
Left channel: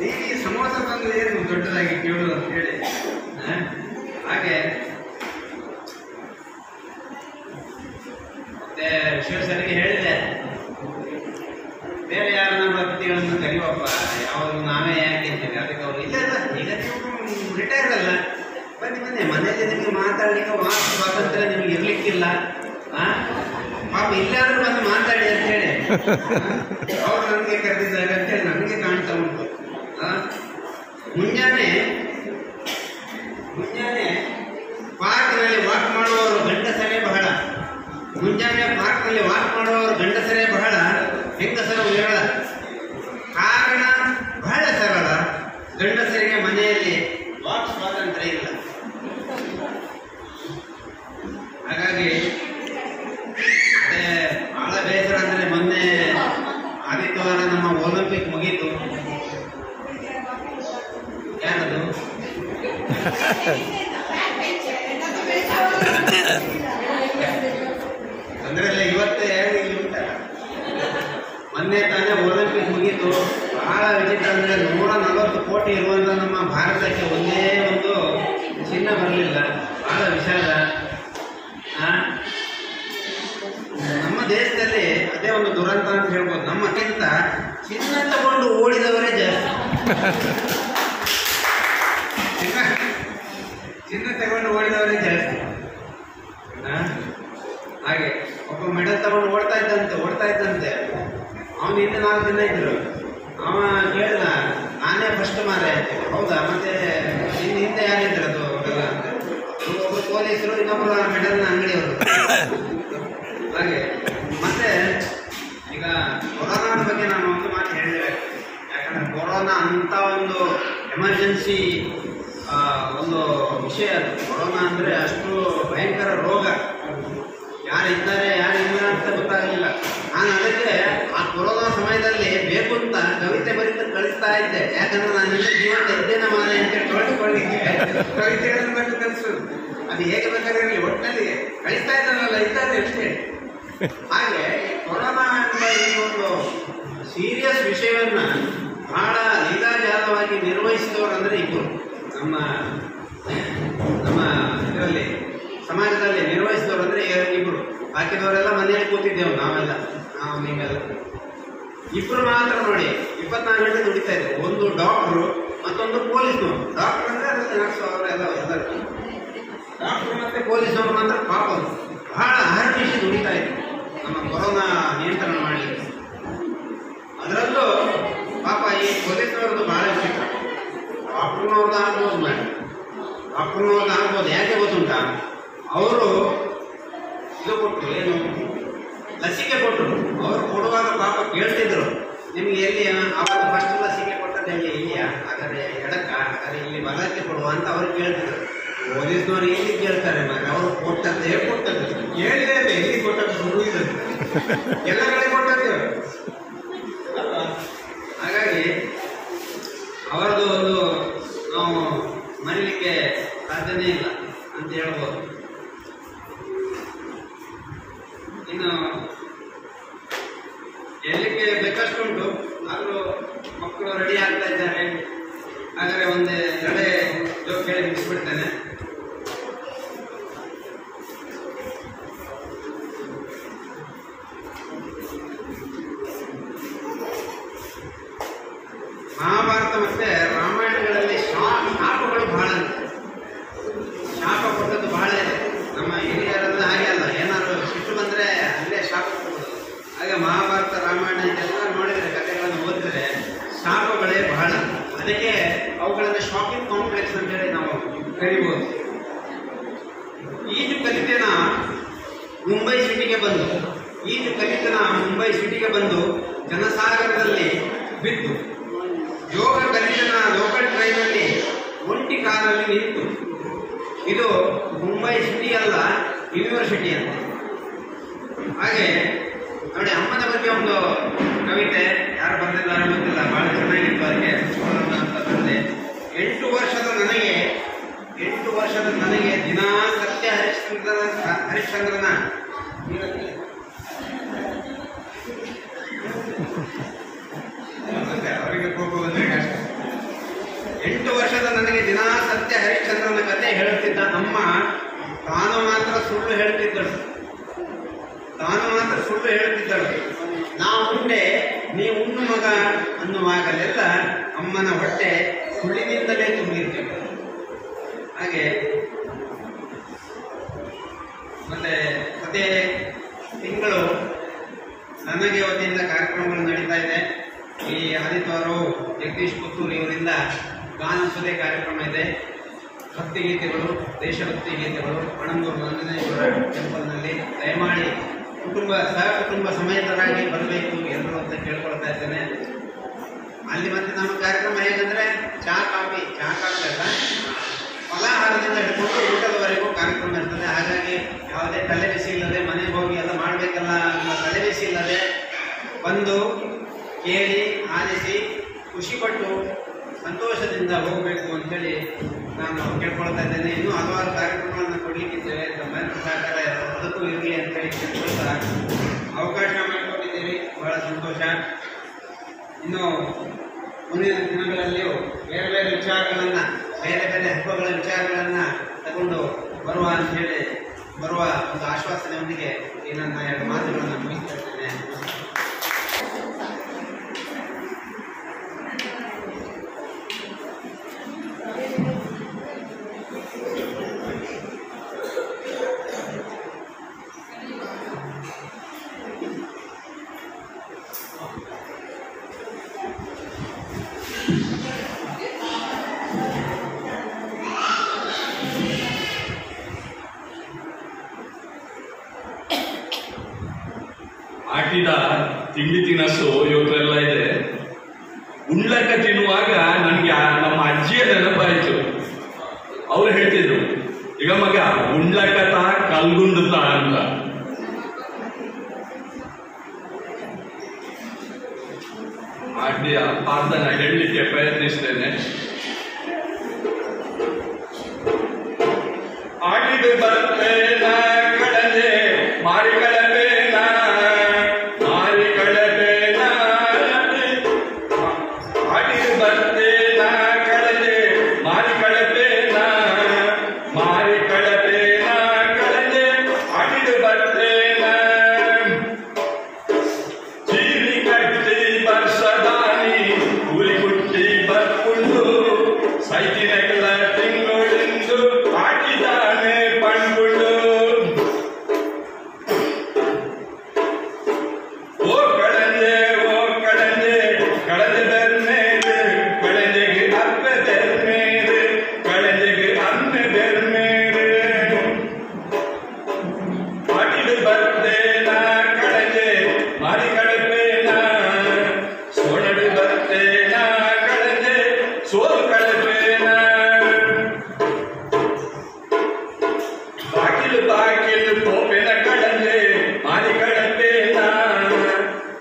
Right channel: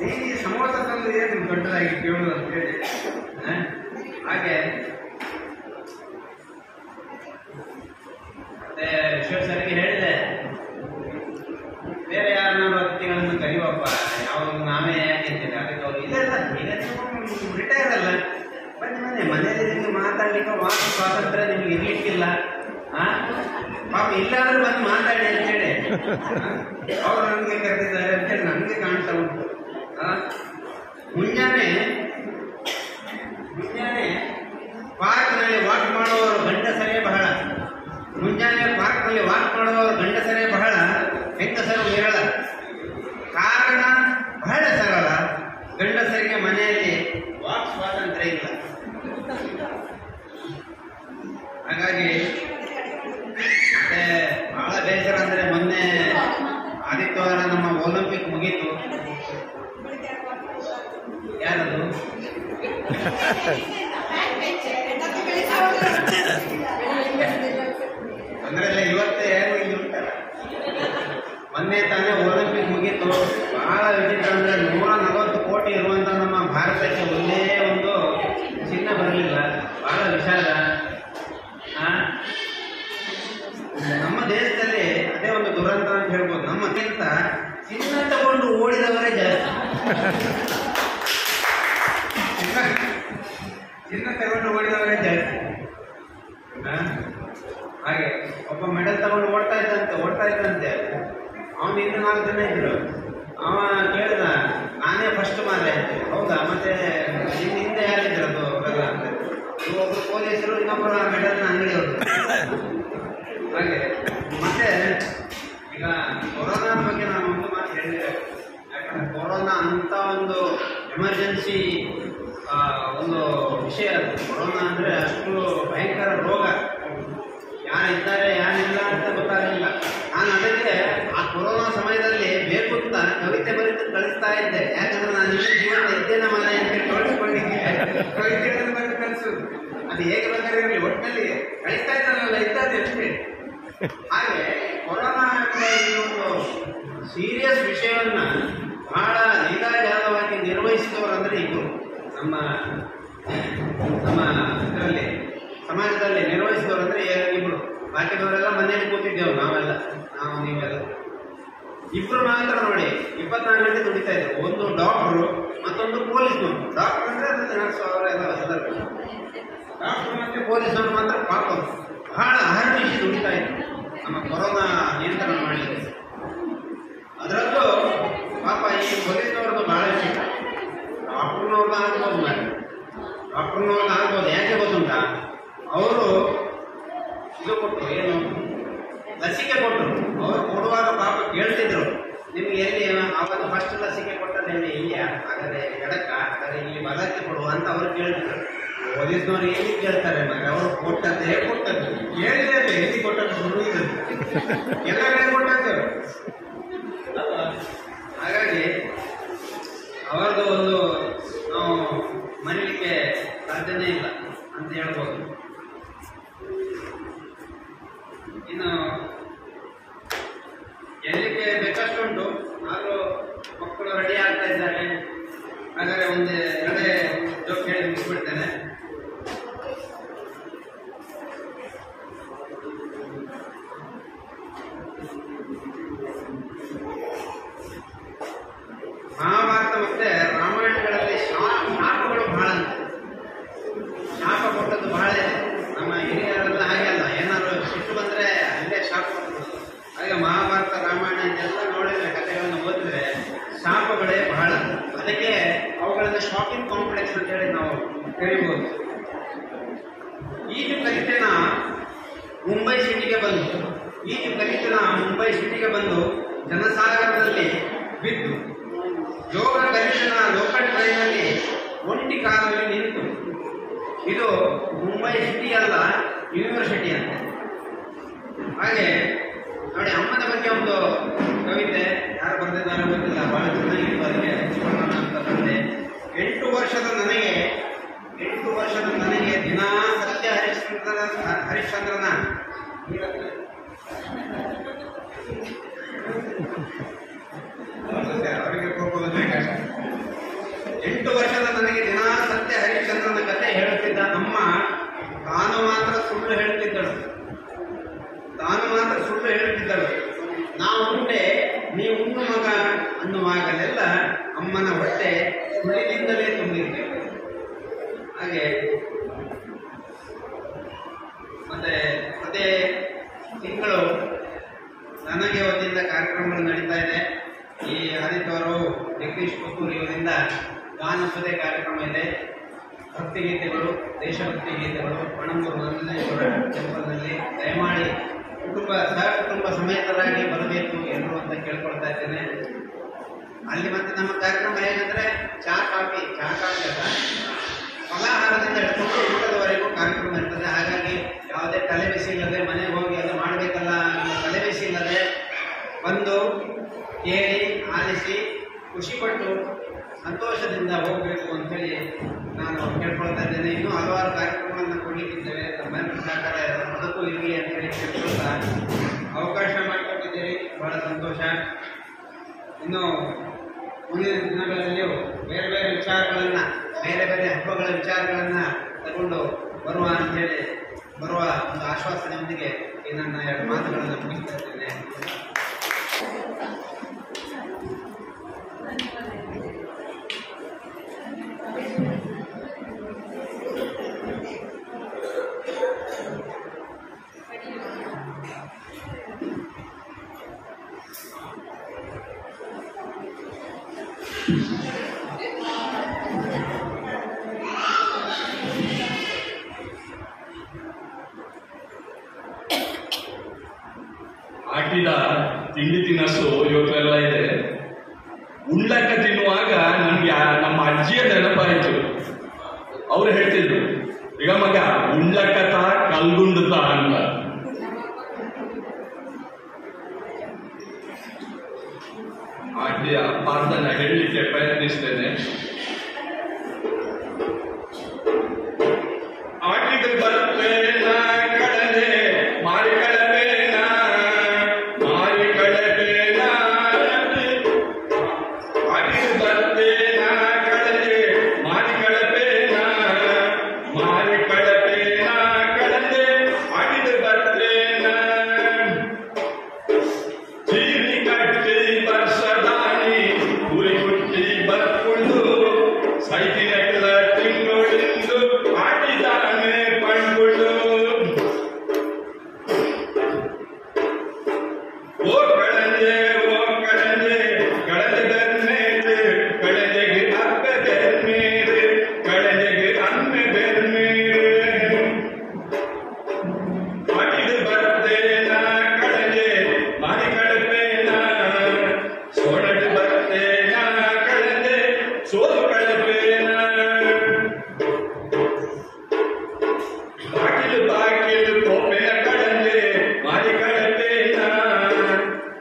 ನೀನು ಈ ಸಮೋಸ ತಂದು ಏನು ದೊಡ್ಡದಾಗಿ ಕೇಳುದು ಅಂತ ಹೇಳಿ. ಹಾಗೆ ಮತ್ತೆ ವಿಶ್ವೇಶ್ವರಿಗೆ ಹೇಳಿದೆ, ಬೇರೆ ಯಾರನ್ನ ಭಕ್ತಿಗಳನ್ನು ಕರಿಬಪ್ಪ, ಯಾವಾಗ ನಾವೇ ಯಾಕೆ ಇದ್ದೇವೆ. ಅದಕ್ಕೆ ಅವರು ಇಲ್ಲ ಈಗ ನೀವು ರಿಟೈರ್ ಅಲ್ಲ, ಬನ್ನಿ ಮನೇಲಿ ನಿಮಗೆ ಮಾತಾಡ್ಲಿಕ್ಕೆ ವಾಕ್ ಸ್ವಾತಂತ್ರ್ಯ ನಿಮ್ಗೆ ಇರ್ಲಿಕ್ಕಿಲ್ಲ, ಪಾಪ ಇಲ್ಲಾದ್ರೂ ಬಂದು ಮಾತಾಡಿ ಅಂತೇಳಿ ಅವ್ರು ನನಗೆ ಕರೆದಿದ್ದಾರೆ ಅಂತೇಳಿ ನನಗೆ ಕಾಣ್ತಾ ಉಂಟು. ಮುಂಜಾನೆ ಪಾರ್ಕ್ನಲ್ಲಿ ವಾಕ್ ಮಾಡುವವರು ಗಂಡಸರೇ ಬಹಳ, ಮುಂಜಾನೆ ಪಾರ್ಕ್ನಲ್ಲಿ ವಾಕ್ ಮಾಡುವವರು ಗಂಡಸರೇ ಬಹಳ, ಹೆಂಗಸರು ಹೇಳ. ಕಾರಣ ಬಹಳ ಸರಳ, ಗಂಡಸರಿಗೆ ಮನೆಯಲ್ಲಿ ವಾಕ್ ಸ್ವಾತಂತ್ರ್ಯ ಇಲ್ಲ. ಹಾಗಾಗಿ ಬಹಳ ಬೇಸರ ಅಂದರೆ, ಮೊನ್ನೆ ಆದಿತ್ಯವಾರ ನಮ್ಮ ಒಲಿಂಪಿಕ್ ಮುಗೀತು. ಯಾರದು ಅಂದ್ರೆ ಇವತ್ತೇ ಯಾರು ಇಲ್ಲಿ ಉಂಟಲ್ಲ, ಮೊನ್ನೆ ತಾನೇ ಒಲಿಂಪಿಕ್ ಇತ್ತು. ಬಹಳ ವಿಚಿತ್ರ ಅಂದರೆ 140 ಕೋಟಿ ಇರುವಂಥ ನಮ್ಮ ಭಾರತಕ್ಕೆ ಒಂದೇ ಒಂದು ಚಿನ್ನ ಬರಲಿಲ್ಲ. ಬಹಳ ವಿಷಾದ. ನಮ್ಮ ದೇಶದಲ್ಲಿ ಅದೇ ಒಂದು ದುರಂತ ಅಂತ ಹೇಳ್ಬೋದು. ನಮ್ಮಕ್ಕಿಂತ ಚಿನ್ನ ತಗೊಂಡು ಓಡಿದವರೇ ಜಾಸ್ತಿ. ಚಿನ್ನ ತಗೊಂಡು ಓಡಿದವರೇ ಜಾಸ್ತಿ. ಹಾಗೆ ಒಬ್ಬ ಮೆಡಲ್ ತಗೊಂಡು ಓಡ್ತಾ ಇದ್ದಂತೆ. ಅವನು ಹಿಂದೆ 4 ಜನ ಇದ್ರು. ಅವ ಕೇಳಿದ, ನಾನೇ ಫಸ್ಟ್ ಮಾರೆ ಆಯ್ತು. ಹೌದಾ, ಮತ್ತೆ ಹಿಂದೆ ಯಾರಿದ್ರು ಅದು ಅಂತ. ಒಬ್ಬರು ಪೊಲೀಸರು, ಇನ್ನೊಬ್ಬರು ಮೆಡಲ್ನ ಅಂಗಡಿಯವರು. ಹಾಗೆ ಮತ್ತೆ ಈಗ ಕೊರೋನಾ ಬಗ್ಗೆ ನಾನು ಒಂದು ಮಾತು ಹೇಳಿದ್ದೇವೆ. ಯಾಕಂದ್ರೆ ಕೊರೋನಾ ಅಂತ ಒಂದು ಎಮರ್ಜೆನ್ಸಿ ಒಂದು ವಿಷಯ. ಕೊರೋನಾ ಅಂದರೆ ಅಷ್ಟು ಭಯಂಕರ ರೋಗ. ಯಾರಿದ್ದಾರೆ ಯಾರಿಲ್ಲ ಅಂತ ಗೊತ್ತಾಗಲಿಲ್ಲ. ನಾನು ಅದಕ್ಕೆ ಆ ಕೊರೋನಾ ಸಮಯದಲ್ಲಿ ಬೇಕು ಅಂತ ಕವಿತೆ ಬರೆದು ಕಳಿಸ್ತಾ ಇದ್ದೆ. ಯಾಕಂದ್ರೆ ನಾನು ಜೀವನ ಇದ್ದೇನೆ ಮಾರೆ ಅಂತ ಕವಿತೆಗಳನ್ನು ಕಲಿಸೋದು. ಅದು ಹೇಗೆ ಬೇಕಾಗಿರಲಿ, ಒಟ್ಟಿನಲ್ಲಿ ಕಳಿಸ್ತಾ ಇದ್ದಾರಲ್ಲ, ಇದ್ದಾರೆ ಅಷ್ಟೇ. ಹಾಗೆ ಕೊರೋನಾ ಈ ಒಂದು ಸೀರಿಯಸ್ ವಿಷಯವನ್ನು ಬಹಳ ಲೀಲಾಜಾಲವಾಗಿ ನಿರ್ವಹಿಸಿದವರು ಅಂದರೆ ಇಬ್ಬರು. ನಮ್ಮ ಇದರಲ್ಲಿ ಸಮಾಜದಲ್ಲಿ ನಿರ್ವಹಿಸಿದವರು ಅಂದರೆ ಇಬ್ಬರು. ಬಾಕಿದವರೆಲ್ಲ ಮನೆಯಲ್ಲಿ ಕೂತಿದ್ದೇವೆ ನಾವೆಲ್ಲ, ನೀವೆಲ್ಲ. ಇಬ್ಬರು ಮಾತ್ರ ನೋಡಿ 24 ಗಂಟೆ ದುಡಿತಾ ಇದ್ರು. ಒಂದು ಡಾಕ್ಟ್ರು, ಮತ್ತೊಂದು ಪೊಲೀಸ್ನವರು. ಡಾಕ್ಟರ್ ಅಂದರೆ ನರ್ಸ್ ಅವರೆಲ್ಲ ಡಾಕ್ಟ್ರು ಮತ್ತು ಪೊಲೀಸ್ನವರು ಮಾತ್ರ ಪಾಪ ಬಹಳ ಅಹರ್ನಿಶಿ ದುಡಿತಾ ಇದ್ರು ನಮ್ಮ ಕೊರೋನಾ ನಿಯಂತ್ರಣ ಮಾಡಲಿಕ್ಕೆ. ಅದರಲ್ಲೂ ಪಾಪ ಈ ಪೊಲೀಸ್ನವ್ರದ್ದು ಬಹಳ ವಿಚಿತ್ರ. ಡಾಕ್ಟ್ರನವ್ರದ್ದು ಆಗ್ಬೋದು, ಡಾಕ್ಟ್ರನವ್ರದ್ದು ಆಗ್ಬೋದು. ಯಾಕೆ ಗೊತ್ತುಂಟ, ಅವರು ಇದು ಕೊಟ್ಟರು, ಏನು ಲಸಿಕೆ ಕೊಟ್ಟರು. ಅವರು ಕೊಡುವಾಗ ಪಾಪ ಕೇಳ್ತಿದ್ರು, ನಿಮ್ಗೆ ಎಲ್ಲಿ ಆವಾಗ ಫಸ್ಟ್ ಲಸಿಕೆ ಕೊಟ್ಟದಲ್ಲಿ ಇಲ್ಲಿಯಾ, ಹಾಗಾದ್ರೆ ಎಡಕ್ಕ, ಹಾಗಾದ್ರೆ ಇಲ್ಲಿ ಮಗಕ್ಕೆ ಕೊಡುವ ಅಂತ ಅವ್ರು ಕೇಳ್ತಿದ್ರು. ಪೊಲೀಸ್ನವ್ರು ಎಲ್ಲಿ ಕೇಳ್ತಾರೆ, ಅವರು ಕೊಟ್ಟದ್ದೇ ಕೊಟ್ಟದ್ದು, ಹೇಳಿದೆ ಎಲ್ಲಿ ಕೊಟ್ಟದ್ದು ಶುರು ಇದೆ, ಎಲ್ಲ ಕಡೆ ಕೊಟ್ಟದ್ದೇವೆ ಅಲ್ವಾ. ಹಾಗಾಗಿ ಅವರದು ಒಂದು ನಾವು ಮರೀಲಿಕ್ಕೆ ಸಾಧ್ಯನೇ ಇಲ್ಲ ಅಂತ ಹೇಳ್ಬೋದು. ಇನ್ನು ಎಲ್ಲಿಗೆ ಬೇಕಷ್ಟುಂಟು, ಆದರೂ ಮಕ್ಕಳು ರೆಡಿ ಆಗ್ತಾ ಇದ್ದಾರೆ. ಹಾಗಾದರೆ ಒಂದು 2 ಜೋಕ್ ಹೇಳಿ ಮುಗಿಸ್ಬಿಡ್ತೇನೆ. ಮಹಾಭಾರತ ಮತ್ತೆ ರಾಮಾಯಣಗಳಲ್ಲಿ ಶಾಪಗಳು ಬಹಳ, ಶಾಪ ಕೊಟ್ಟದ್ದು ಬಹಳ ಇದೆ. ನಮ್ಮ ಹಿರಿಯರೆಲ್ಲ ಹಾಗೆ ಅಲ್ಲ, ಏನಾದರೂ ಸಿಟ್ಟು ಬಂದರೆ ಅಲ್ಲೇ ಶಾಪ ಕೊಟ್ಟದ್ದು. ಹಾಗೆ ಮಹಾಭಾರತ ರಾಮಾಯಣ ಇದೆಲ್ಲ ನೋಡಿದರೆ, ಕಥೆಗಳನ್ನು ಓದಿದರೆ ಶಾಪಗಳೇ ಬಹಳ. ಅದಕ್ಕೆ ಅವುಗಳನ್ನು ಶಾಪಿಂಗ್ ಕಾಂಪ್ಲೆಕ್ಸ್ ಅಂತ ಹೇಳಿ ನಾವು ಕರಿಬೋದು. ಈಜು ಕಲಿತೇನ ಮುಂಬೈ ಸಿಟಿಗೆ ಬಂದು ಜನಸಾಗರದಲ್ಲಿ ಬಿದ್ದು, ಯೋಗ ಕಲಿತನ ಲೋಕಲ್ ಟ್ರೈನಲ್ಲಿ ಒಂಟಿ ಕಾಲಲ್ಲಿ ನಿಂತು. ಇದು ಮುಂಬೈ ಸಿಟಿ ಅಲ್ಲ, ಯೂನಿವರ್ಸಿಟಿ ಅಂತ. ಹಾಗೆ ನೋಡಿ, ಅಮ್ಮನ ಬಗ್ಗೆ ಒಂದು ಕವಿತೆ ಯಾರು ಬರೆದಿದ್ದಾರೆ ಗೊತ್ತಿಲ್ಲ, ಬಹಳ ಚೆನ್ನಾಗಿತ್ತು. ಅದಕ್ಕೆ ಅಂತ ಬಂದೆ. 8 ವರ್ಷದ ನನಗೆ ದಿನಾ ಸತ್ಯ ಹರಿಶ್ಚಂದ್ರನ ಅವರಿಗೆ ಹೋಗುವುದೇ ಕಷ್ಟ. 8 ವರ್ಷದ ನನಗೆ ದಿನಾ ಸತ್ಯ ಹರಿಶ್ಚಂದ್ರನ ಕಥೆ ಹೇಳುತ್ತಿದ್ದ ಅಮ್ಮ ತಾನು ಮಾತ್ರ ಸುಳ್ಳು ಹೇಳುತ್ತಿದ್ದಳು. ನಾವು ಉಂಡೆ ನೀ ಉಣ್ಣು ಮಗ ಅನ್ನುವಾಗಲೆಲ್ಲ ಅಮ್ಮನ ಹೊಟ್ಟೆ ಸುಳ್ಳಿನಿಂದಲೇ ತುಂಬಿರ್ತೇವೆ. ಹಾಗೆ ಮತ್ತೆ ಪ್ರತಿ ತಿಂಗಳು ನನಗೆ ವತಿಯಿಂದ ಕಾರ್ಯಕ್ರಮಗಳು ನಡೀತಾ ಇದೆ. ಈ ಆದಿತ್ಯವಾರ ಜಗದೀಶ್ ಪುತ್ತೂರು ಇವರಿಂದ ಗಾನಸುದೆ ಕಾರ್ಯಕ್ರಮ ಇದೆ. ಭಕ್ತಿಗೀತೆಗಳು, ದೇಶಭಕ್ತಿ ಗೀತೆಗಳು ಪಣಂಬೂರು ನಂಜನೇಶ್ವರ ಟೆಂಪಲ್ನಲ್ಲಿ. ದಯಮಾಡಿ ಸಹಕುಟುಂಬ ಸಮೇತರಾಗಿ ಬರಬೇಕು ಎಲ್ಲರೂ ಅಂತ ಕೇಳ್ಕೊಳ್ತಾ ಇದ್ದೇನೆ. ಅಲ್ಲಿ ಮತ್ತೆ ನಮ್ಮ ಕಾರ್ಯಕ್ರಮ ಹೇಗಂದ್ರೆ ಚಹಾ ಕಾಫಿ ಫಲಾಹಾರದಿಂದ ಹಿಡ್ಕೊಂಡು ಊಟದವರೆಗೂ ಕಾರ್ಯಕ್ರಮ ಇರ್ತದೆ. ಹಾಗಾಗಿ ಯಾವುದೇ ತಲೆಬಿಸಿ ಇಲ್ಲದೆ ಮನೆಗೆ ಹೋಗಿ ಎಲ್ಲ ಮಾಡಬೇಕಲ್ಲ ಅನ್ನೋ ತಲೆಬಿಸಿ ಇಲ್ಲದೆ ಬಂದು ಕೇಳಿ ಆಲಿಸಿ ಖುಷಿಪಟ್ಟು ಸಂತೋಷದಿಂದ ಹೋಗಬೇಕು ಅಂತೇಳಿ ನಾನು ಕೇಳ್ಕೊಳ್ತಾ ಇದ್ದೇನೆ. ಇನ್ನೂ ಹಲವಾರು ಕಾರ್ಯಕ್ರಮಗಳನ್ನು ಕೊಡಲಿಕ್ಕಿದ್ದೇವೆ. ತಮ್ಮೆಲ್ಲರ ಸಹಕಾರ ಅದಕ್ಕೂ ಇರಲಿ ಅಂತೇಳಿ ಕೇಳ್ಕೊಳ್ತಾ ಅವಕಾಶ ಮಾಡಿಕೊಟ್ಟಿದ್ದೀರಿ, ಬಹಳ ಸಂತೋಷ. ಇನ್ನು ಮುಂದಿನ ದಿನಗಳಲ್ಲಿಯೂ ಬೇರೆ ಬೇರೆ ವಿಚಾರಗಳನ್ನು, ಬೇರೆ ಬೇರೆ ಹಬ್ಬಗಳ ವಿಚಾರಗಳನ್ನು ತಗೊಂಡು ಬರುವ ಅಂತ ಹೇಳಿ ಬರುವ ಒಂದು ಆಶ್ವಾಸನೆಯೊಂದಿಗೆ ಈ ನನ್ನ ಎರಡು ಮಾತುಗಳನ್ನು ಮುಗಿಸ್ತಾ ಇದ್ದೇನೆ. ಹಾಕಿದ ತಿಂಡಿ ತಿನಸು ಇವತ್ತೆಲ್ಲ ಇದೆ. ಉಂಡ್ಲಕ್ಕ ತಿನ್ನುವಾಗ ನನಗೆ ನಮ್ಮ ಅಜ್ಜಿಯ ನೆನಪಾಯಿತು. ಅವ್ರು ಹೇಳ್ತಿದ್ರು, ಈಗ ಮಗ ಉಂಡ್ಲಕ್ಕತ ಕಲ್ಗುಂಡುತ್ತ ಅಂತ. ಹಾಗೆ ಅರ್ಥನ ಹೇಳಲಿಕ್ಕೆ ಪ್ರಯತ್ನಿಸ್ತೇನೆ. ಆಟಿದು ಬರ್ತೇನ ಕಡಲೆ ಮಾರಿ ಕಳಪೇನ ಮಾರಿ ಕಳಪೇನ ಆಟಿದು ಬರ್ತೇನ ಕಡಲೆ ಮಾರಿ ಕಳಪೇನ ಮಾರಿ ಕಳಪೇನ ಕಡಲೆ ಆಟಿದು ಬರ್ತೇನ ಚೀನಿ ಕಟ್ಟಿ ಬರ್ಸದಾನಿ ಕೂಲಿ ಕುಟ್ಟಿ ಬರ್ಕೊಂಡು ಸೈತಿನೆಲ್ಲ ತಿಂಗಳಿಂದು ಆಟಿದಾನೆ ಪಂಡ್ಕೊಂಡು ಓ ಕಳಂದೆ ಕಳಂದೆ ಬೆರ್ಮೇಲೆ ಕಳಂದೆಗೆ ಅಪ್ಪೆ ಬೆರ್ಮೇಲೆ ಕಳಂದೆಗೆ ಅಮ್ಮೆ ಬೆರ್ಮೇಲೆ ಆಟಿದು ಬರ್ತೇನ ಕಳಂದೆ ಮಾರಿ ಕಳಪೇನ ಸೋಣಡು ಬರ್ತೇನ ಕಳಂದೆ ಸೋಲು ಕಳಪೇನ ಬಾಗಿಲು ಕೋಪೆನ ಕಳಂದೆ ಮಾರಿ ಕಳಪೇನ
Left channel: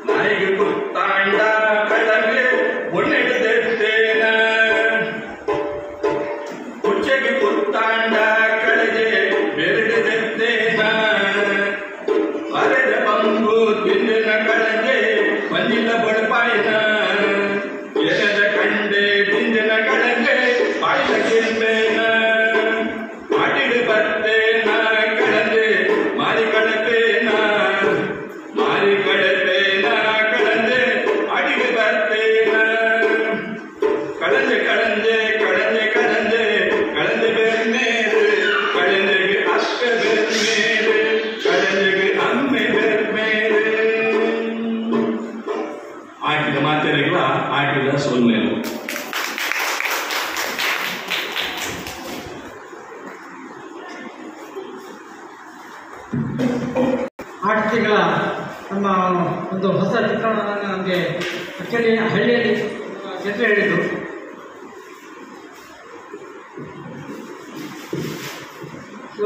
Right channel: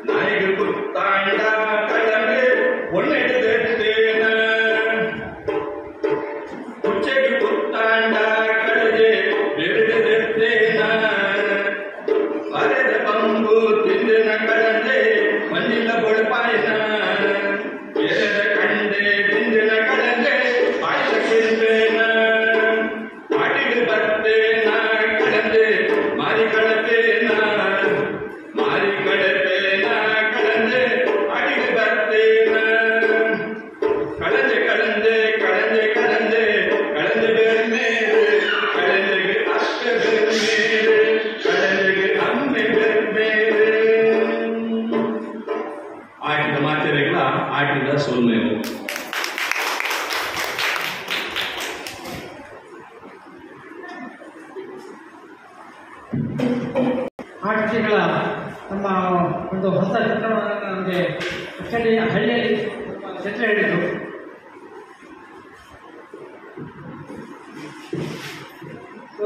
ನಾಯಿಗೆ ಕುತ್ತಾಂಡ ಕಳಂದೆ ಒಣ್ಣೆಡೆತ್ತೇನ ಕುಚ್ಚೆಗೆ ಕುತ್ತಾಂಡ ಕಳಗೆ ಬೆರಡೆತ್ತೇನ ಅರೆದ ಬಂಬು ತಿಂದಿನ ಕಳಂದೆ ಮಂಜಿಲ್ಲ ಬೊಳಪಾಯಿನ ಎರೆದ ಕಂಡೆ ತಿಂದಿನ ಕಳಂದೆ ಪಾಯಸ ಕಿಲ್ಪೇನ ಆಟಿಡು ಬರ್ತೇನ ಕಳಂದೆ ಮಾರಿ ಕಳಪೇನ ಮಾರಿ ಕಳಪೇನ ಕಳಂದೆ ಆಟಿಡು ಬರ್ತೇನ ಕಳಂದೆ ಕಳಂದೆ ಕಳಂದೆ ಕಳಂದೆ ಕಳಂದೆ ಬೆರ್ಮೇಲೆ ಕಳಂದೆಗೆ ಅಪ್ಪೆ ಬೆರ್ಮೇಲೆ ಕಳಂದೆಗೆ ಅಮ್ಮೆ ಬೆರ್ಮೇಲೆ ಆಟಿದ ಮಾತೆರೆಗಳ ಆಟಿದ ಸೊನ್ನೆವು. ಆಟಿಕೆಗಳ ನಮ್ಮ ಒಂದು ಹೊಸ ಚಿತ್ರಣವನ್ನು ನಮಗೆ ಆ್ಯಕ್ಚುಲಿ ಹಳ್ಳಿಯಲ್ಲಿ ಚಿತ್ರ ಹೇಳಿದರು. ಸೊ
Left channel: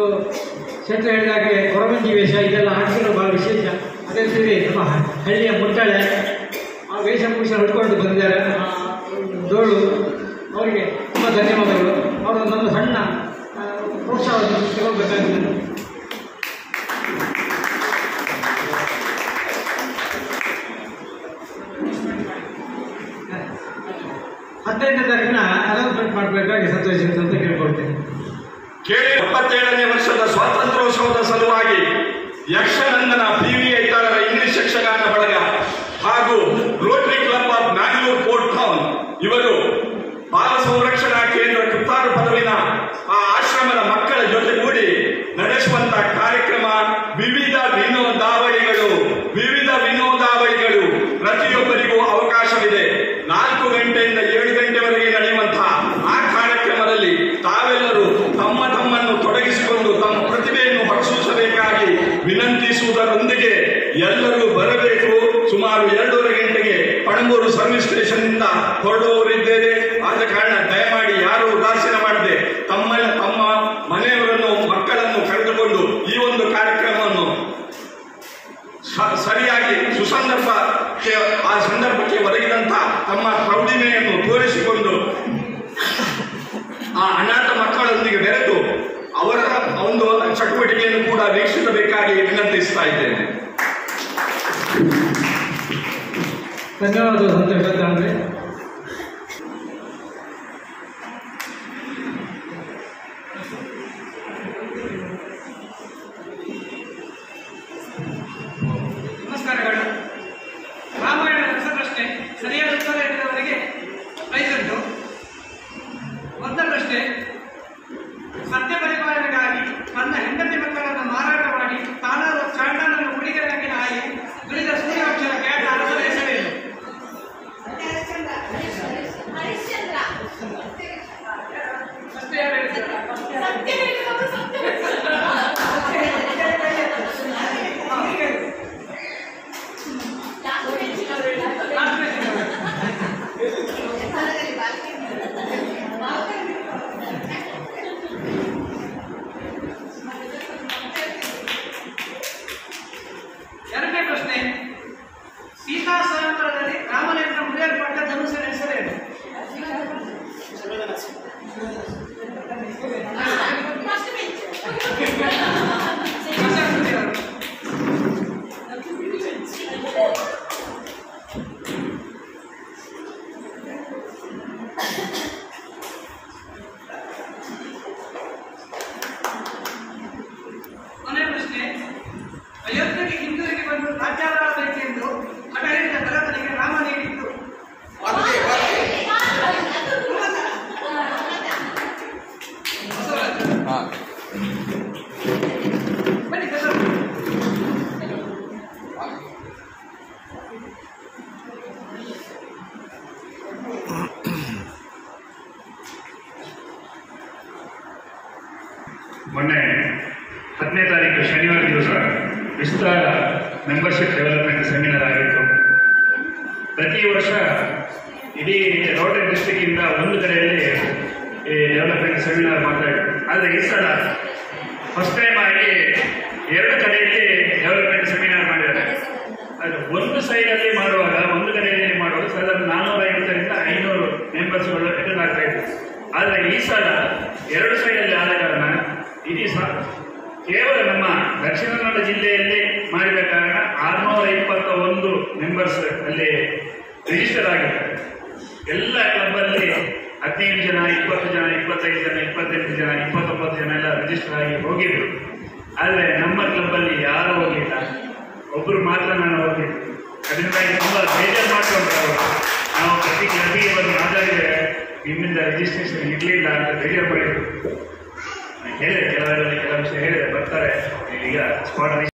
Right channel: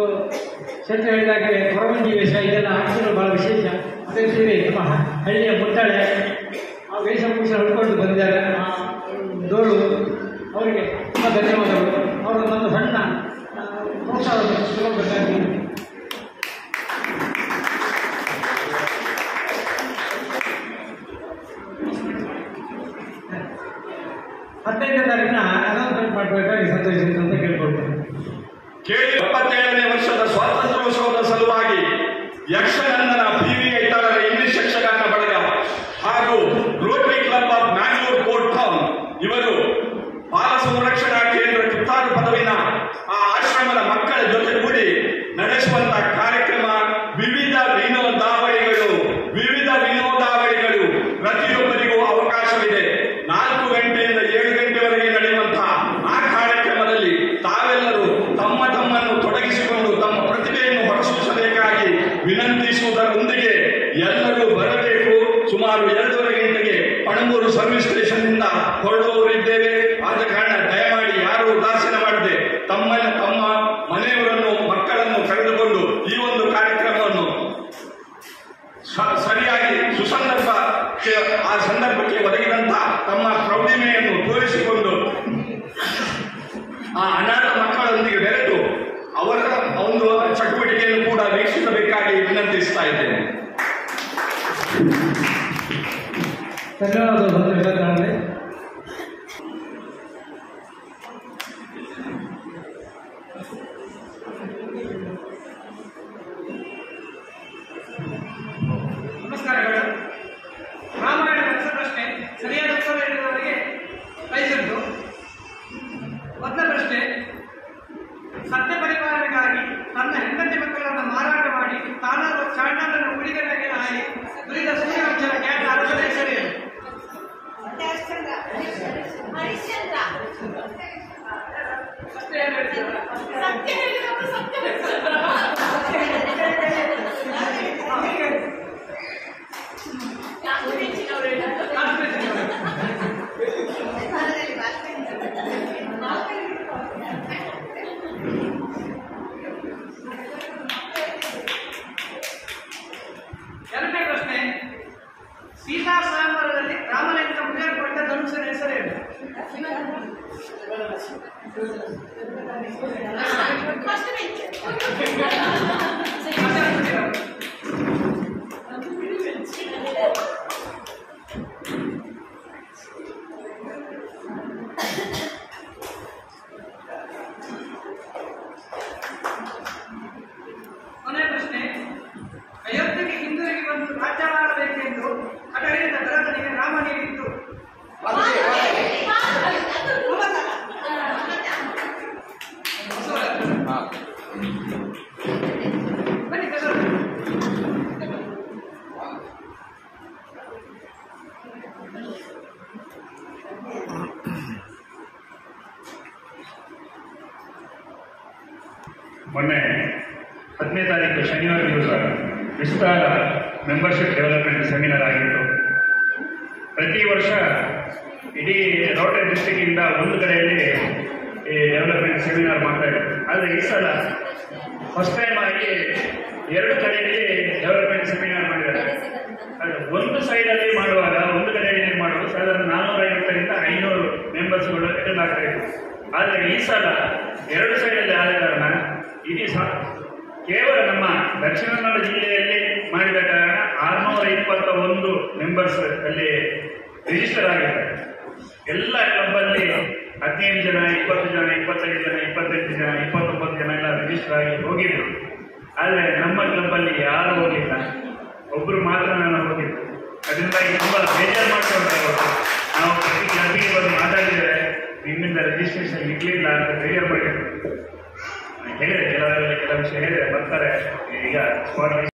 ಚಿತ್ರ ಹೇಳಿದಾಗೆ ಕೊರವಂಜಿ ವೇಷ ಇದೆಲ್ಲ ಆಟಿಕೆಗಳು ಭಾಳ ವಿಶೇಷ. ಅದೇ ರೀತಿ ನಮ್ಮ ಹಳ್ಳಿಯ ಮುಟ್ಟಾಳೆ ಆ ವೇಷಭೂಷ ಹಿಡ್ಕೊಂಡು ಬಂದಿದ್ದಾರೆ. ಜೋಳು ಅವರಿಗೆ ತುಂಬ ಧನ್ಯವಾದಗಳು. ಅವರು ನಮ್ಮ ಸಣ್ಣ ಪ್ರೋತ್ಸಾಹವನ್ನು ತಗೊಳ್ಬೇಕಾಗಿದೆ. ಹದಿನೈದನೇ ತಾರೀಕಿನ ಅನೌನ್ಸ್ಮೆಂಟ್ ಮಾಡಬೇಕಾಗಿ ಸಂತೋಷಿಸಿತು ಅಂತ ಕೇಳ್ಕೊಳ್ತೇನೆ. ಕೇಳಿ 77ನೇ ವರ್ಷದ ಸ್ವಾತಂತ್ರ್ಯೋತ್ಸವದ ಸಲುವಾಗಿ ಯಕ್ಷನಂದನ PVI ತಾಳರ ಇಂಗ್ಲಿಷ್ ಯಕ್ಷಗಾನ ಬಳಗ ಹಾಗೂ Rotary club of Mangalore court town ಇವರು ಬಾಲ ಸಂರಕ್ಷಣಾ ಕೇಂದ್ರ ಕಿತ್ತಾರು ಪದವಿನ ಆ ಆಶ್ರಮದ ಮಕ್ಕಳ ಜೊತೆಗೂಡಿ ನಡೆಸುವಂತ ಕಾರ್ಯಕ್ರಮ ವಿವಿಧ ವಿನೋದಾವಳಿಗಳು ಪ್ರತಿಯೊಬ್ಬರಿಗೂ ಅವಕಾಶವಿದೆ. 4 ಗಂಟೆಯಿಂದ 7 ಗಂಟೆವರೆಗೆ ನಡೆಯುವಂತಹ ಆ ಕಾರ್ಯಕ್ರಮದಲ್ಲಿ ತಾವೆಲ್ಲರೂ ತಮ್ಮನ್ನು ತೊಡಗಿಸಿಕೊಂಡು ತಮ್ಮ ಪ್ರತಿಭೆಯನ್ನು ಹೊರಸೂಸಬೇಕಾಗಿ ವಿನಂತಿಸುವುದರೊಂದಿಗೆ ಎಲ್ಲರೂ ಬರಬೇಕು. ಸುಮಾರು 2:30 ಗಂಟೆಗೆ ಪಣಂಬೂರು ಸರ್ವಿಸ್ ಸ್ಟೇಷನ್ ನಿಂದ ಹೊರಡುವವರಿದ್ದೇವೆ. ಆದ ಕಾರಣ ದಯಮಾಡಿ ಯಾರು ಉದಾಸೀನ ಮಾಡದೆ ತಮ್ಮ ಮನೆಯವರನ್ನು ಮಕ್ಕಳನ್ನು ಕರೆದುಕೊಂಡು ಈ ಒಂದು ಕಾರ್ಯಕ್ರಮವನ್ನು ಸರಿಯಾಗಿ ಆ ಸಂದರ್ಭಕ್ಕೆ ಒದಗಿದಂತ ತಮ್ಮ ಪ್ರೌಢಿಮೆಯನ್ನು ತೋರಿಸಿಕೊಂಡು ಆ ಅನಾಥ ಮಕ್ಕಳೊಂದಿಗೆ ಬೆರೆತು ಅವರ ಒಂದು ಚಟುವಟಿಕೆಯನ್ನು ಕೂಡ ವೀಕ್ಷಿಸಬೇಕಾಗಿ ವಿನಂತಿಸ್ತಾ ಇದ್ದೇನೆ. ಧನ್ಯವಾದಗಳು. ಹತ್ರ ಅಂದರೆ ನಮಸ್ಕಾರಗಳು. ರಾಮಾಯಣದ ರಸಪ್ರಶ್ನೆ ಸರಿಯಾದ ಉತ್ತರ ನೀಡಿದವರಿಗೆ ಪ್ರೈಸ್ ಉಂಟು. ಮೊದಲ ಪ್ರಶ್ನೆ, ಸತ್ಯ ಪರಿಪಾಲನೆಗಾಗಿ ತನ್ನ ಹೆಂಡತಿ ಮಕ್ಕಳನ್ನು ಮಾರಾಟ ಮಾಡಿ ತಾನಾದ ಚಾಂಡಾಲನ್ನು ಕುಡಿಗೆಗಾಗಿ ಹಾಯಿ ದುರಿದ ಸೂರ್ಯವಂಶದ ಖ್ಯಾತ ಅರಸನ ಹೆಸರೇನು? ಅಷ್ಟೇ ಎರಡನೇ ಪ್ರಶ್ನೆ, ಸೀತಾ ಸಾಂಬರದಲ್ಲಿ ರಾಮನಿಂದ ಮುರಿಯಲ್ಪಟ್ಟ ಧನುಷನ ಹೆಸರೇನು? ಕೊನೆಯ ಪ್ರಶ್ನೆ, ಅಯೋಧ್ಯೆಗೆ ಹಿಂದಿರುಗಿ ಬಂದು ರಾಜ್ಯಾಡಬೇಕೆಂದು ಹಠ ಹಿಡಿದ ಭರತನಿಗೆ ರಾಮ ನೀಡಿದ್ದು? ಮೊನ್ನೆ 10ನೇ ತಾರೀಕು ಶನಿವಾರ ದಿವಸ ವಿಸ್ತಾರ ಮೆಂಬರ್ಶಿಪ್ ಡೆವಲಪ್ಮೆಂಟ್ ಸೆಮಿನಾರ್ ಆಗಿತ್ತು. ಪ್ರತಿ ವರ್ಷ ಇಡೀ ರೋಟರಿ ಡಿಸ್ಟ್ರಿಕ್ಕಿಂದ ಒಂದು ಕಡೆಯಲ್ಲಿ ಈ ಡೆವಲಪ್ಮೆಂಟ್ ಸೆಮಿನಾರ್ ಮಾಡ್ತಾ ಇದ್ರು. ಆದರೆ ಈ ಸಲ ಫಸ್ಟ್ ಟೈಮ್ ಆಗಿ 2 ಕಡೆಯಲ್ಲಿ ಡೆವಲಪ್ಮೆಂಟ್ ಸೆಮಿನಾರ್ ಮಾಡಿದ್ದಾರೆ. ಅದು ಒಂದು ಸೈಡಲ್ಲಿ ಮಾಡುವಾಗ, ಒಂದು ಕಡೆಯಲ್ಲಿ ಮಾಡುವಾಗ ಸಾಧಾರಣ 450ರಿಂದ 500 ಮೆಂಬರ್ಸ್ಗಳು ಅಟೆಂಡ್ ಆಗ್ತಾ ಇದ್ರು. ಆದರೆ ಈ ಸಲ 2 ಸೈಡಲ್ಲಿ ಆದ ಕಾರಣ ಇಡೀ ಕೇವಲ ನಮ್ಮ ದಕ್ಷಿಣ ಕನ್ನಡ ಜಿಲ್ಲೆಯಲ್ಲಿ ಮಾಡಿದ ಕಾರಣ 621 ಮೆಂಬರ್ಸ್ ಅಲ್ಲಿ ರಿಜಿಸ್ಟರ್ ಆಗಿದ್ದಾರೆ. ಎಲ್ಲ ಕ್ಲಬ್ಬಲ್ಲಿ 15 ಜನ, 20 ಜನ, 25 ಜನ, 28 ಜನ, 29 ಜನ ಎಲ್ಲ ರಿಜಿಸ್ಟರ್ ಆಗಿ ಹೋಗಿದ್ರು. ಆದರೆ ನಮ್ಮ ಕ್ಲಬ್ಬಲ್ಲಿ ಯಾರೂ ಹೋಗಿಲ್ಲ, ಒಬ್ಬರು ಮಾತ್ರ ನಾನು ಹೋಗಿದ್ದು. ಅದರಿಂದಾಗಿ ತುಂಬ ಬೇಜಾರು ಮಾಡ್ಕೊಂಡ್ರೆ ನಾವು ಪ್ರತಿ ಕ್ಲಬ್ಬಿಗೆ ಬಂದು ಮಾತಾಡಿದರೆ ನಿಮ್ಮಿಂದ ರಿಜಿಸ್ಟ್ರೇಷನ್ ಇರಲಿಲ್ಲ ಅಂತ ಬೇಜಾರು ಮಾಡಿದ್ರು. ಹೇಳಿದೆ, ಕೆಲವು ವಿಷಯ ಹೇಳಿದೆ, ಬರ್ತಾರೆ ಈಗ ಸ್ಪಾಟ್